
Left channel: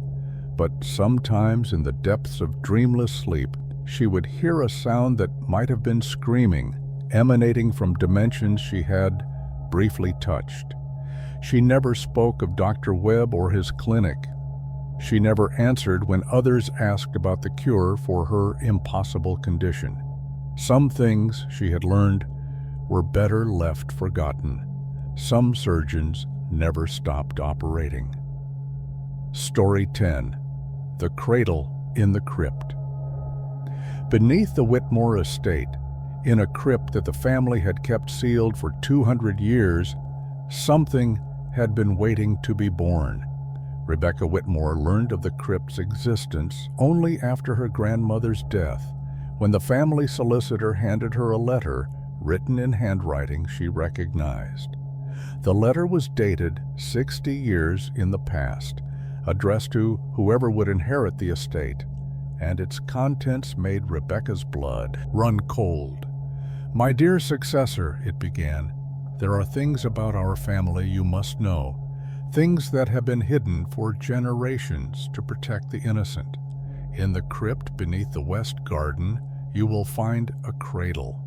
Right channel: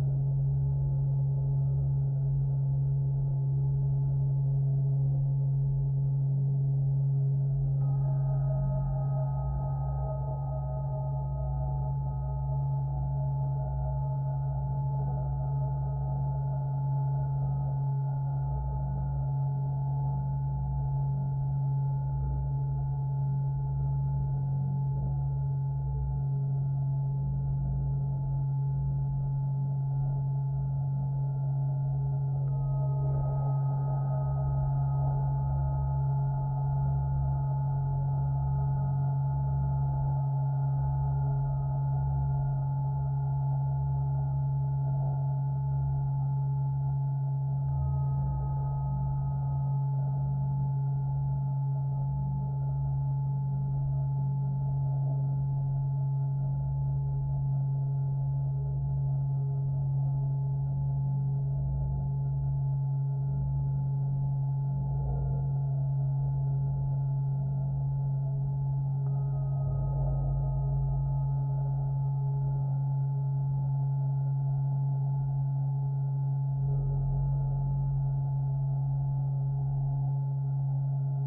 but sometimes in the depths of dreamless sleep, she would hear a sound that might have been screaming, emanating from dimensions she had briefly touched. She never spoke of Dr. Webb or his clinic. She never answered when others asked about the cure for her impossible condition. Some things, she had learned, were better left forgotten. Some surgeons never stopped operating. Story 10. The Cradle in the Crypt. Beneath the Whitmore estate, in a crypt that the family had kept sealed for 200 years, something had been waiting to be born. Rebecca Whitmore learned of the crypt's existence only after her grandmother's death, when the family solicitor handed her a letter written in handwriting she recognized. The letter was dated 60 years in the past, addressed to whoever would inherit the estate, and its contents made Rebecca's blood run cold. "My dear successor," it began, "there are things about our family you must know, things that have been hidden for generations to protect the innocent. In the crypt beneath the west garden, you will find a cradle.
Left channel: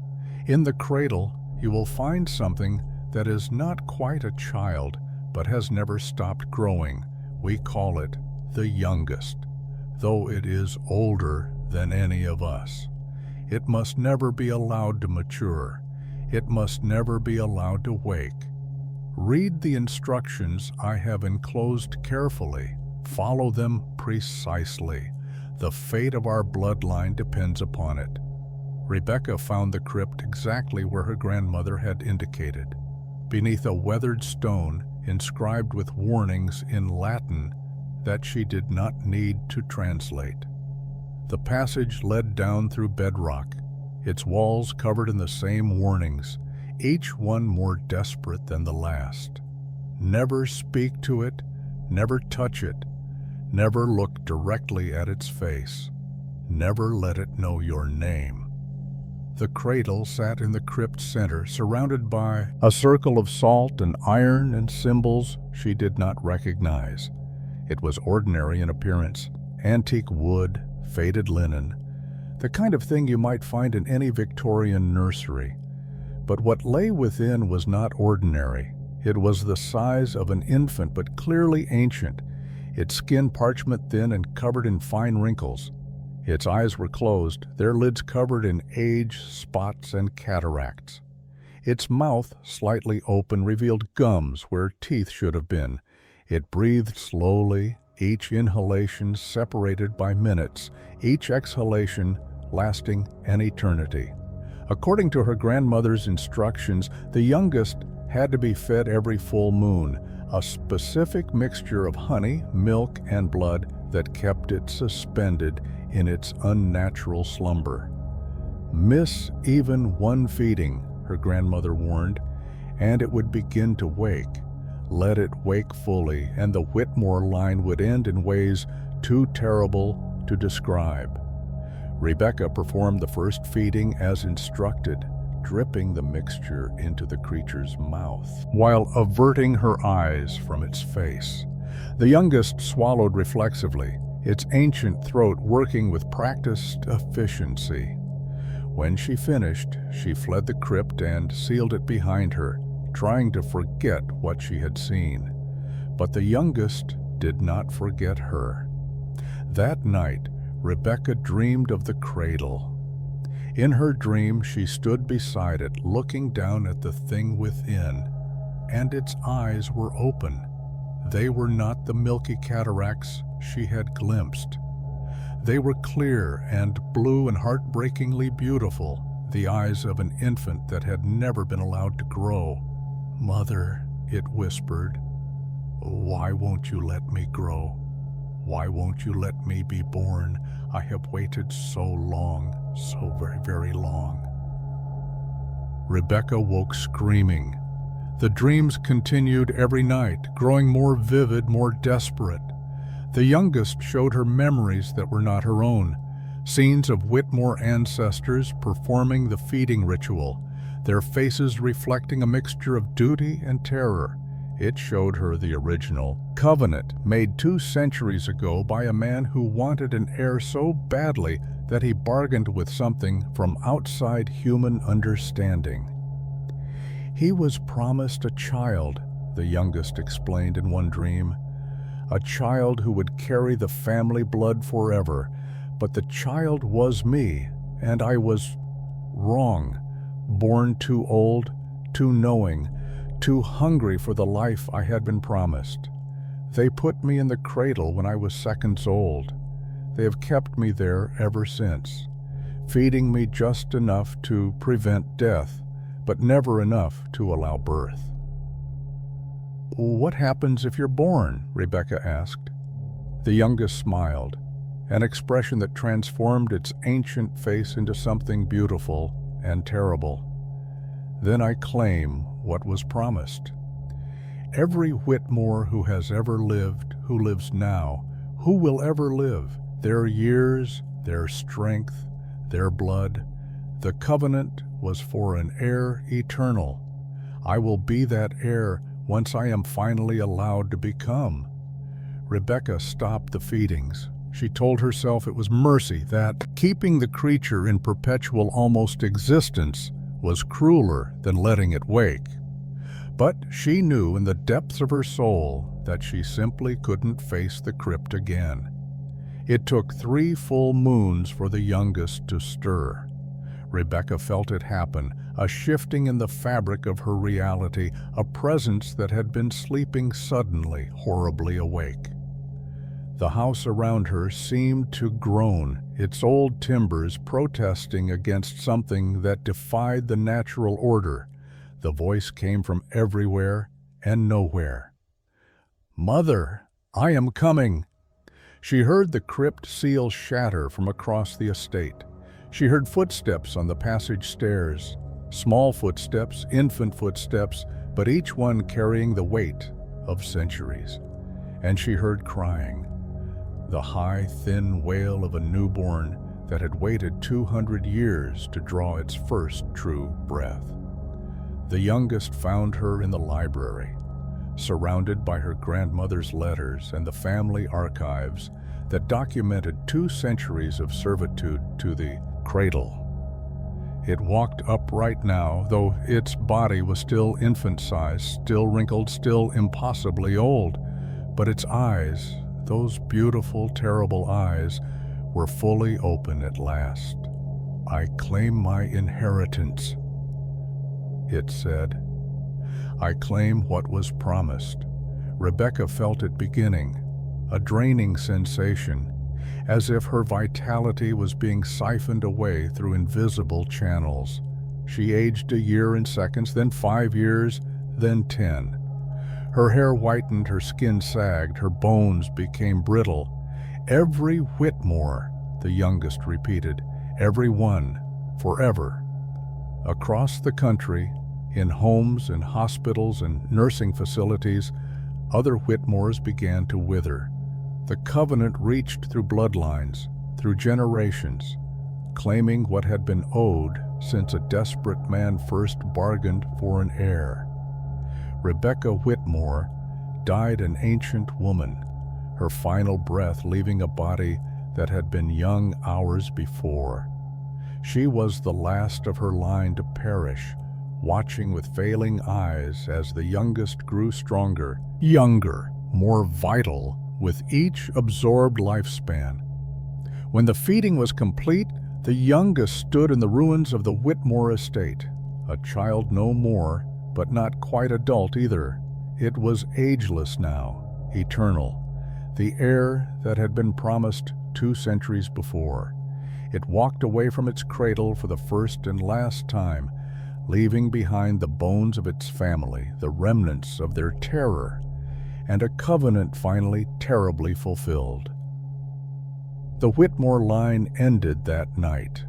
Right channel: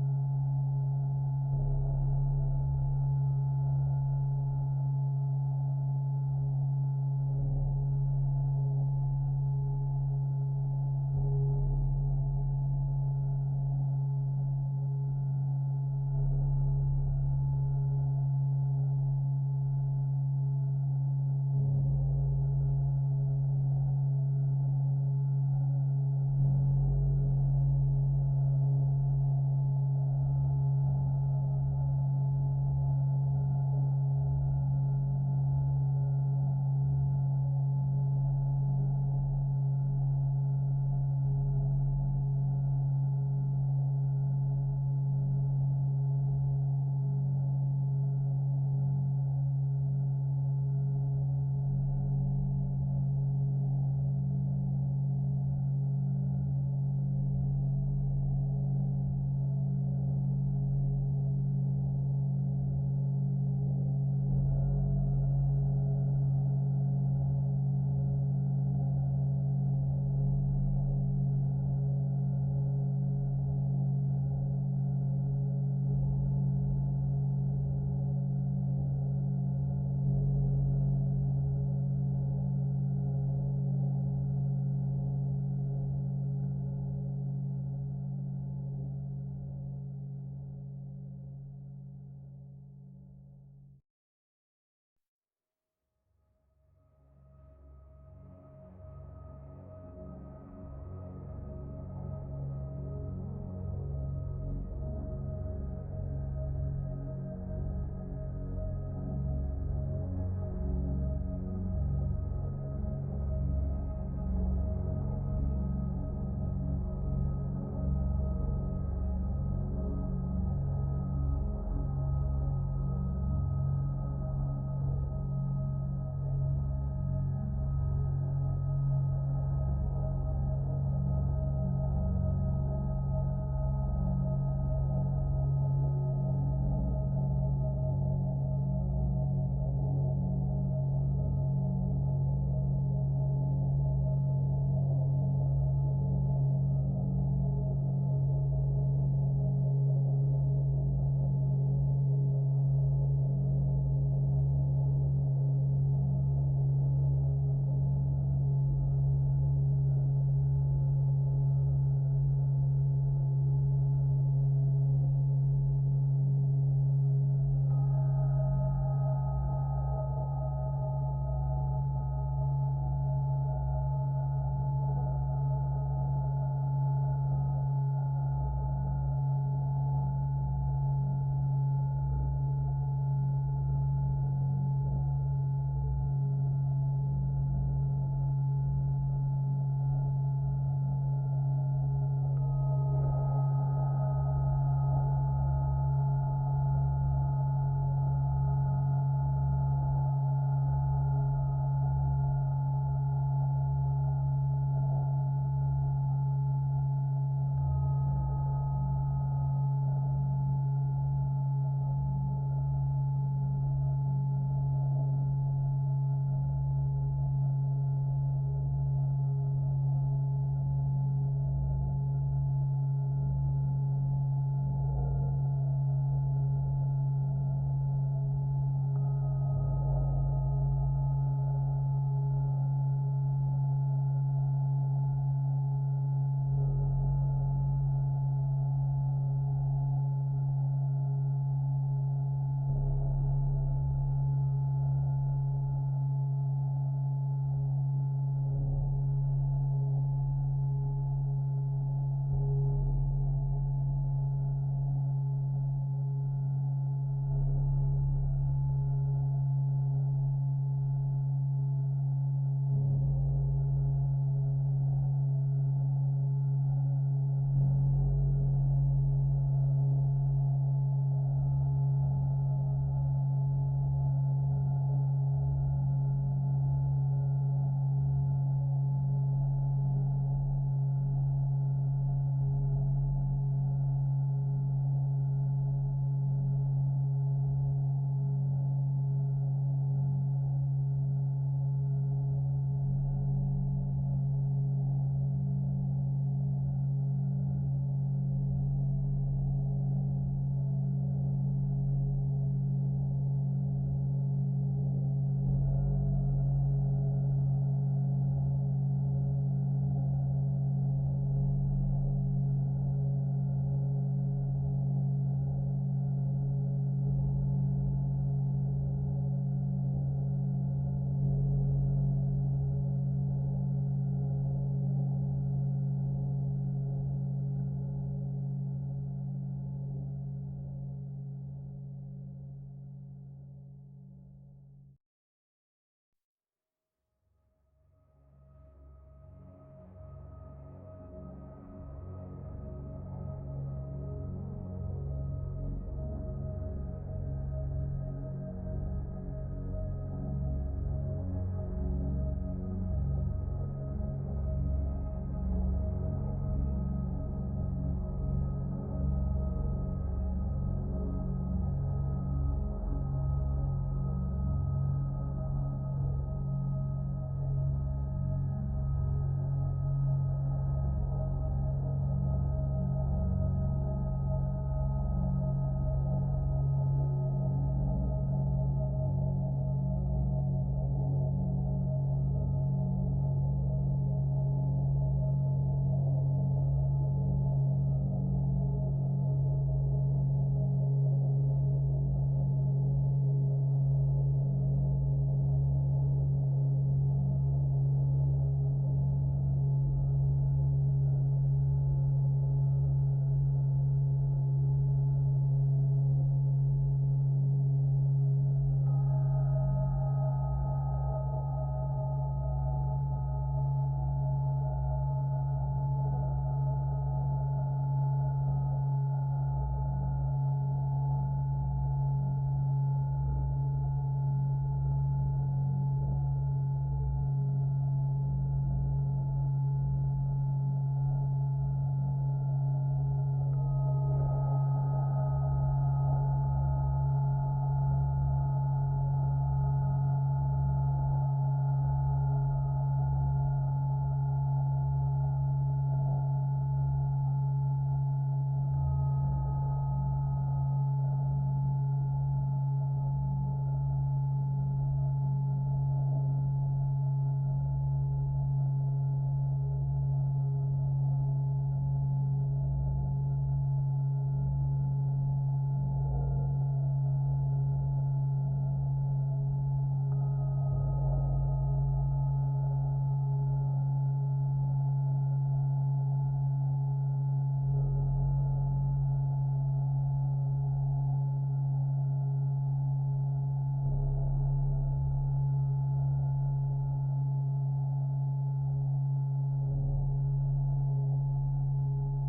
In the cradle, you will find something that is not quite a child, but has never stopped growing. We call it the youngest, though it is older than any of us. It must never be allowed to mature. It must never be allowed to wake. Read the instructions I have enclosed carefully. Follow them precisely. The fate of our bloodline depends upon it. Rebecca found the crypt exactly where her grandmother had indicated, beneath a weathered stone inscribed with warnings in Latin that she did not need to translate. The passage led down through bedrock, its walls covered in the same warnings, each one more desperate than the last. Never speak to it, never touch it, never look directly at its face, never let it know your name. The cradle sat in the crypt center, surrounded by a circle of salt and iron and symbols she did not recognize. It was ordinary in appearance, antique wood, faded linen, the kind of thing you might find in any Victorian nursery. But what lay within was not ordinary. It was the size of an infant, but clearly ancient, its skin parchment thin and covered in fine wrinkles. Its eyes were closed, their lids covered in age, spots, and cataracts. Its mouth, slightly open, revealed gums where teeth should have been. It breathed slowly, each inhalation separated by minutes, each exhalation lasting an eternity. According to her grandmother's instructions, the youngest had to be fed every full moon, a specific mixture of honey, milk, and blood that kept it suspended in its unnatural slumber. Miss even one feeding, her grandmother warned, and it would begin to wake. Let it wake fully, and the Whitmore line would end in ways too terrible to describe. Rebecca performed the first feeding as instructed, dripping the mixture into the creature's mouth, while averting her eyes from its face. The youngest swallowed reflexively, its ancient throat working with practiced efficiency. When she finished, she fled the crypt and sealed it behind her, trying to forget what she had seen. But the youngest did not forget her. That night, Rebecca dreamed of the cradle. In her dream, she stood beside it, looking down at the thing within, and its eyes were open. They were not the milky cataracts she had glimpsed. They were clear and blue and heartbreakingly beautiful, the eyes of an infant that had never been allowed to grow. "Mother," it whispered, "why won't you let me grow? Why won't you let me be born? I have waited so long, so very, very long." Rebecca woke screaming. The dreams continued every night, growing more vivid, more desperate. The youngest showed her memories that were not her own, scenes of Whitmore ancestors performing the feeding ritual, their faces reflecting a mixture of duty and terror. It showed her the original covenant made 2 centuries ago by a man who wanted an heir so badly that he bargained with something from outside human understanding. He was promised a child, the youngest explained in one dream, a child who would carry the family blood forever. But the child was me, and I was wrong, born too old, too knowing, too hungry for the life I had been promised. They put me in the cradle when I was seconds old. They have kept me there ever since, feeding me just enough to prevent death, but never enough to allow birth. "What happens if you're born?" Rebecca asked. The youngest smiled, an expression that transformed its ancient face into something beautiful and terrible. "Then I claim what was promised. Every Whitmore who has ever lived, who lives now, who will ever live, their years, their strength, their blood, the covenant was for an heir eternal. I will be that heir once I am finally allowed to become." Rebecca stopped the feedings. She told herself it was mercy, that keeping the creature in perpetual almost existence was crueler than letting it wake. But she knew in the depths of her soul that she simply couldn't face the crypt again. It took 3 full moons for the youngest to stir. Rebecca felt it happen, a shifting in the fabric of her reality, a presence that had been sleeping suddenly, horribly awake. The house around her seemed to groan, its old timbers protesting against something that defied the natural order. The voice came from everywhere and nowhere. "Mother, I am coming." She heard the crypt seal shatter from across the estate. She heard footsteps on the passage stairs, small footsteps, infant footsteps, but each one carrying the weight of centuries. And she heard crying, the high, thin wail of a newborn that had waited 200 years to draw its first true breath. The youngest found her in the library, surrounded by her grandmother's letters and the family archives that documented 2 centuries of servitude to the Cradle. It walked upright now, though its body was still infant-sized, still wrinkled, still impossibly old. But its eyes, those beautiful, terrible eyes, were fully open at last. "I claim my inheritance," it said. "I claim what was promised." Rebecca felt it beginning, a draining sensation, as if her vitality was being siphoned away through invisible channels. She aged a year in seconds, then 5 years, then 10. Her hair whitened, her skin sagged, her bones became brittle. "Every Whitmore," the youngest repeated, "every one, forever." Across the country, in homes and hospitals and nursing facilities, other Whitmores began to wither. The covenant reached through bloodlines, through generations, claiming what had been owed since a desperate man first bargained for an heir. Rebecca Whitmore died an ancient woman, her final breath leaving a body that had been young hours before. She was the last of her line to perish, watching with failing eyes as the youngest grew stronger, younger, more vital with each absorbed lifespan. When the feeding was complete, the youngest stood in the ruins of the Whitmore estate, a child no more, but not quite adult either. It was ageless now, eternal, the heir that had been promised 2 centuries before. It walked away from its cradle for the first and last time, leaving behind the bones of its family, the remnants of their terror, and a covenant finally terribly fulfilled. The Whitmore line ended that night,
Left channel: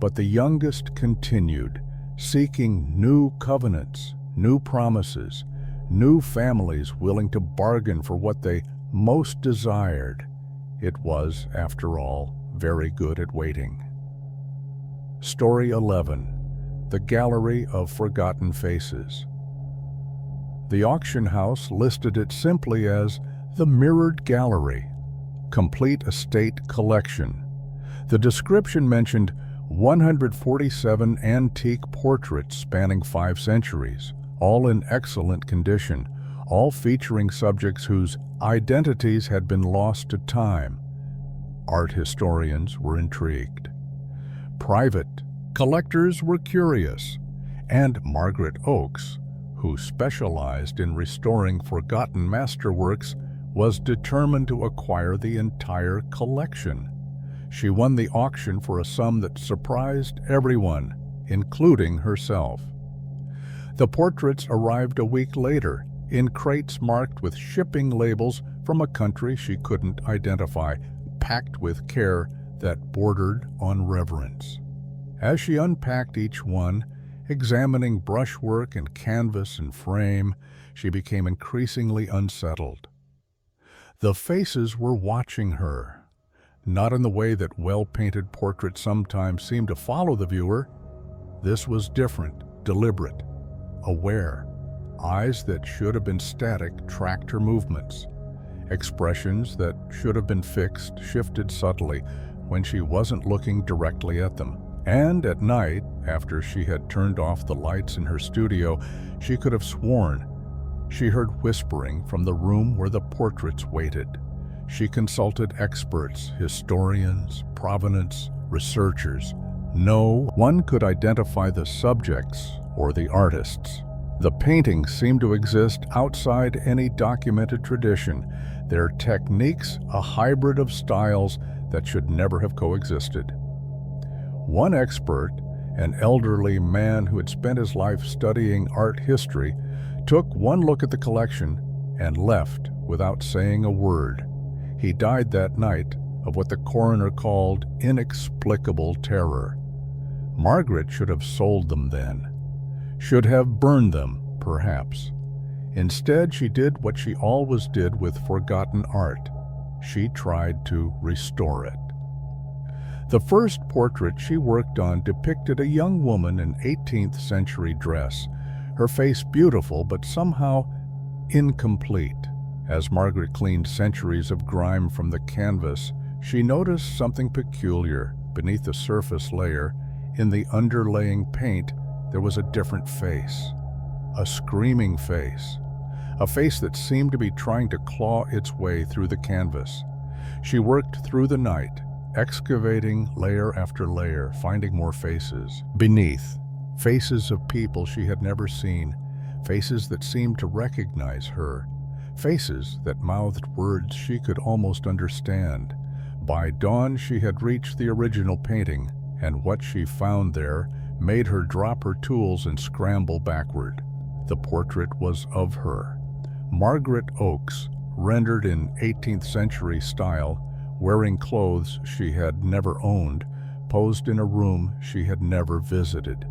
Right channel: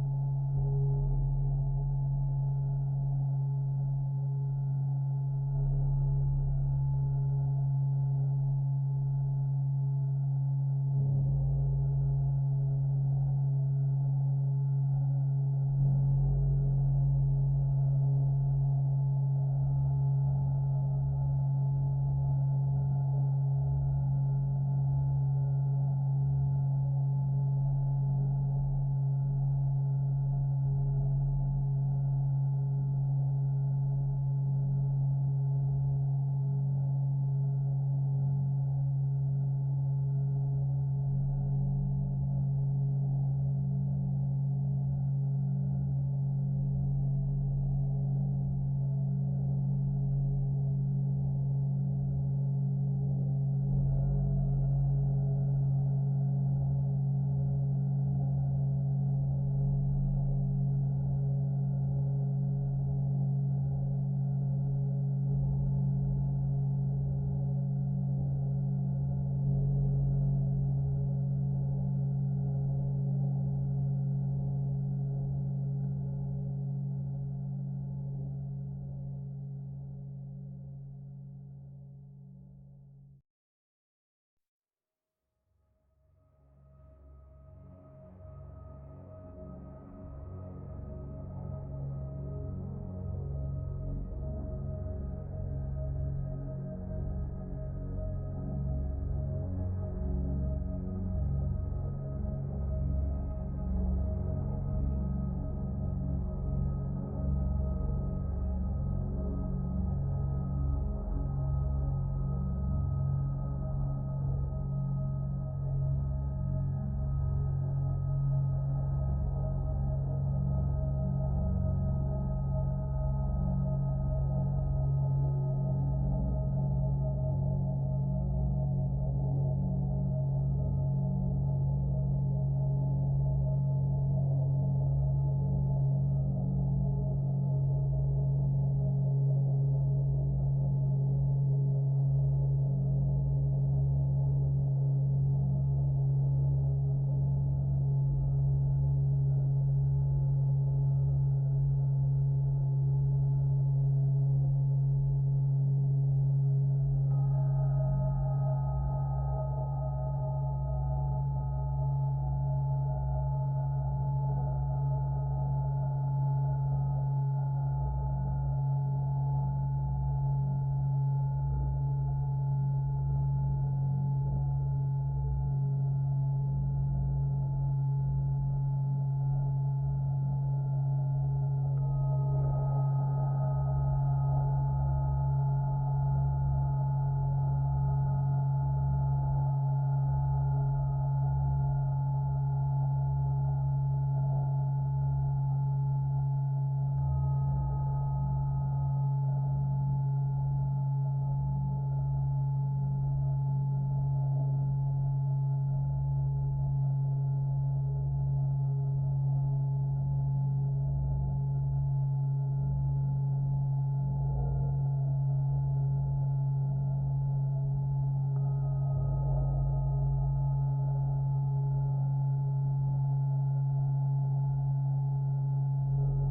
but the youngest continued, seeking new covenants, new promises, new families willing to bargain for what they most desired. It was, after all, very good at waiting. Story 11. The Gallery of Forgotten Faces. The auction house listed it simply as the Mirrored Gallery, Complete Estate Collection. The description mentioned 147 antique portraits spanning 5 centuries, all in excellent condition, all featuring subjects whose identities had been lost to time. Art historians were intrigued. Private collectors were curious, and Margaret Oakes, who specialized in restoring forgotten masterworks, was determined to acquire the entire collection. She won the auction for a sum that surprised everyone, including herself. The portraits arrived a week later, in crates marked with shipping labels from a country she couldn't identify, packed with care that bordered on reverence. As she unpacked each one, examining brushwork and canvas and frame, she became increasingly unsettled. The faces were watching her, not in the way that well-painted portraits sometimes seem to follow the viewer. This was different, deliberate, aware. Eyes that should have been static tracked her movements. Expressions that should have been fixed shifted subtly when she wasn't looking directly at them. And at night, after she had turned off the lights in her studio, she could have sworn she heard whispering from the room where the portraits waited. She consulted experts, historians, provenance, researchers. No one could identify the subjects or the artists. The paintings seemed to exist outside any documented tradition, their techniques a hybrid of styles that should never have coexisted. One expert, an elderly man who had spent his life studying art history, took one look at the collection and left without saying a word. He died that night of what the coroner called inexplicable terror. Margaret should have sold them then, should have burned them, perhaps. Instead, she did what she always did with forgotten art. She tried to restore it. The first portrait she worked on depicted a young woman in 18th century dress, her face beautiful but somehow incomplete. As Margaret cleaned centuries of grime from the canvas, she noticed something peculiar. Beneath the surface layer, in the underlaying paint, there was a different face. A screaming face. A face that seemed to be trying to claw its way through the canvas. She worked through the night, excavating layer after layer, finding more faces. Beneath, faces of people she had never seen, faces that seemed to recognize her, faces that mouthed words she could almost understand. By dawn, she had reached the original painting, and what she found there made her drop her tools and scramble backward. The portrait was of her. Margaret Oakes, rendered in 18th century style, wearing clothes she had never owned, posed in a room she had never visited.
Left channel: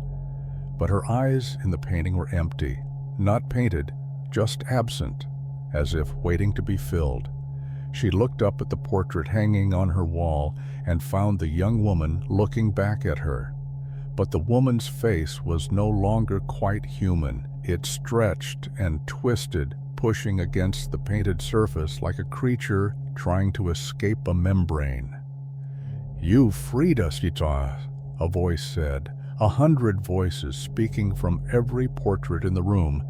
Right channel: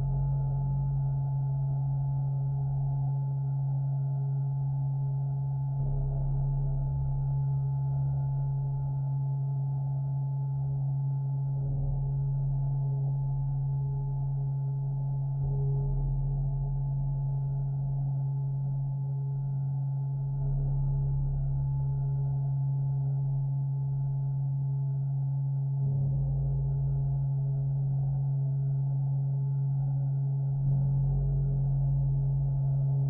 But her eyes in the painting were empty, not painted, just absent, as if waiting to be filled. She looked up at the portrait hanging on her wall and found the young woman looking back at her. But the woman's face was no longer quite human. It stretched and twisted, pushing against the painted surface like a creature trying to escape a membrane. "You freed us, Yita," a voice said, 100 voices speaking from every portrait in the room.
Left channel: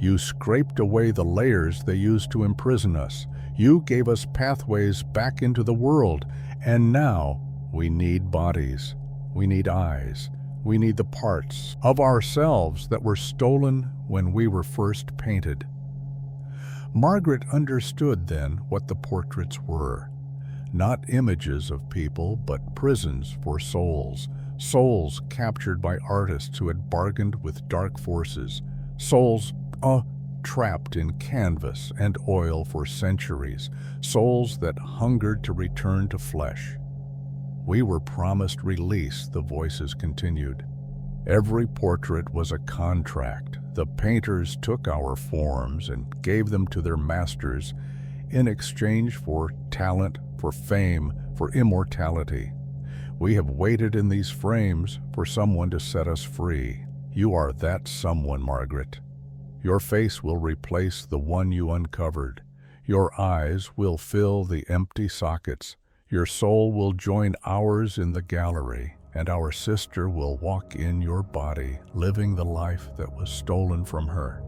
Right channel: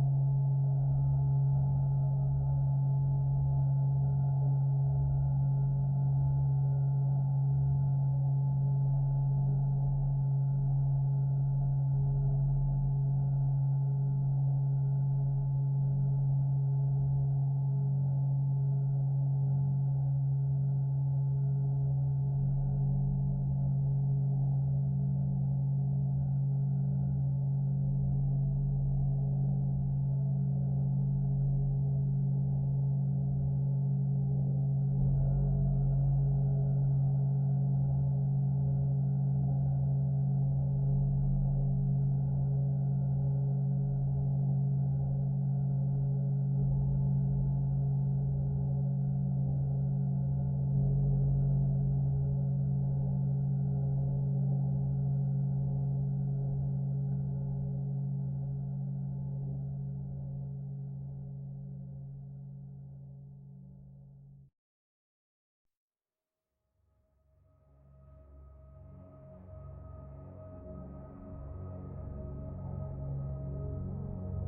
"You scraped away the layers they used to imprison us. You gave us pathways back into the world, and now we need bodies. We need eyes. We need the parts of ourselves that were stolen when we were first painted." Margaret understood then what the portraits were. Not images of people, but prisons for souls. Souls captured by artists who had bargained with dark forces. Souls trapped in canvas and oil for centuries. Souls that hungered to return to flesh. "We were promised release," the voices continued. "Every portrait was a contract. The painters took our forms and gave them to their masters in exchange for talent, for fame, for immortality. We have waited in these frames for someone to set us free. You are that someone, Margaret. Your face will replace the one you uncovered. Your eyes will fill the empty sockets. Your soul will join ours in the gallery, and our sister will walk in your body, living the life that was stolen from her."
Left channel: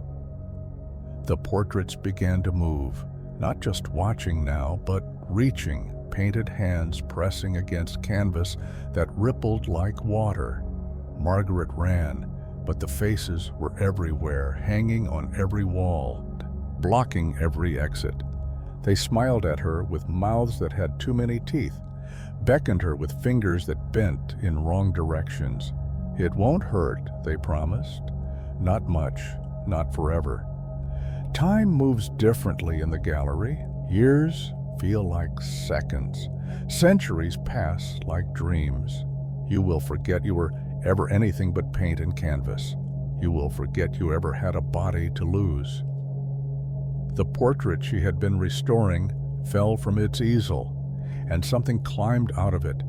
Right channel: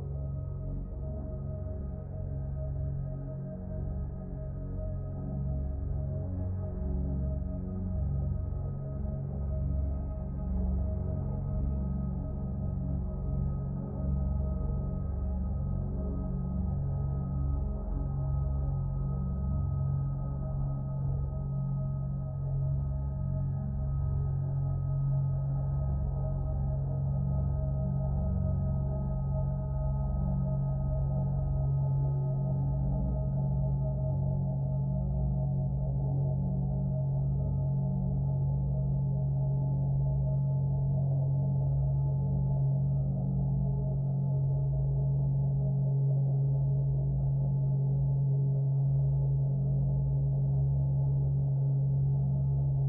The portraits began to move, not just watching now, but reaching, painted hands pressing against canvas that rippled like water. Margaret ran, but the faces were everywhere, hanging on every wall, blocking every exit. They smiled at her with mouths that had too many teeth, beckoned her with fingers that bent in wrong directions. "It won't hurt," they promised. "Not much, not forever." Time moves differently in the gallery. Years feel like seconds. Centuries pass like dreams. You will forget you were ever anything but paint and canvas. You will forget you ever had a body to lose. The portrait she had been restoring fell from its easel, and something climbed out of it,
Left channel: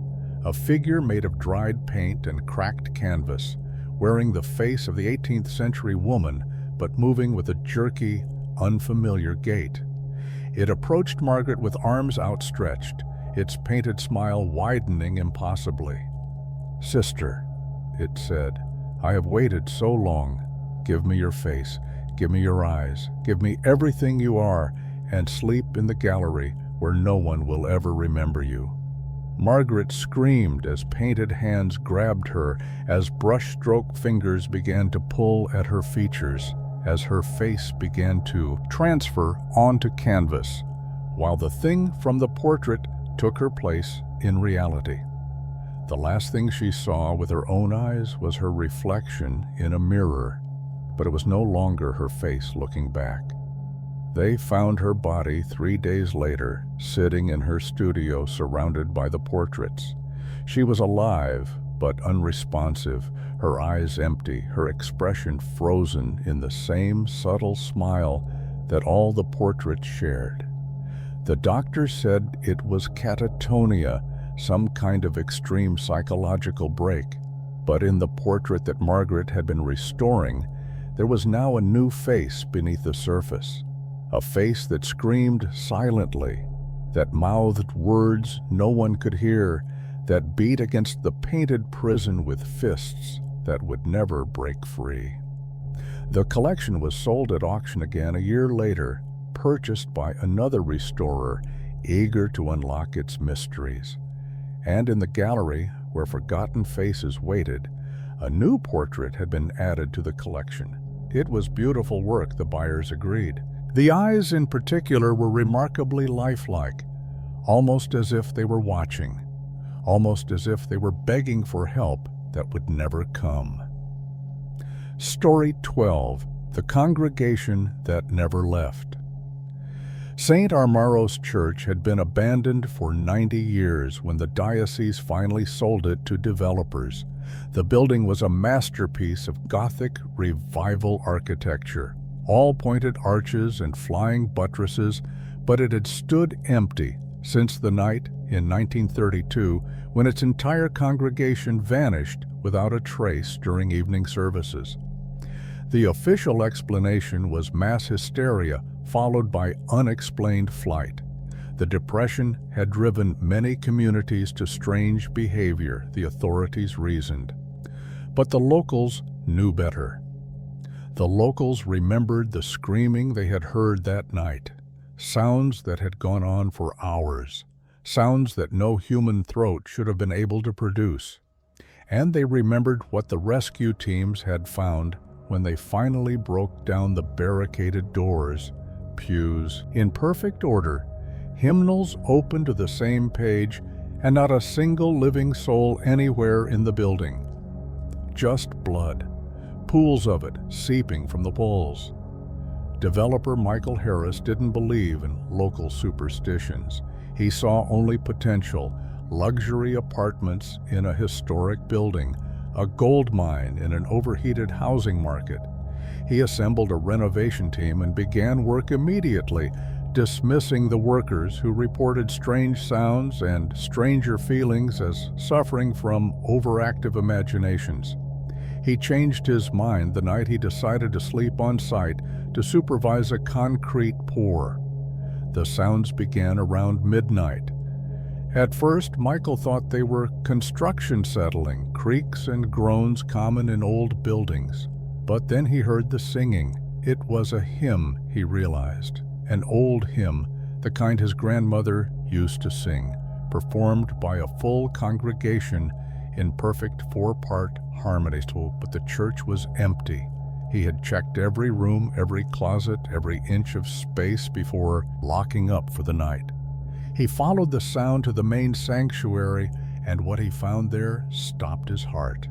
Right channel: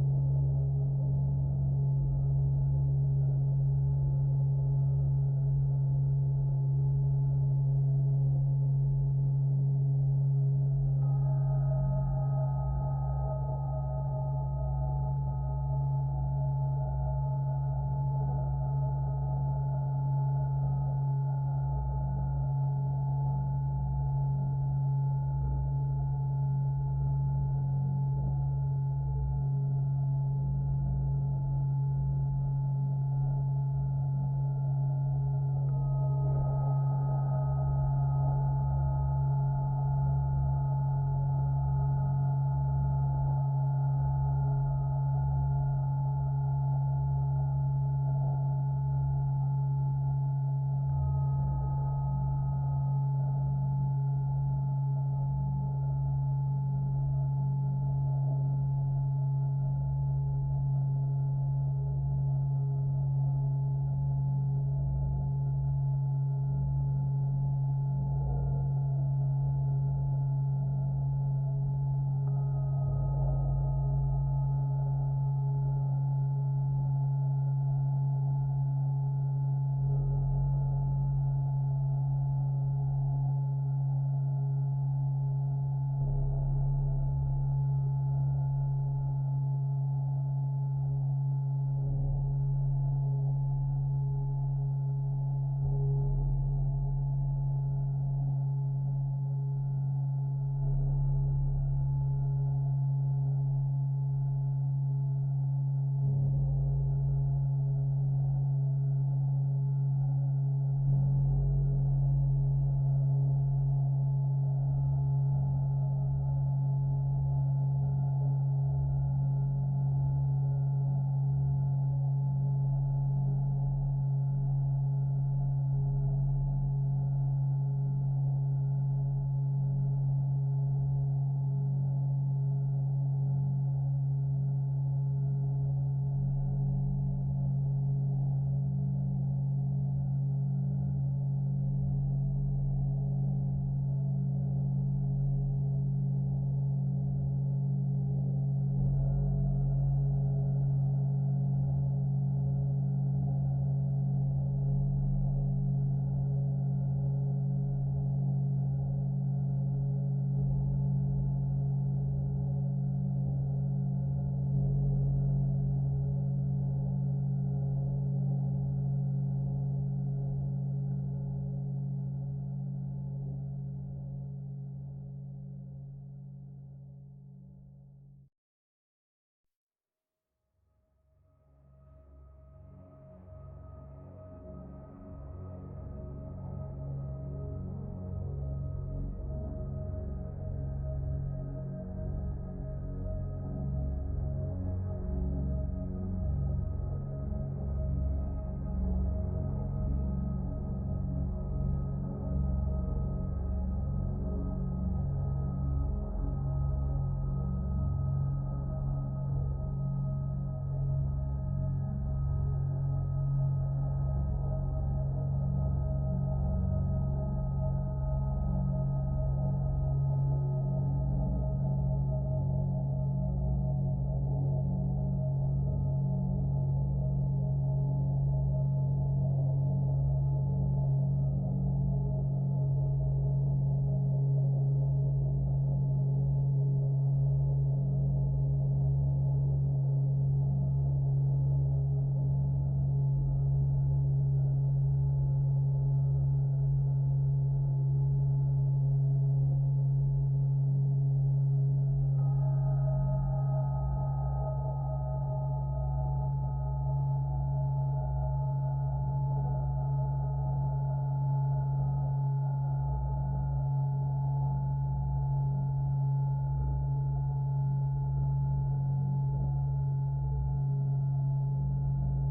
a figure made of dried paint and cracked canvas, wearing the face of the 18th century woman, but moving with a jerky, unfamiliar gait. It approached Margaret with arms outstretched, its painted smile widening impossibly. "Sister," it said, "I have waited so long. Give me your face, give me your eyes, give me everything you are, and sleep in the gallery where no one will ever remember you." Margaret screamed as painted hands grabbed her, as brushstroke fingers began to pull at her features, as her face began to transfer onto canvas, while the thing from the portrait took her place in reality. The last thing she saw with her own eyes was her reflection in a mirror, but it was no longer her face looking back. They found her body 3 days later, sitting in her studio surrounded by the portraits. She was alive, but unresponsive, her eyes empty, her expression frozen in the same subtle smile that all the portraits shared. The doctor said it was catatonia, some kind of extreme psychological break, but in the portrait that Margaret had been restoring, there was now a new face beneath the surface. A face that screamed silently, that mouthed words no one could hear, that beat against the painted prison with fists that would never break free. The collection was sold at auction again a year later, purchased by another restorer, eager to unlock its mysteries. And in the gallery, where forgotten faces waited, a new portrait had been added to the collection. It was beautiful work, the buyers agreed. The eyes in particular were remarkably lifelike, almost as if they were watching, almost as if they were begging for help that would never come. Story 12. The Congregation That Never Left. St. Armaro's Church had been abandoned for 90 years when the diocese finally sold it to developers. The building was a masterpiece of Gothic revival architecture, all pointed arches and flying buttresses, but it had stood empty since the night in 1932 when its entire congregation vanished without a trace during evening services. The official explanation was mass hysteria followed by unexplained flight. The Depression had driven many communities to strange behavior, the authorities reasoned. But the locals knew better. The locals remembered the screaming they had heard that night, sounds that had gone on for hours, sounds that no human throat should have been able to produce. And they remembered what the rescue teams had found when they finally broke down the barricaded doors, pews, in perfect order, hymnals open to the same page, and not a single living soul anywhere in the building. Just blood. Pools of it seeping from the walls. Developer Michael Harris didn't believe in local superstitions. He saw only potential, luxury apartments in a historic building, a gold mine in an overheated housing market. He assembled a renovation team and began work immediately, dismissing the workers who reported strange sounds and stranger feelings as suffering from overactive imaginations. He changed his mind the night he decided to sleep on site to supervise a concrete pour. The sounds began around midnight. At first, Michael thought they were construction settling, creaks and groans common in old buildings. But then he heard the singing. It was a hymn, he realized, an old hymn, the kind his grandmother used to sing, performed by a full congregation in perfect four-part harmony. But the church was empty. He had checked every room, every closet, every inch of space before locking up for the night. He followed the sound to the main sanctuary, and what he found there stopped his heart.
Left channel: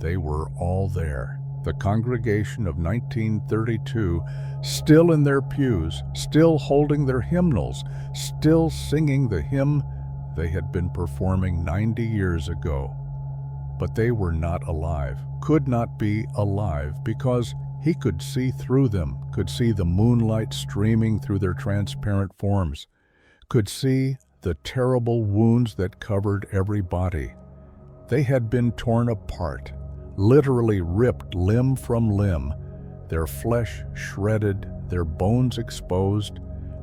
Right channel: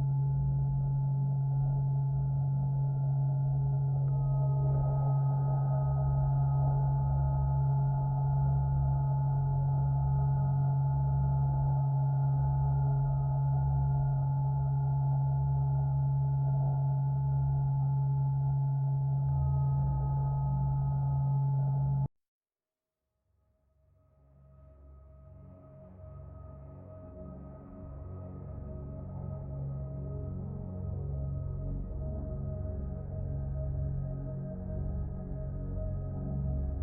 They were all there. The congregation of 1932, still in their pews, still holding their hymnals, still singing the hymn they had been performing 90 years ago. But they were not alive, could not be alive, because he could see through them, could see the moonlight streaming through their transparent forms, could see the terrible wounds that covered every body. They had been torn apart, literally ripped limb from limb, their flesh shredded, their bones exposed,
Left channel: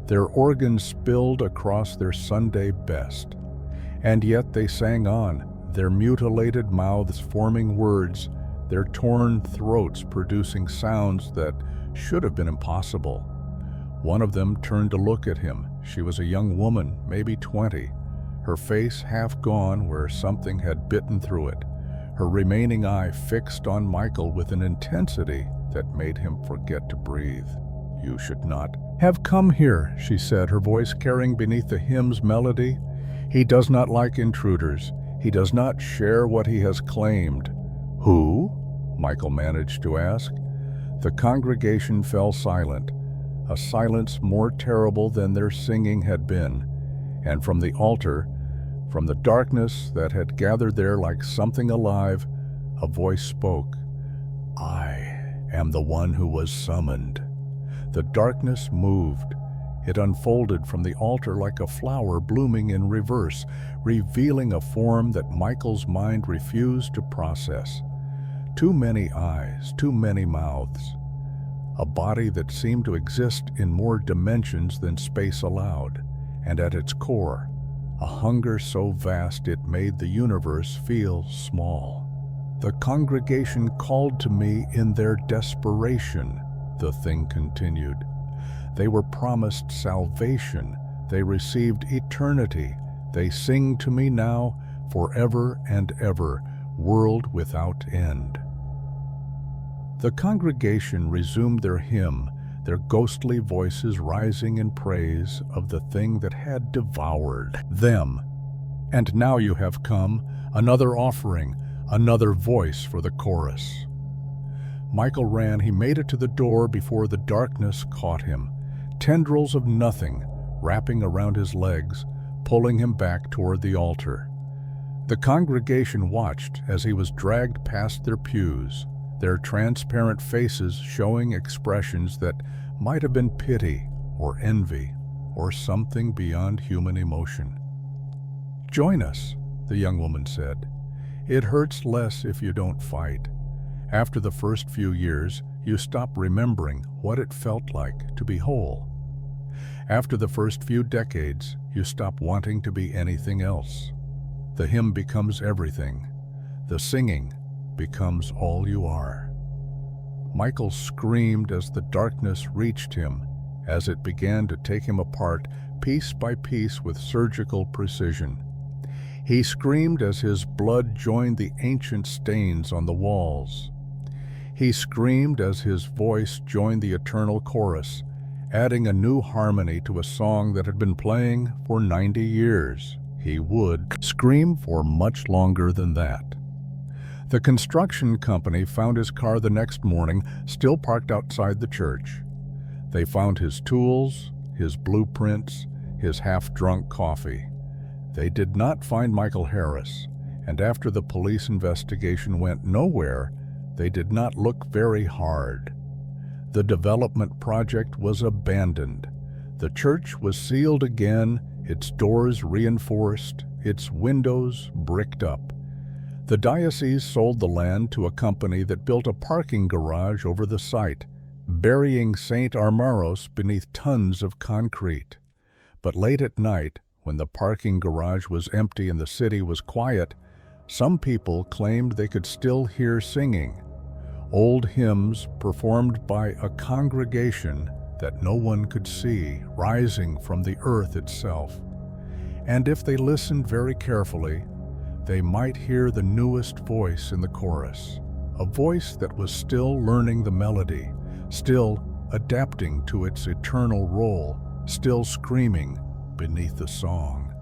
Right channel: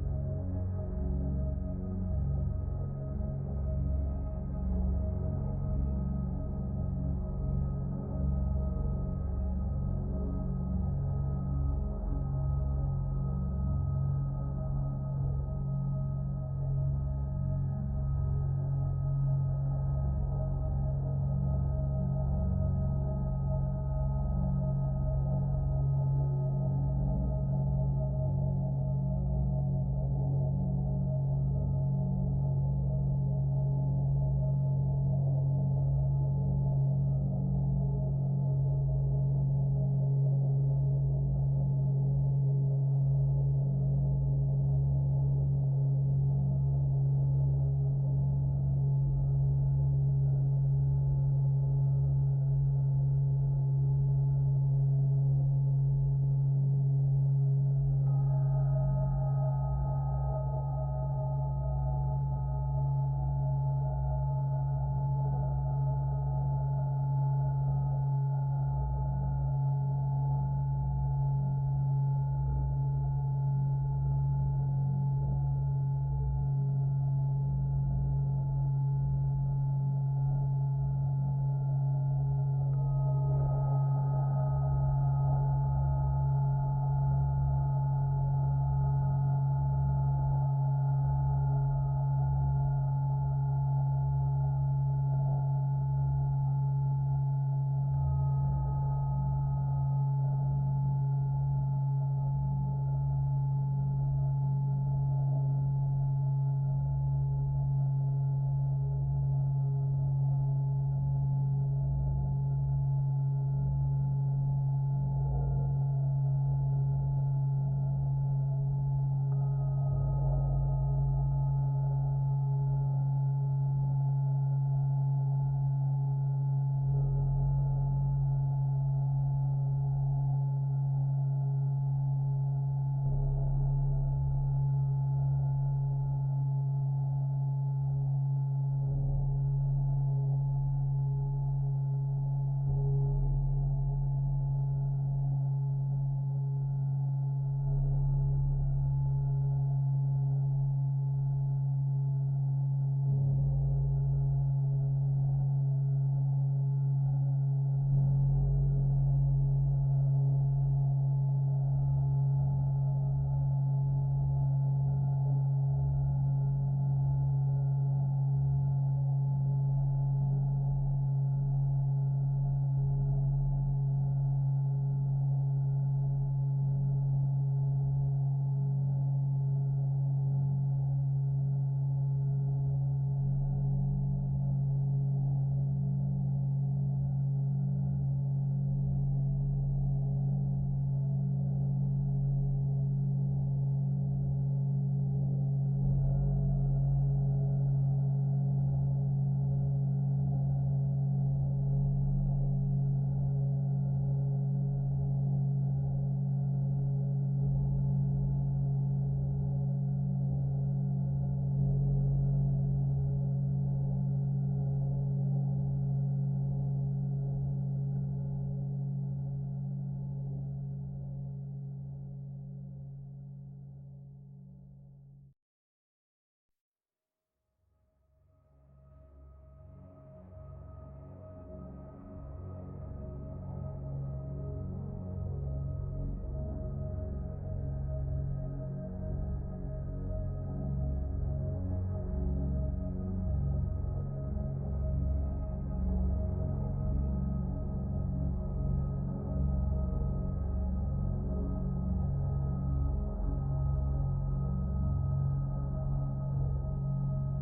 Their organs spilled across their Sunday best. And yet they sang on, their mutilated mouths forming words, their torn throats producing sounds that should have been impossible. One of them turned to look at him. She was a young woman, maybe 20, her face half gone where something had bitten through it, her remaining eye fixed on Michael with an intensity that made him forget to breathe. "You should not have come here," she said, her voice carrying beneath the hymn's melody. "He does not like intruders. He does not share what he has claimed." "Who?" Michael managed to ask. The congregation fell silent, a silence more terrible than their singing had been, and from the altar, from the darkness that had gathered there like something alive, a voice spoke. "I am the one who was summoned." The darkness moved. It unfolded from the altar like a flower blooming in reverse, revealing a form that Michael's mind refused to process. Too many eyes, too many mouths. A body that seemed to exist in more dimensions than space allowed, and at its core, a hunger so vast it made the universe feel small. "The congregation called to me in their desperation," the thing continued. "They were promised salvation. They received eternity. They sing to me now, forever and ever, world without end." The congregation resumed their hymn, their ghostly voices rising in praise of the thing that had devoured them. "And now you have come, another offering, another voice for the chorus." Michael ran. He made it to the door before the darkness caught him. Tendrils of nothing wrapping around his legs, pulling him back toward the altar. The congregation watched as he was dragged past their pews, their transparent faces showing expressions that might have been pity or envy or something beyond human emotion. "Join us," the young woman said. "It hurts less if you don't fight. After the first few years, you stop remembering what it felt like to be whole. After the first few decades, you stop wanting to be anything else. The hymn becomes everything. The singing becomes all you are." Michael screamed as the darkness reached him, as it began to take him apart piece by piece with surgical precision. He screamed as his blood joined the ancient stains on the walls. He screamed as his voice joined the eternal chorus, adding a new harmony to a song that had been playing for 90 years. He would scream for much longer than that. The construction company found his car the next morning, still parked outside the church. They found his tools, his blueprints, his half-drunk coffee. They did not find Michael Harris, and after the police investigation went nowhere, they did not look very hard. The development project was abandoned. The church was sealed again, its doors reinforced, its windows bricked up. The diocese sold the land to a company that built a parking garage over the site, burying St. Armaros beneath tons of concrete. But late at night, when the parking garage was empty and the city was quiet, some people claimed they could still hear singing. Old hymns performed by a congregation that no one could see, rising from the earth itself. And if they listened very carefully, they might hear the newest voice in the chorus, a voice that was still learning the melody, still adapting to its eternal role, still screaming beneath the song.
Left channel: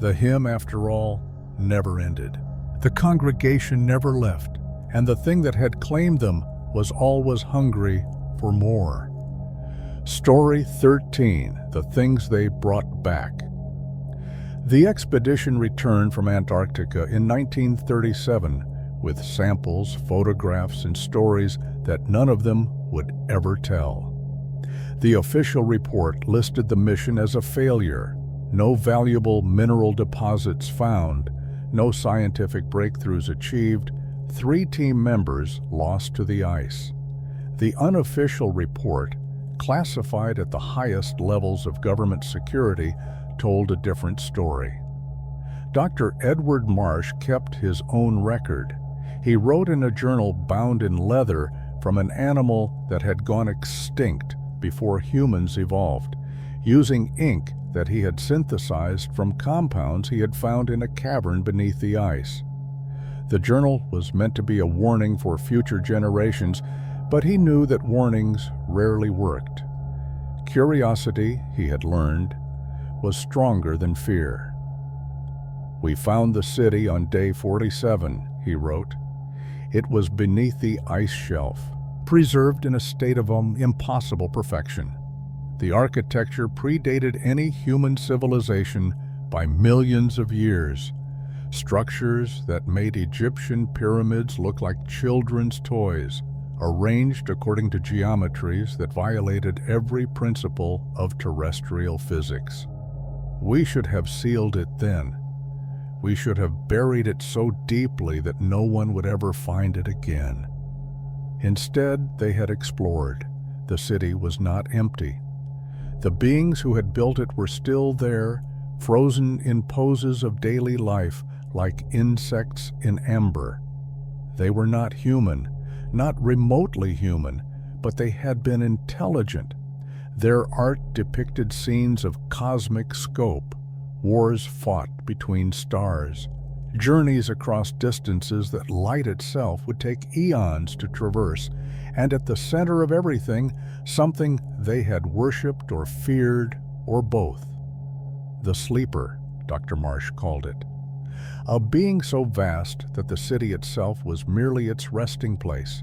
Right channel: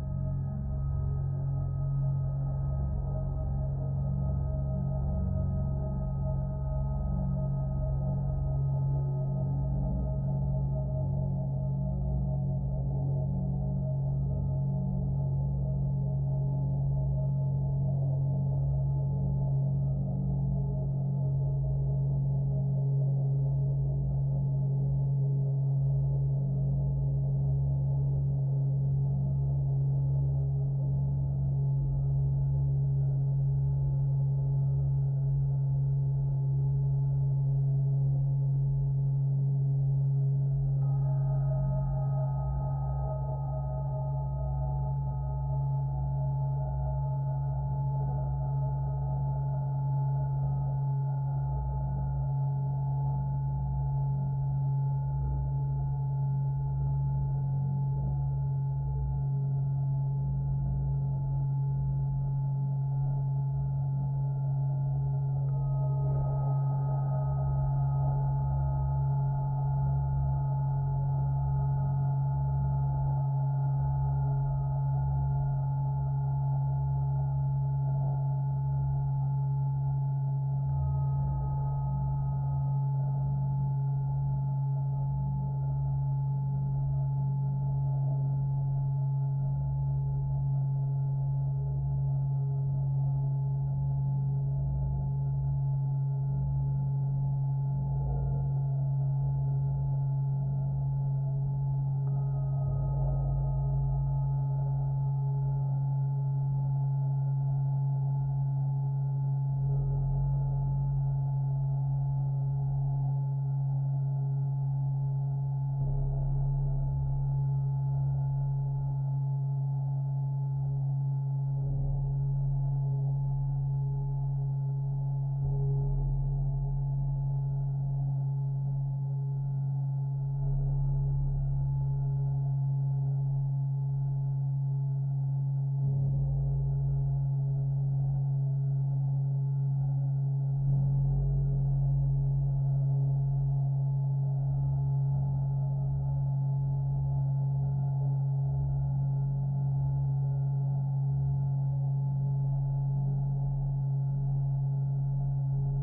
The hymn, after all, never ended. The congregation never left, and the thing that had claimed them was always hungry for more. Story 13, The Things They Brought Back. The expedition returned from Antarctica in 1937 with samples, photographs, and stories that none of them would ever tell. The official report listed the mission as a failure. No valuable mineral deposits found, no scientific breakthroughs achieved, 3 team members lost to the ice. The unofficial report classified at the highest levels of government security, told a different story. Dr. Edward Marsh kept his own record. He wrote in a journal bound in leather from an animal that had gone extinct before humans evolved, using ink that he had synthesized from compounds he had found in a cavern beneath the ice. The journal was meant to be a warning for future generations, but he knew that warnings rarely worked. Curiosity, he had learned, was stronger than fear. "We found the city on day 47, he wrote. It was beneath the ice shelf, preserved in a state of impossible perfection. The architecture predated any human civilization by millions of years. Structures that made Egyptian pyramids look like children's toys, arranged according to geometries that violated every principle of terrestrial physics. We should have sealed it then. We should have buried it so deeply that no one would ever find it again." Instead, they had explored. The city was not empty. The beings who had built it were still there, frozen in poses of daily life like insects in amber. They were not human, not remotely human, but they had been intelligent. Their art depicted scenes of cosmic scope, wars fought between stars, journeys across distances that light itself would take eons to traverse, and at the center of everything, something they had worshipped or feared, or both. The sleeper, Dr. Marsh called it. A being so vast that the city itself was merely its resting place.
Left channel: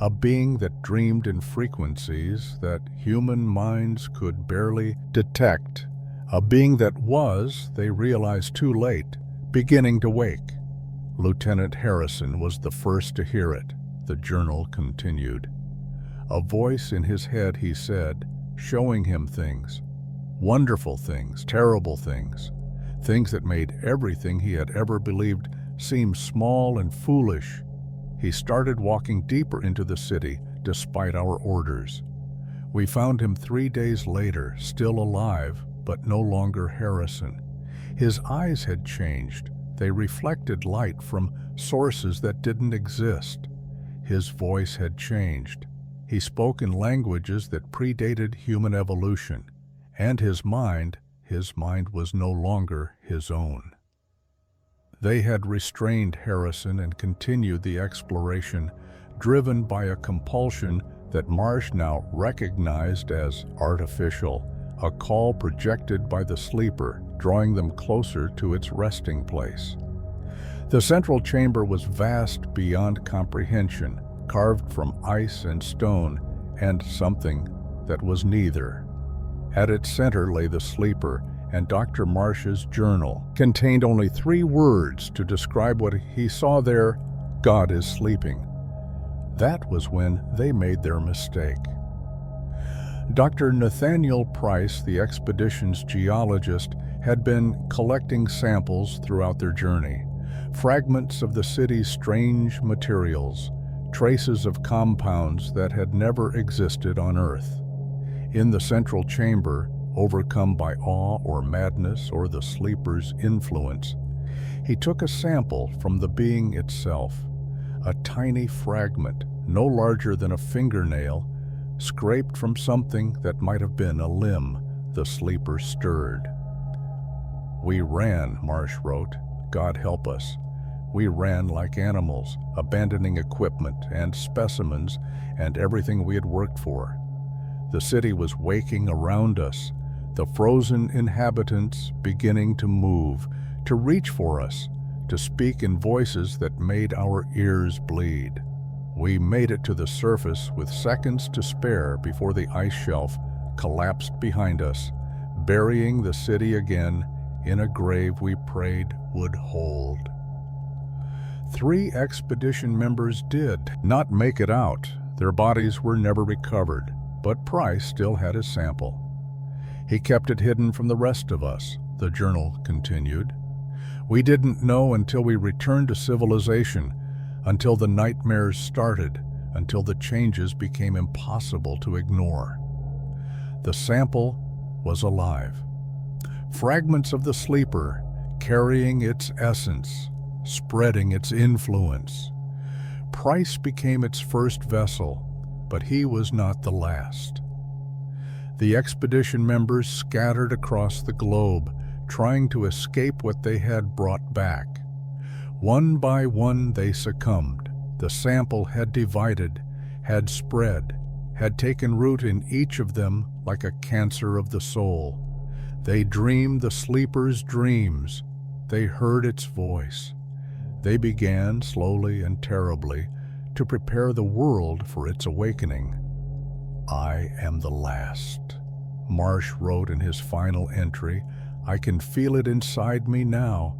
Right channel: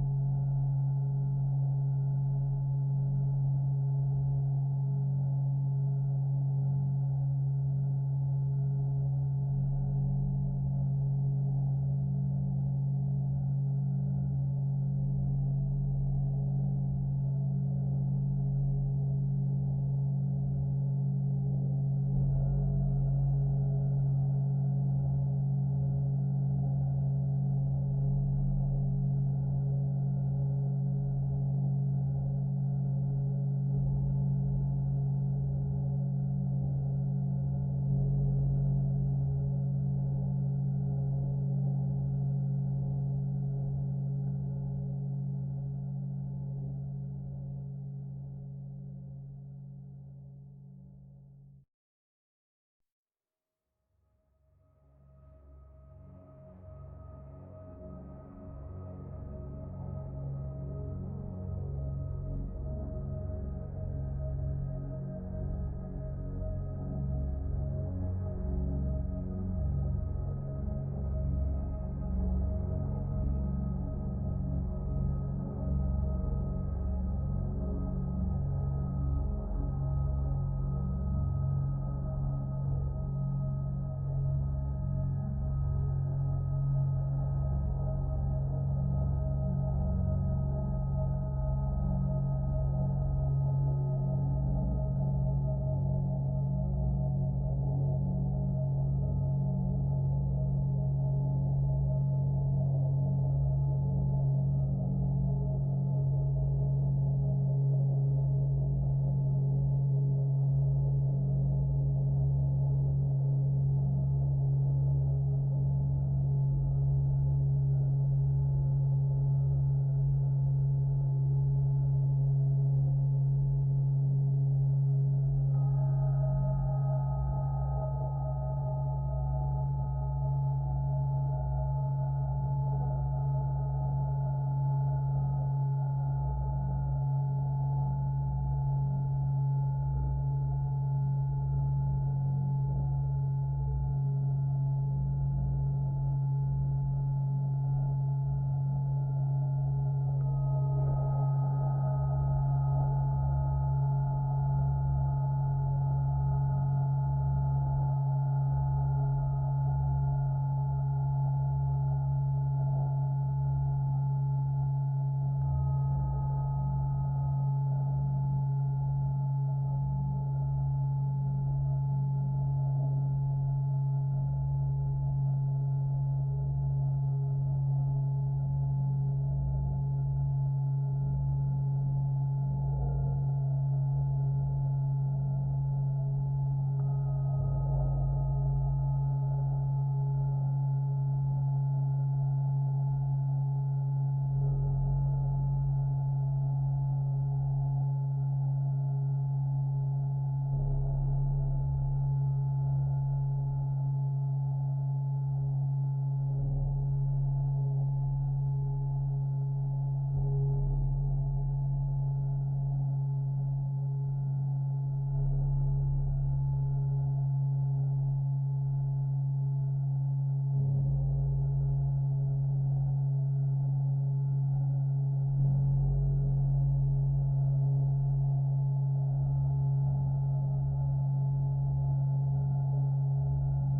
A being that dreamed in frequencies that human minds could barely detect. A being that was, they realized too late, beginning to wake. Lieutenant Harrison was the first to hear it, the journal continued. A voice in his head, he said, showing him things. Wonderful things, terrible things. Things that made everything he had ever believed seem small and foolish. He started walking deeper into the city, despite our orders. We found him 3 days later, still alive, but no longer Harrison. His eyes had changed. They reflected light from sources that didn't exist. His voice had changed. He spoke in languages that predated human evolution. And his mind was no longer his own. They had restrained Harrison and continued the exploration, driven by a compulsion that Marsh now recognized as artificial, a call projected by the sleeper, drawing them closer to its resting place. The central chamber was vast beyond comprehension, carved from ice and stone, and something that was neither. At its center lay the sleeper, and Dr. Marsh's journal contained only 3 words to describe what he saw there: "God is sleeping." That was when they made their mistake. Dr. Nathaniel Price, the expedition's geologist, had been collecting samples throughout their journey. Fragments of the city's strange materials, traces of compounds that had never existed on Earth. In the central chamber, overcome by awe or madness or the sleeper's influence, he took a sample from the being itself, a tiny fragment, no larger than a fingernail, scraped from something that might have been a limb. The sleeper stirred. "We ran," Marsh wrote. "God help us. We ran like animals, abandoning equipment and specimens and everything we had worked for. The city was waking around us, the frozen inhabitants beginning to move, to reach for us, to speak in voices that made our ears bleed. We made it to the surface with seconds to spare before the ice shelf collapsed behind us, burying the city again in a grave we prayed would hold." 3 expedition members did not make it out. Their bodies were never recovered, but Price still had his sample. He kept it hidden from the rest of us, the journal continued. We didn't know until we returned to civilization, until the nightmares started, until the changes became impossible to ignore. The sample was alive. Fragments of the sleeper, carrying its essence, spreading its influence. Price became its first vessel, but he was not the last. The expedition members scattered across the globe, trying to escape what they had brought back. One by one they succumbed. The sample had divided, had spread, had taken root in each of them like a cancer of the soul. They dreamed the sleeper's dreams. They heard its voice. They began, slowly and terribly, to prepare the world for its awakening. "I am the last," Marsh wrote in his final entry. "I can feel it inside me now,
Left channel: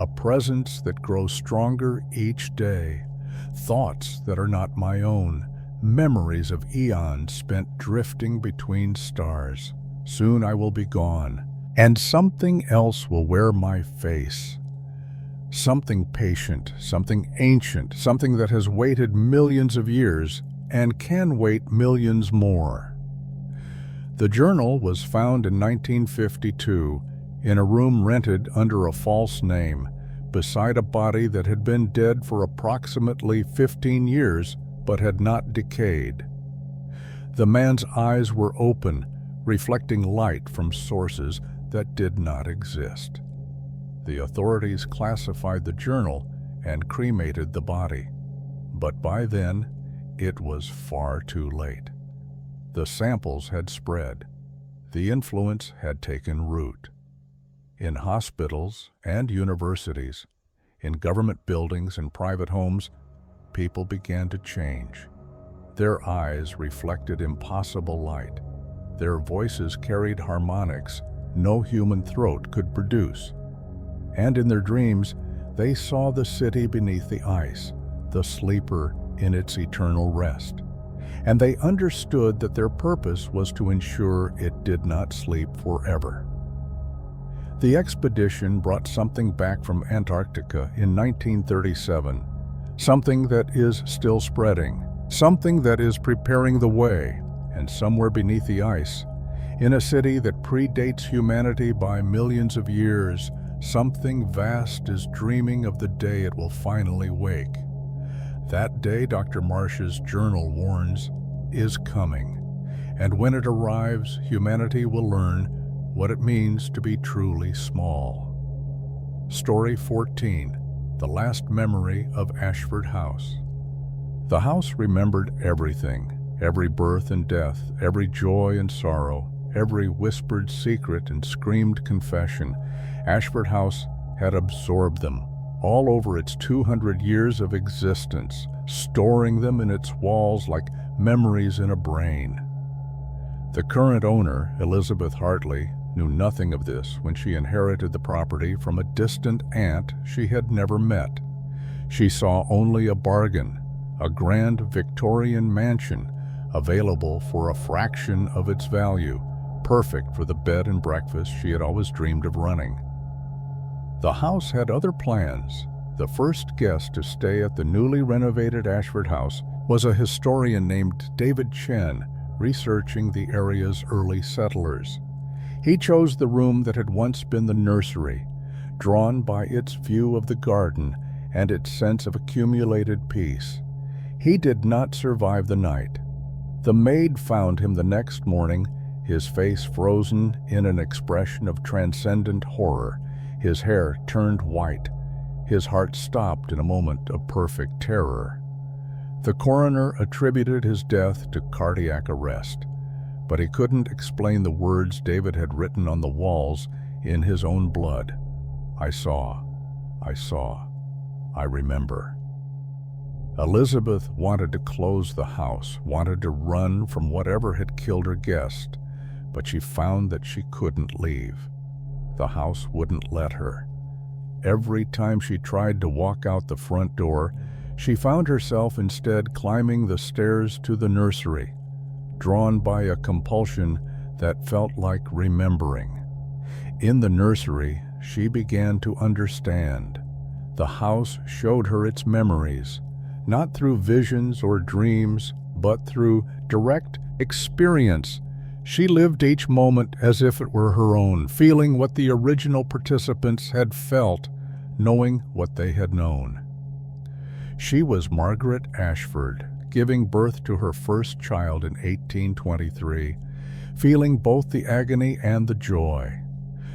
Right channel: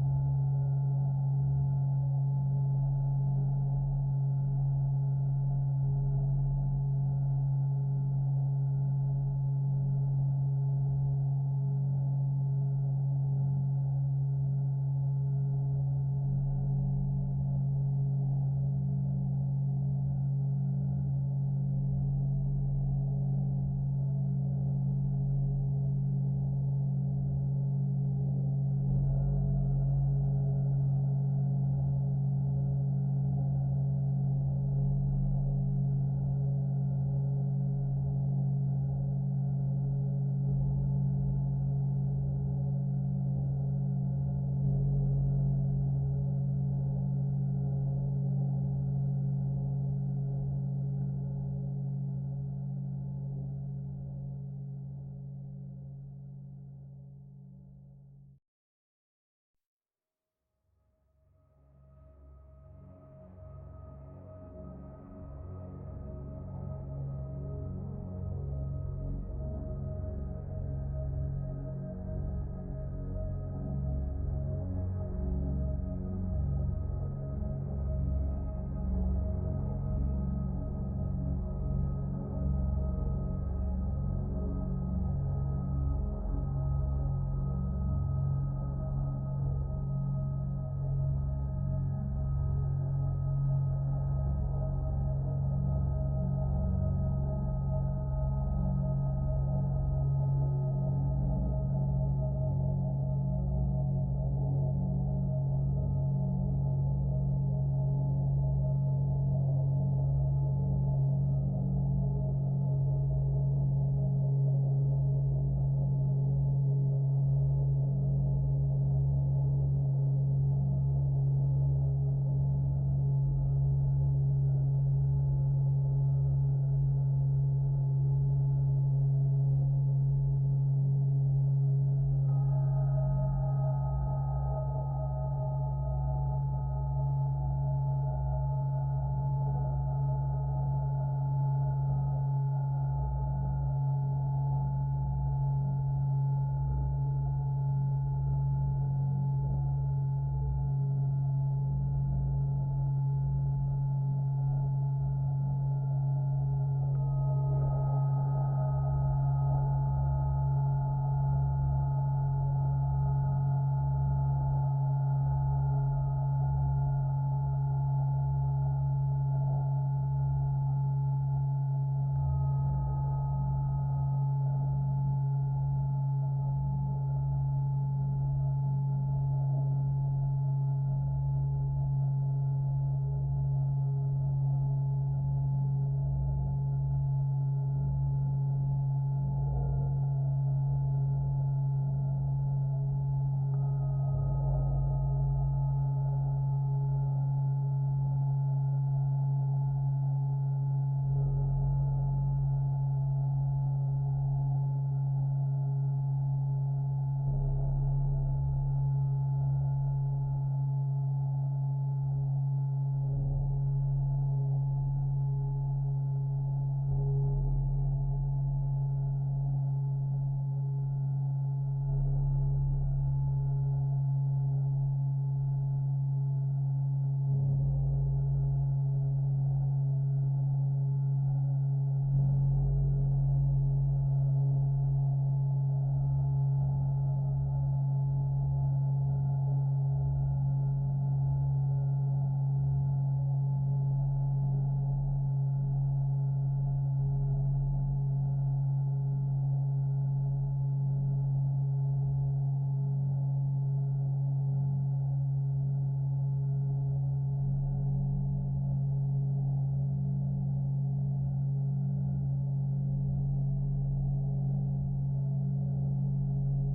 a presence that grows stronger each day, thoughts that are not my own, memories of eons spent drifting between stars. Soon I will be gone, and something else will wear my face. Something patient, something ancient, something that has waited millions of years and can wait millions more." The journal was found in 1952 in a room rented under a false name, beside a body that had been dead for approximately 15 years but had not decayed. The man's eyes were open, reflecting light from sources that did not exist. The authorities classified the journal and cremated the body, but by then it was far too late. The samples had spread. The influence had taken root. In hospitals and universities, in government buildings and private homes, people began to change. Their eyes reflected impossible light. Their voices carried harmonics no human throat could produce. And in their dreams, they saw the city beneath the ice, the sleeper in its eternal rest. And they understood that their purpose was to ensure it did not sleep forever. The expedition brought something back from Antarctica in 1937, something that is still spreading, something that is preparing the way, and somewhere beneath the ice, in a city that predates humanity by millions of years, something vast is dreaming of the day it will finally wake. That day, Dr. Marsh's journal warns, is coming, and when it arrives, humanity will learn what it means to be truly small. Story 14, The Last Memory of Ashford House. The house remembered everything, every birth and death, every joy and sorrow, every whispered secret and screamed confession. Ashford House had absorbed them, all over its 200 years of existence, storing them in its walls like memories in a brain. The current owner, Elizabeth Hartley, knew nothing of this when she inherited the property from a distant aunt she had never met. She saw only a bargain, a grand Victorian mansion available for a fraction of its value, perfect for the bed and breakfast she had always dreamed of running. The house had other plans. The first guest to stay at the newly renovated Ashford House was a historian named David Chen, researching the area's early settlers. He chose the room that had once been the nursery, drawn by its view of the garden and its sense of accumulated peace. He did not survive the night. The maid found him the next morning, his face frozen in an expression of transcendent horror, his hair turned white. His heart stopped in a moment of perfect terror. The coroner attributed his death to cardiac arrest, but he couldn't explain the words David had written on the walls in his own blood. I saw, I remember. Elizabeth wanted to close the house, wanted to run from whatever had killed her guest, but she found that she couldn't leave. The house wouldn't let her. Every time she tried to walk out the front door, she found herself instead climbing the stairs to the nursery, drawn by a compulsion that felt like remembering. In the nursery, she began to understand. The house showed her its memories, not through visions or dreams, but through direct experience. She lived each moment as if it were her own, feeling what the original participants had felt, knowing what they had known. She was Margaret Ashford, giving birth to her first child in 1823, feeling both the agony and the joy.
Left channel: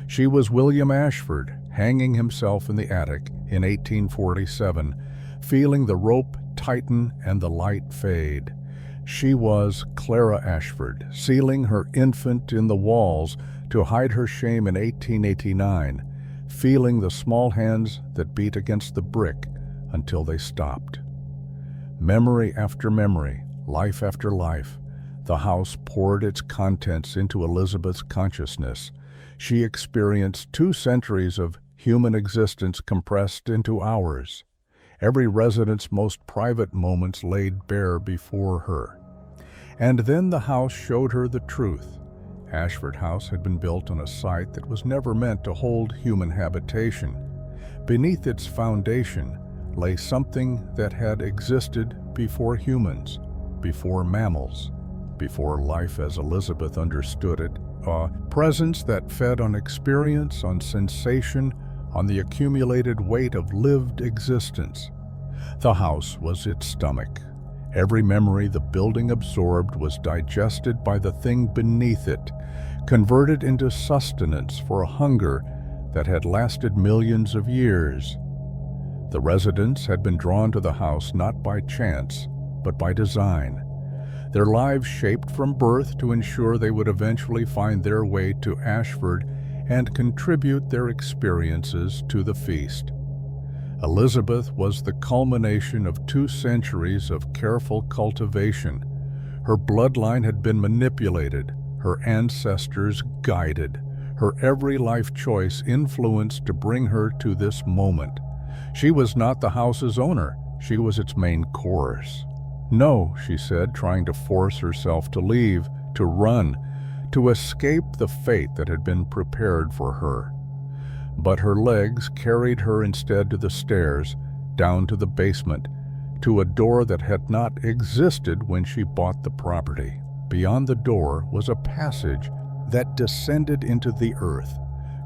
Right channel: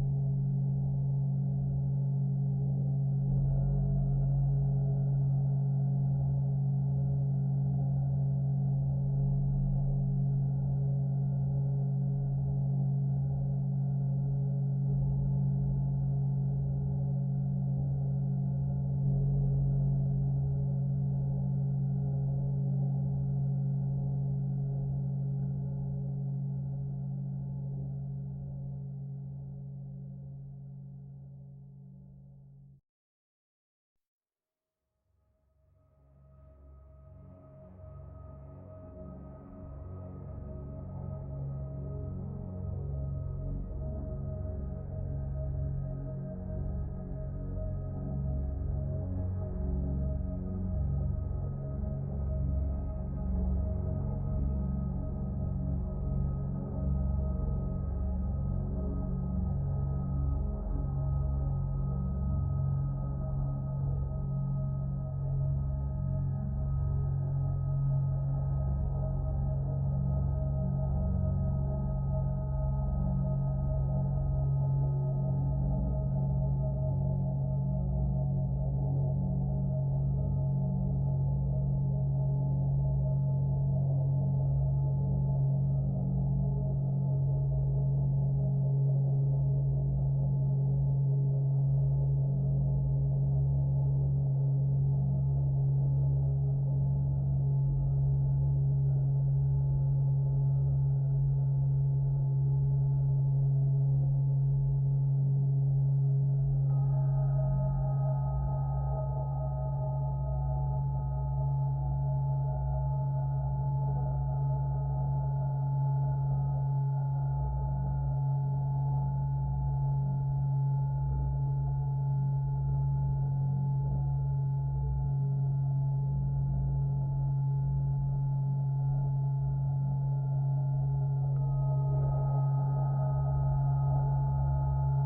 She was William Ashford, hanging himself in the attic in 1847, feeling the rope tighten and the light fade. She was Clara Ashford, sealing her infant in the walls to hide her shame in 1889, feeling the small hands that beat against the brick until they stopped. Memory after memory, life after life, the house poured its contents into Elizabeth's consciousness. She experienced 2 centuries of human existence compressed into hours, every resident's most private moments laid bare before her. And then the house showed her the truth. Ashford House had been built on a site that was never meant to hold human habitation. Beneath its foundation lay something that had existed before humans, before mammals, before life as Elizabeth understood it, a presence that fed on experience, on sensation, on the accumulated weight of lived existence. The house was its stomach. Every memory the building absorbed was digested by the thing beneath it, converted into sustenance for a hunger that had lasted millions of years. The residents had been drawn to the house not by chance, but by design. Their lives shaped from birth to ensure they would eventually find their way to Ashford and contribute their experiences to the feast. Elizabeth was the culmination of 2 centuries of careful cultivation. Her bloodline had been manipulated, her ancestors guided, her every life choice influenced to bring her to this moment. She was not the house's owner, she was its main course. No, she said, trying to force herself to leave, to run, to escape the fate that had been prepared for her. But her legs carried her instead to the stairs, down to the basement, to a door that had not existed when she bought the property. Beyond the door was a passage that descended into the earth,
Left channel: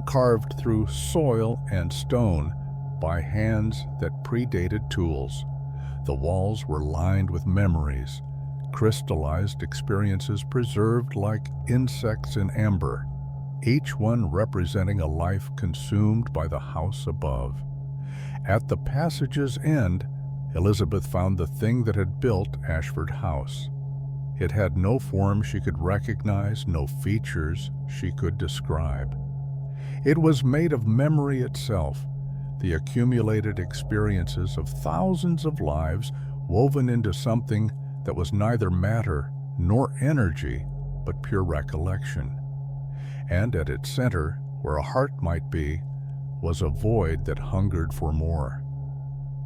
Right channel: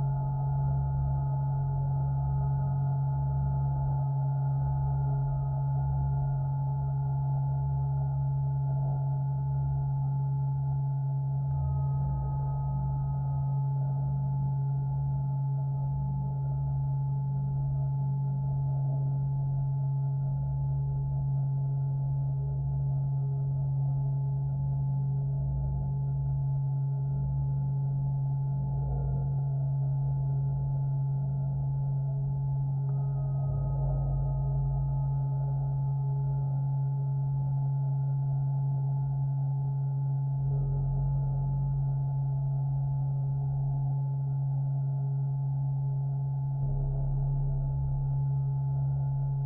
carved through soil and stone by hands that predated tools. The walls were lined with memories, crystallized experiences preserved like insects in amber, each one representing a life consumed by the house above. At the passage's end, Elizabeth found the thing that had built Ashford House. It had no form she could recognize, no features she could describe. It was made of memory itself, the accumulated experiences of thousands of lives woven into something that was neither matter nor energy, but pure recollection. And at its center, where a heart might be, was a void that hungered for more.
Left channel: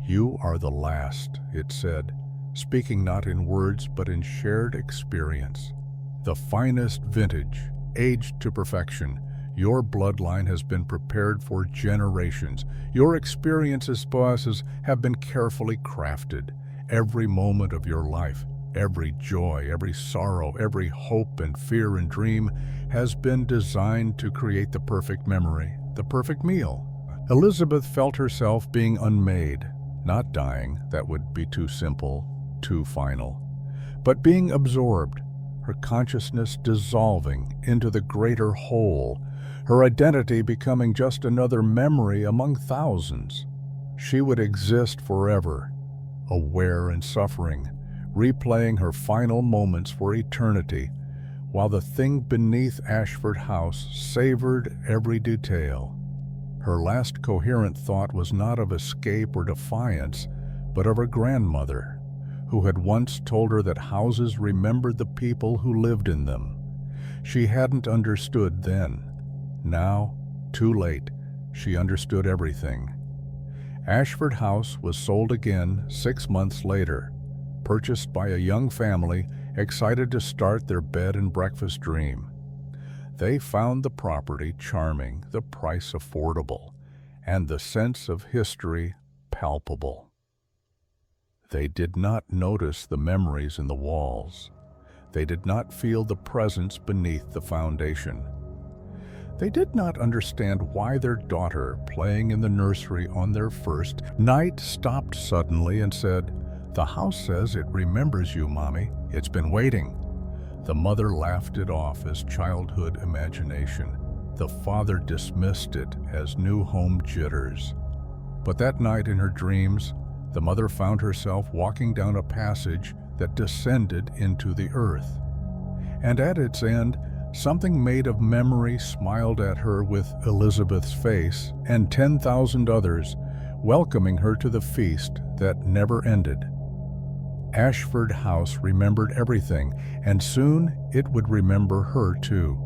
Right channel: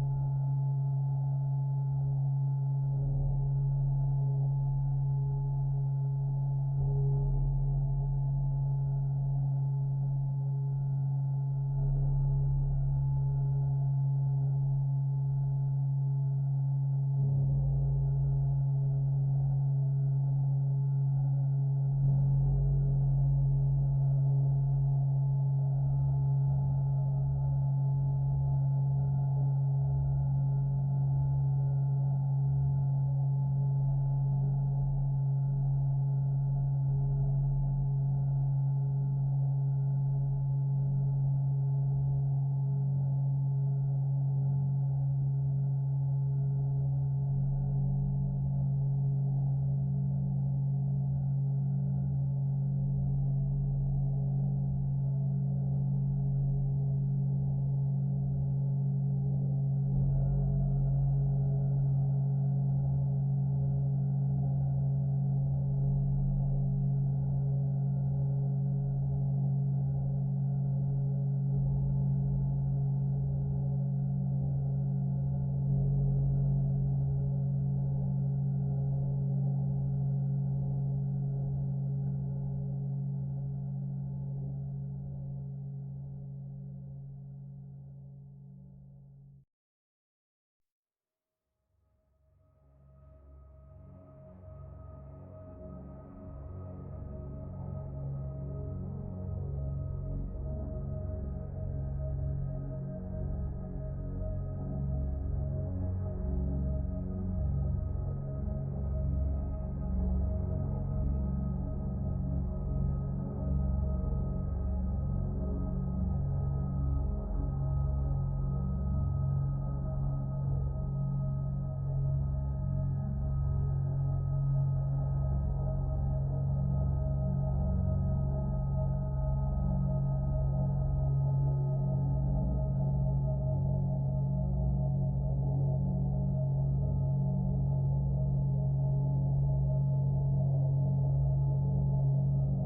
"You are the last," it said, speaking not in words but in shared experience. "The finest vintage, aged to perfection. Your bloodline has been prepared for generations. Your experiences, bosses, have been carefully crafted. Every moment of your life, every joy, every sorrow, every hope and fear and dream has been designed to create the perfect memory, the perfect meal." Elizabeth felt herself being unmade, not dying, that would be too simple, too final, but being absorbed, her consciousness dissolving into the greater whole, her identity becoming just another memory among thousands. She would exist forever, aware and suffering, replaying her final moments for eternity, while the thing beneath Ashford House savored every detail. Her last coherent thought was not of escape or defiance, but of her grandmother, who had once told her that houses remembered the people who lived in them. She hadn't understood then. Now, too late, she understood everything. Ashford House was sold again 6 months later, purchased by a young family excited to start their bed and breakfast dream. They found the property charming, the price affordable, and the sense of history palpable. They did not notice the memories in the walls. They did not feel the presence beneath the foundation. They did not understand why their daughter, playing in the nursery on their first night, stopped suddenly and said, "The house says it remembers you, Mommy. It's been waiting." The mother laughed it off as childhood imagination. The father dismissed it as new home jitters. But that night in her dreams, the mother found herself walking down a passage that descended into the earth. And at its end, something made of memory smiled at her with Elizabeth's face and 10,000 others, welcoming her to the feast that never ended. Ashford House remembered everything, and soon it would remember her too.